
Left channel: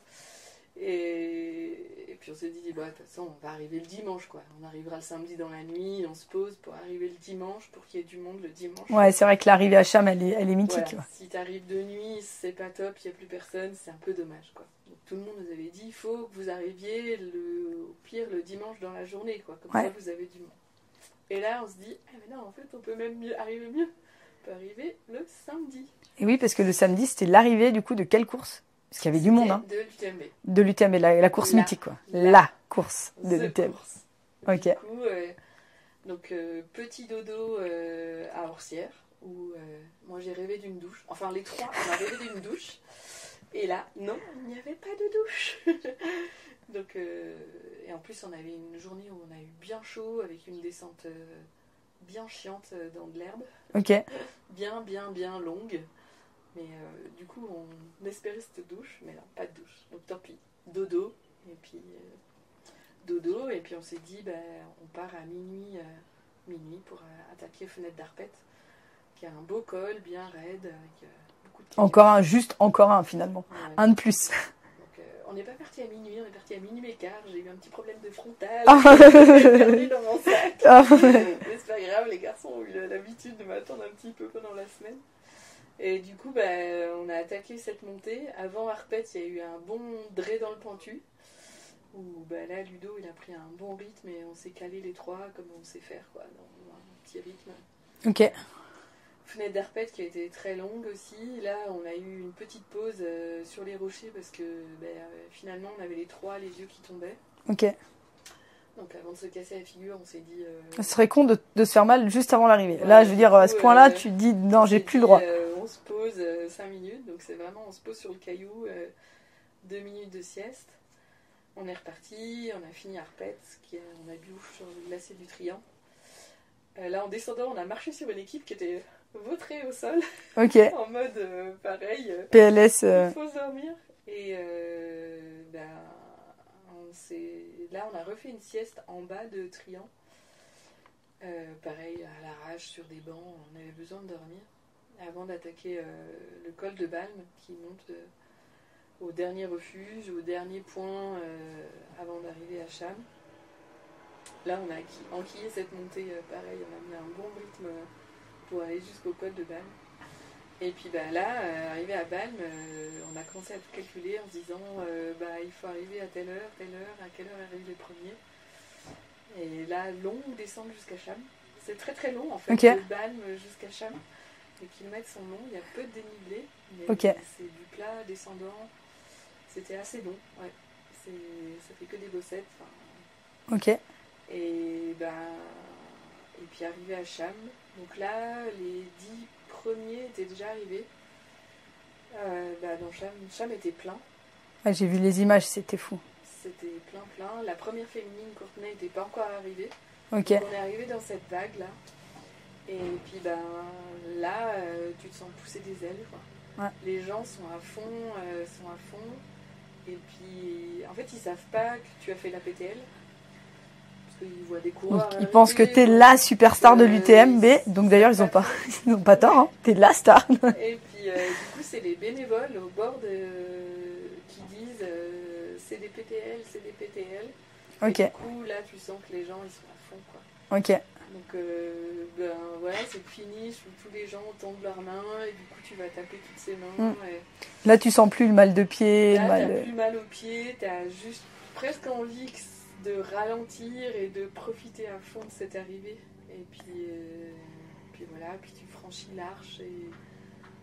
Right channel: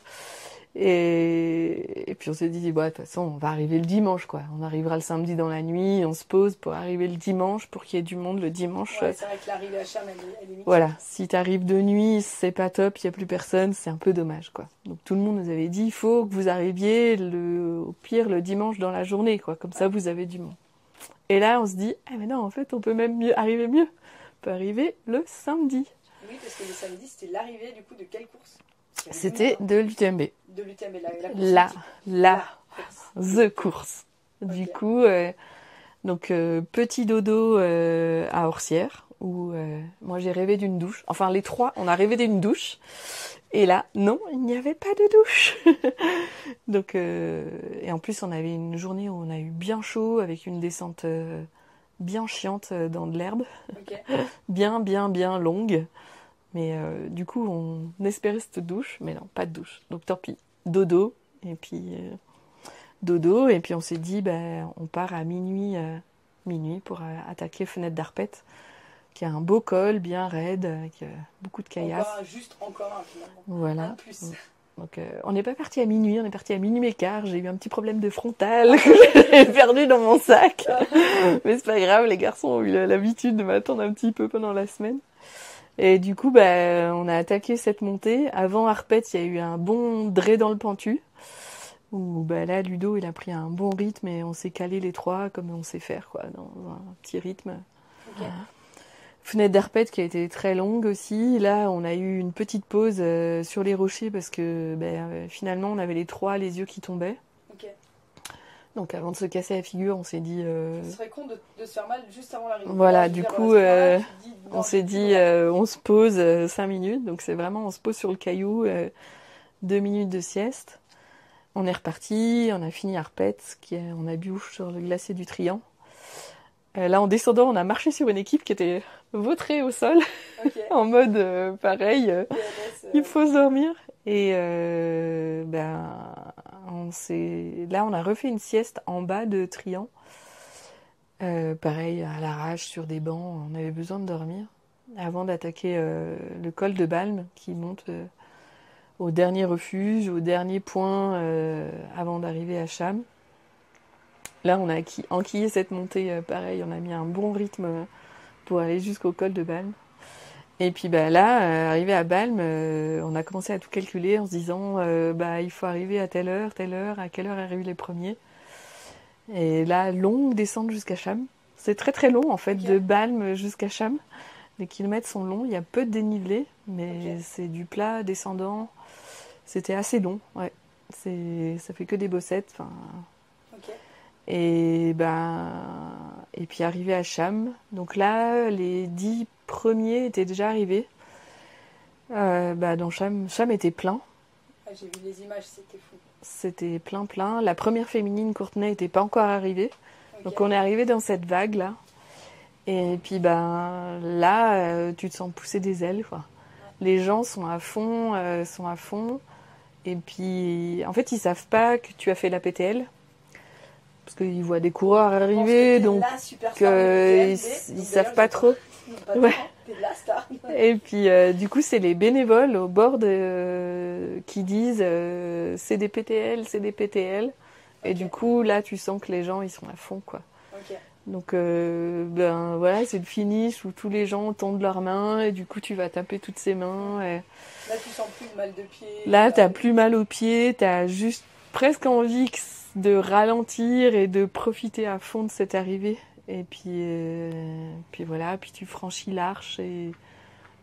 Et puis on s'est dit, bah, de toute façon, on va arriver le dimanche, quoi. On arrivera le samedi dans la nuit, on se pose pour arriver le dimanche, pour qu'il y ait du monde le dimanche. Ouais, c'est vrai que l'arrivée à Cham, elle est mythique. Voilà, si t'arrives de nuit, c'est pas top, il n'y a plus personne, c'est un peu dommage, quoi. Donc tout le monde nous avait dit, il faut que vous arriviez au pire le dimanche dans la journée, quoi. Comme ça, vous avez du monde. Et là, on se dit, ah mais non, en fait, on peut même arriver mieux. On peut arriver le samedi. Et oui, parce que le samedi, c'était l'arrivée, du coup, de quelle course? Parce qu'il y avait du monde. C'était de l'UTMB. De l'UTMB, la course mythique, quoi. La course. The course. Okay. Du coup, donc petit dodo à Orsières, où moi j'ai rêvé d'une douche. Enfin, les 3, on a rêvé d'une douche. Et là, non, il n'y avait pas de douche. Donc, et en plus, on avait une journée où on a eu bien chaud, avec une descente bien chiante dans de l'herbe. Ok. Bien longue. Mais du coup, on espérait cette douche, mais non, pas de douche. Donc tant pis, dodo. Et puis on s'est dit, on part à minuit pour attaquer Fenêtre d'Arpette, qui a un beau col, bien raide, avec beaucoup de caillasse. Encore un finalement. Voilà. Un de plus. Donc on n'est pas parti à minuit, on est parti à minuit et quart. J'ai eu un petit problème de frontal, j'ai perdu dans mon sac. Mais c'est pas grave, les garçons ont eu l'habitude de m'attendre un petit peu pendant la semaine. Et du coup, on a attaqué cette montée. Avant Arpette, il y a eu un bon dray dans le pentu. Où là, Ludo, il a pris un bon rythme et on s'est calé les 3 comme on sait faire, quoi, dans un petit rythme. Ok. Fenêtre d'Arpette qui a été très longue aussi. Là, on a eu une petite pause sur les rochers parce que finalement, on avait les 3, les yeux qui tombaient. Ok. Donc avant de se casser la figure, on s'est dit... Ce serait con de se faire mal juste avant l'arrivée. Voilà, là, je veux dire, à ce point-là, tu te dis, non, j'ai plus le droit. On se pose 5 minutes, donc c'est vraiment, on se pose sur le caillou, 2 minutes de sieste. On est reparti, on a fini Arpette, on a bu sur le glacier du Trian. Là, en descendant, on a marché sur une équipe qui était vautrée au sol, en mode pareil, PLS. Il faut se dormir. Et là, on a refait une sieste en bas de Trian. Pareil, à l'arrache, sur des bancs, on avait besoin de dormir. Avant d'attaquer le col de Balme, qui monte au dernier refuge, au dernier point avant d'arriver à Cham. Là, on a enquillé cette montée, pareil, on a mis un bon rythme pour aller jusqu'au col de Balme. Et puis là, arrivé à Balme, on a commencé à tout calculer en se disant il faut arriver à telle heure, à quelle heure arrivent les premiers. Et là, longue descente jusqu'à Cham. C'est très très long en fait, de Balme jusqu'à Cham. Les kilomètres sont longs, il y a peu de dénivelé, mais c'est du plat descendant. C'était assez long, ouais. Ça fait que des bossettes. Ok. Et puis arrivé à Cham. Donc là, les 10 premiers étaient déjà arrivés. Dans Cham était plein. Ah, j'ai vu les images, c'était fou. C'était plein. La première féminine Courtenay n'était pas encore arrivée. Donc on est arrivé dans cette vague là. Et puis là, tu te sens pousser des ailes, quoi. Ouais. Les gens sont à fond. Et puis en fait, ils savent pas que tu as fait la PTL. Parce qu'ils voient des coureurs arriver. Ils pensent que t'es la superstar de l'UTMB. Donc d'ailleurs, ils n'ont pas tort. Hein. T'es la star. Et puis du coup, c'est les bénévoles au bord qui disent c'est des PTL. Et du coup, là, tu sens que les gens, ils sont à fond, quoi. Ok. Donc voilà, c'est le finish où tous les gens tendent leurs mains et du coup, tu vas taper toutes ces mains. Et... Là, tu sens plus le mal de pied. Là, t'as plus mal aux pieds. T'as juste presque envie de ralentir et de profiter à fond de cette arrivée. Et puis voilà, puis tu franchis l'arche et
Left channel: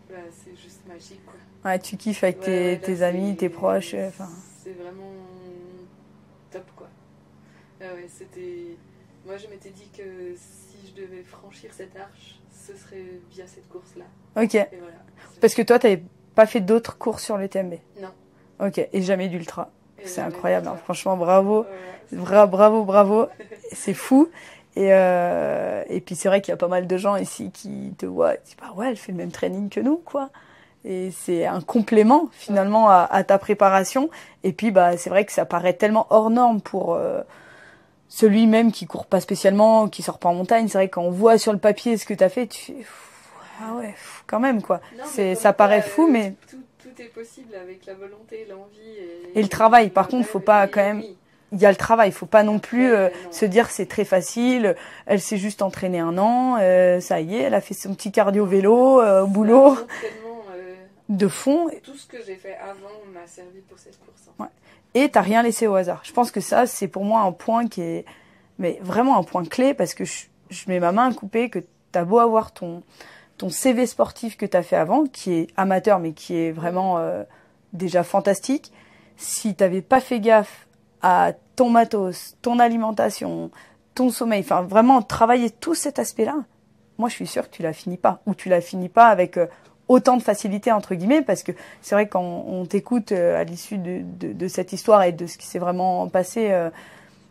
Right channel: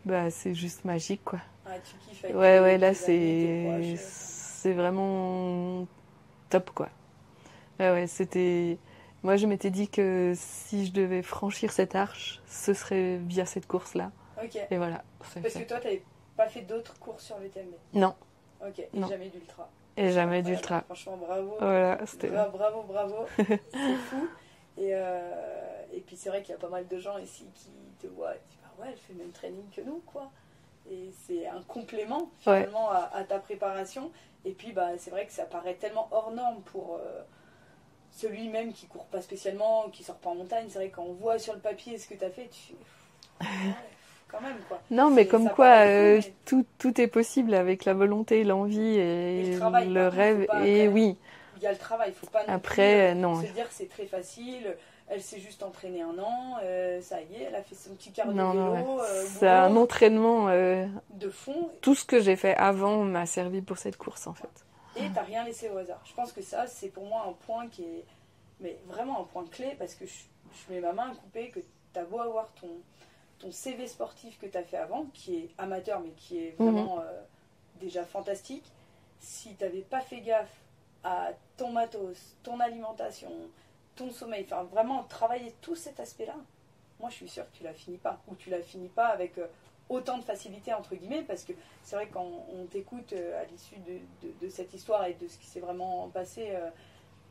bah, c'est juste magique, quoi. Ouais, tu kiffes avec là, tes amis, tes proches. C'est vraiment top, quoi. Ouais, c'était... Moi, je m'étais dit que si je devais franchir cette arche, ce serait via cette course-là. Ok. Et voilà. Parce que toi, t'avais pas fait d'autres courses sur l'UTMB? Non. Ok. Et non. Jamais d'ultra? Et c'est jamais incroyable. d'ultra. Hein. Franchement, bravo. Voilà, Bravo. C'est fou. Et puis, c'est vrai qu'il y a pas mal de gens ici qui te voient et disent, bah ouais, elle fait le même training que nous, quoi. Et c'est un complément, finalement, à ta préparation. Et puis, bah, c'est vrai que ça paraît tellement hors norme pour... celui même qui court pas spécialement, qui sort pas en montagne. C'est vrai que quand on voit sur le papier ce que tu as fait, tu fais ah ouais, quand même quoi. Non, mais ça paraît fou, mais tout est possible avec la volonté, l'envie et le travail. Par rêve. contre, faut pas quand même. Oui. Il y a le travail, faut pas non Après, plus non. se dire c'est très facile. Elle s'est juste entraînée 1 an, ça y est, elle a fait son petit cardio vélo au boulot. Un entraînement de fond. Tout ce que j'ai fait avant m'a servi pour cette course en fait. Ouais. Et t'as rien laissé au hasard. Je pense que ça, c'est pour moi un point qui est, mais vraiment un point clé, parce que je mets ma main à couper que t'as beau avoir ton CV sportif que t'as fait avant, qui est amateur, mais qui est vraiment déjà fantastique. Si t'avais pas fait gaffe à ton matos, ton alimentation, ton sommeil, enfin vraiment travailler tout cet aspect-là, moi je suis sûre que tu la finis pas. Ou tu la finis pas avec... autant de facilité entre guillemets, parce que c'est vrai que quand on t'écoute à l'issue de cette histoire et de ce qui s'est vraiment passé,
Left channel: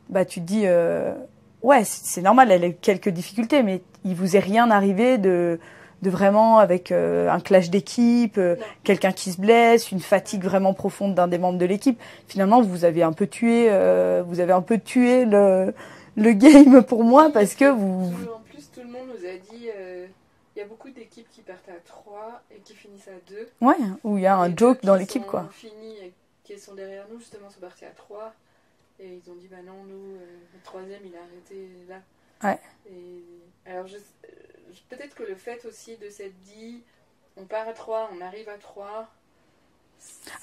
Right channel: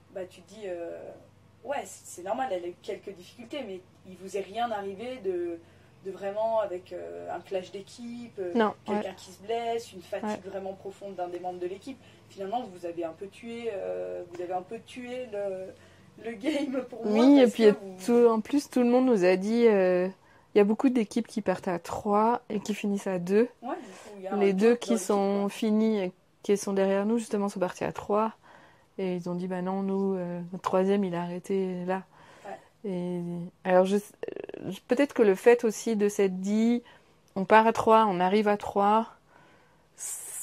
bah tu te dis ouais c'est normal, elle a quelques difficultés, mais il vous est rien arrivé de vraiment avec un clash d'équipe, quelqu'un qui se blesse, une fatigue vraiment profonde d'un des membres de l'équipe. Finalement vous avez un peu tué le game pour moi, parce que en plus tout le monde nous a dit il y a beaucoup d'équipes qui partent à 3 et qui finissent à 2. Ouais, où il y a un joke dans l'équipe. Les deux qui sont finis et qui sont derrière nous, justement, sont partis à 3. Et ils ont dit, bah non, nous, le troisième, il a arrêté là. Ouais. Et alors, peut-être que le fait aussi de s'être dit, on part à 3, on arrive à 3.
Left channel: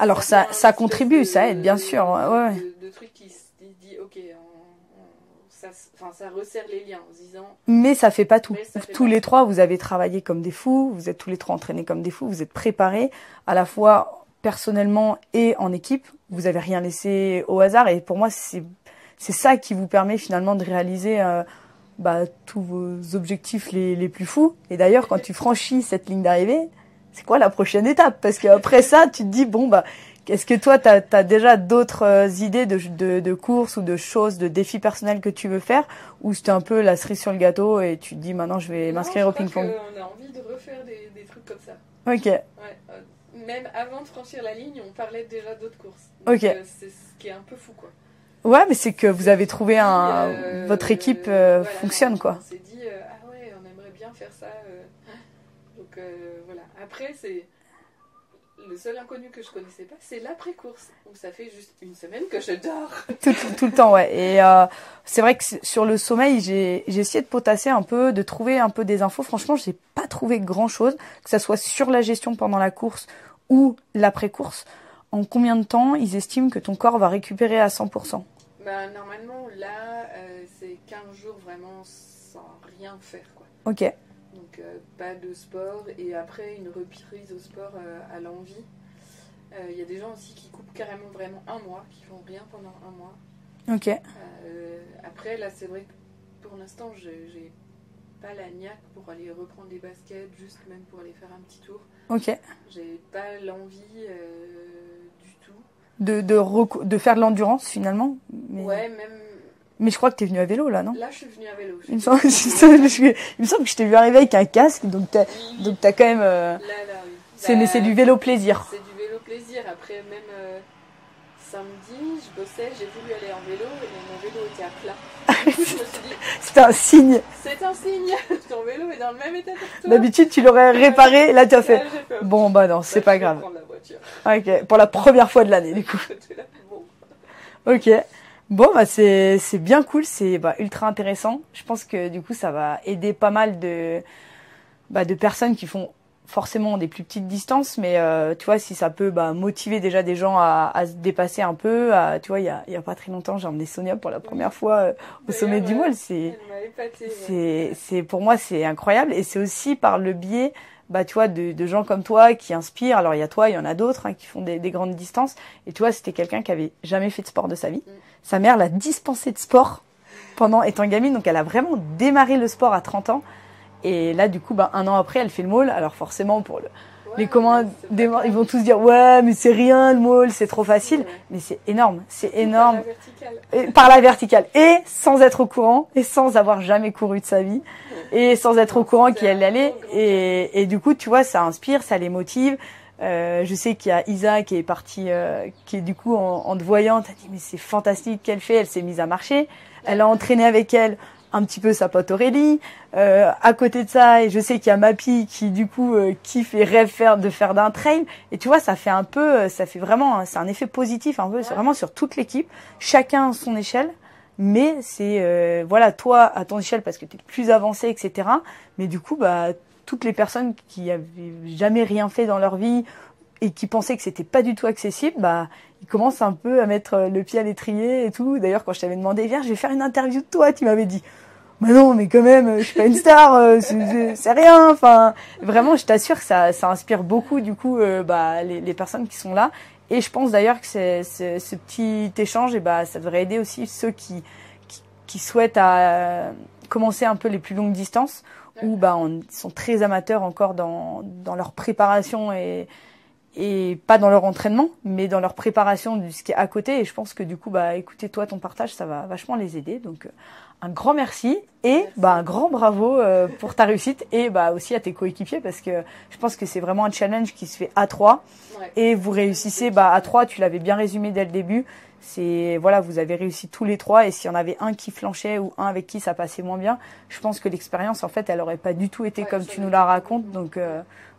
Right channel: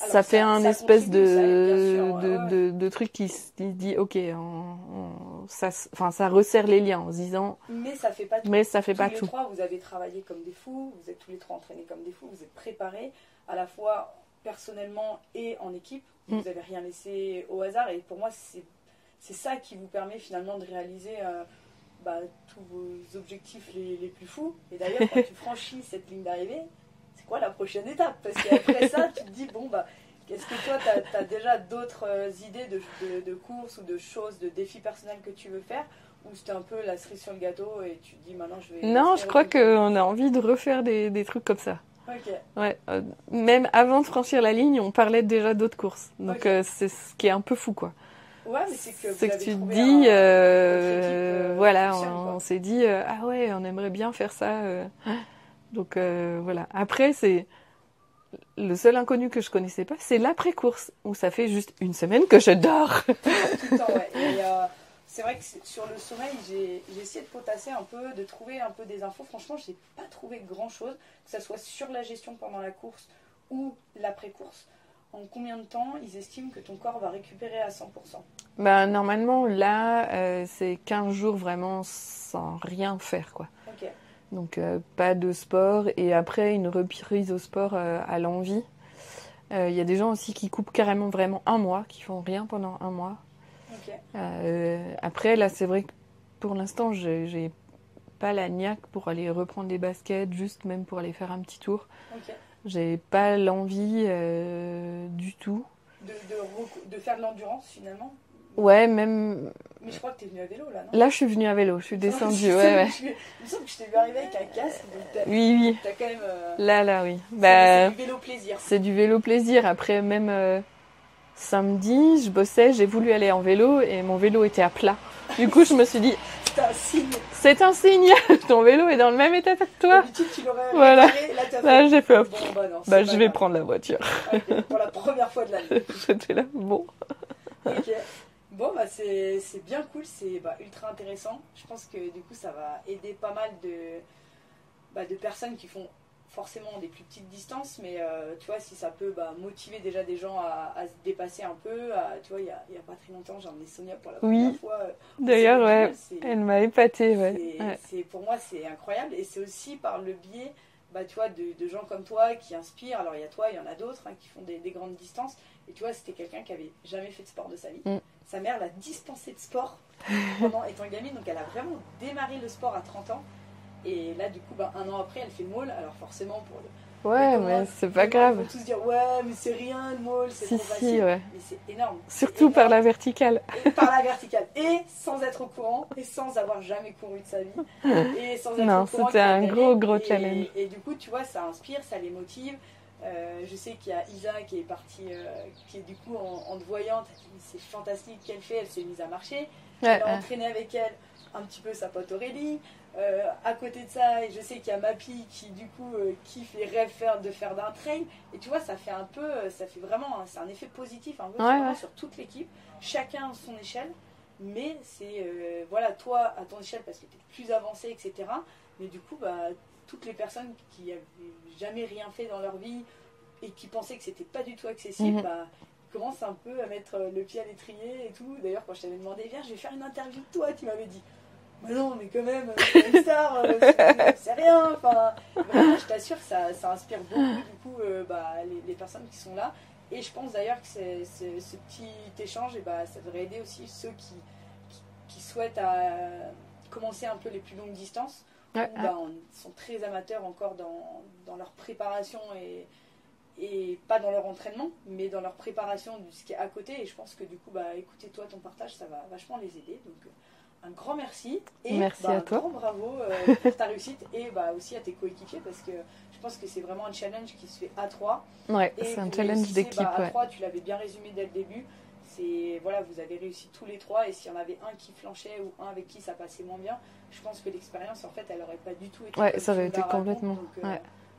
Alors, ça contribue, ça aide, bien sûr. De trucs qui se dit, ok, ça resserre les liens en se disant... Mais ça fait pas tout. Tous les trois, vous avez travaillé comme des fous, vous êtes tous les trois entraînés comme des fous, vous êtes préparés, à la fois personnellement et en équipe. Vous n'avez rien laissé au hasard. Et pour moi, c'est ça qui vous permet finalement de réaliser tous vos objectifs les plus fous. Et d'ailleurs, quand tu franchis cette ligne d'arrivée, c'est quoi la prochaine étape? Parce qu'après ça, tu te dis, bon, est-ce que toi, tu as déjà d'autres idées de courses ou de choses, de défis personnels que tu veux faire? Ou c'était un peu la cerise sur le gâteau et tu te dis, maintenant, je vais m'inscrire au ping-pong? Non, je crois qu'on a envie de refaire des trucs comme ça. Ok. Ouais, même avant de franchir la ligne, on parlait déjà d'autres courses. Donc c'est ce qui est un peu fou, quoi. Ouais, mais c'est que vous avez trouvé votre équipe fonctionne, quoi. On s'est dit, ah ouais, on aimerait bien faire ça. Donc voilà. Après, c'est le seul inconnu que je connaissais pas, c'est l'après-course, où ça fait juste 1 semaine que je dors. tout le temps, ouais. Et c'est vrai que sur le sommeil, j'ai essayé de potasser un peu, de trouver un peu des infos. Franchement, j'ai pas trouvé grand-chose, que ça soit sur la gestion pendant la course ou l'après-course. En combien de temps ils estiment que ton corps va récupérer à 100%? Normalement, là, c'est 15 jours vraiment sans rien faire, quoi. Ok. Donc, pas de sport. Et après, une reprise au sport à l'envie. Il y a des gens aussi qui coupent carrément vraiment 1 mois, qui font rien pendant 1 mois. Ok. Après, là, c'est vrai que pour l'instant, j'ai pas la niaque pour aller reprendre des baskets, juste même pour aller faire un petit tour. Ok. J'ai pas l'envie du tout. De faire de l'endurance, finalement? Ouais, même... Mais je crois que tu es venu à vélo, là, non? Là, je suis venue à vélo. Il me semble que je t'ai vu arriver avec un casque, donc t'as quand même... Là, oui. C'est du vélo plaisir. C'est du vélo plaisir. Après, même samedi, je bossais, j'ai voulu aller en vélo et mon vélo était à plat. Du coup, je me suis dit... C'était un signe. C'est un signe. Ton vélo est dans le même état que toi. D'habitude, tu l'aurais réparé. Là, tu as fait... Là, j'ai fait... Bon, non, c'est pas grave. Je vais prendre la voiture. Ok, pour la première fois de l'année. Du coup, j'étais là. Bon. Ok. Bon, c'est bien cool, c'est ultra intéressant. Je pense que du coup, ça va aider pas mal de personnes qui font forcément des plus petites distances, mais tu vois, si ça peut motiver déjà des gens à se dépasser un peu, tu vois, il y a pas très longtemps, j'ai emmené Sonia pour la première fois au sommet du Wall. Elle m'a épatée. Pour moi, c'est incroyable, et c'est aussi par le biais, tu vois, de gens comme toi qui inspirent. Alors il y a toi, il y en a d'autres qui font des grandes distances, et tu vois, c'était quelqu'un qui avait jamais fait de sport de sa vie. Sa mère l'a dispensé de sport pendant étant gamine, donc elle a vraiment démarré le sport à 30 ans. Et là, du coup, 1 an après, elle fait le maul. Alors forcément, pour les commandes, ils vont tous dire « Ouais, mais c'est rien le maul, c'est trop facile. » Mais c'est énorme. Surtout énorme. par la verticale. Par la verticale. Et sans être au courant, et sans avoir jamais couru de sa vie, et sans être au courant qu'il allait aller. Et du coup, tu vois, ça inspire, ça les motive. Je sais qu'il y a Isa qui est partie, qui est du coup en te voyant, t'as dit « Mais c'est fantastique qu'elle fait. » Elle s'est mise à marcher. Elle a entraîné avec elle un petit peu sa pote Aurélie. À côté de ça, et je sais qu'il y a Mappy qui du coup kiffe et rêve de faire d'un trail. Et tu vois, ça fait vraiment, c'est un effet positif un peu. C'est vraiment sur toute l'équipe, chacun à son échelle. Mais c'est voilà, toi à ton échelle parce que tu es plus avancé, etc. Mais du coup, toutes les personnes qui avaient jamais rien fait dans leur vie et qui pensaient que c'était pas du tout accessible, ils commencent un peu à mettre le pied à l'étrier et tout. D'ailleurs, quand je t'avais demandé, viens, je vais faire une interview de toi, tu m'avais dit, mais non, mais quand même, je suis pas une star, c'est rien. Enfin, vraiment, je t'assure que ça inspire beaucoup, du coup, les personnes qui sont là. Et je pense d'ailleurs que ce petit échange, ça devrait aider aussi ceux qui souhaitent commencer un peu les plus longues distances, où ils sont très amateurs encore dans leur préparation et pas dans leur entraînement, mais dans leur préparation de ce qui est à côté. Et je pense que du coup, écoutez, toi, ton partage, ça va vachement les aider. Donc, un grand merci et un grand bravo pour ta réussite et aussi à tes coéquipiers, parce que je pense que c'est vraiment un challenge qui se fait à 3. Et vous réussissez à 3, tu l'avais bien résumé dès le début. Vous avez réussi tous les 3, et s'il y en avait un qui flanchait ou un avec qui ça passait moins bien, je pense que l'expérience, en fait, elle aurait pas du tout été comme tu nous la racontes. Donc,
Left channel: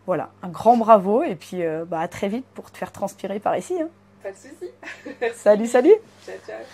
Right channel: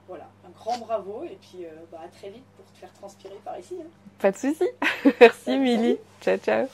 voilà, un grand bravo, et puis à très vite pour te faire transpirer par ici. Pas de souci. Merci. Salut. Ciao, ciao.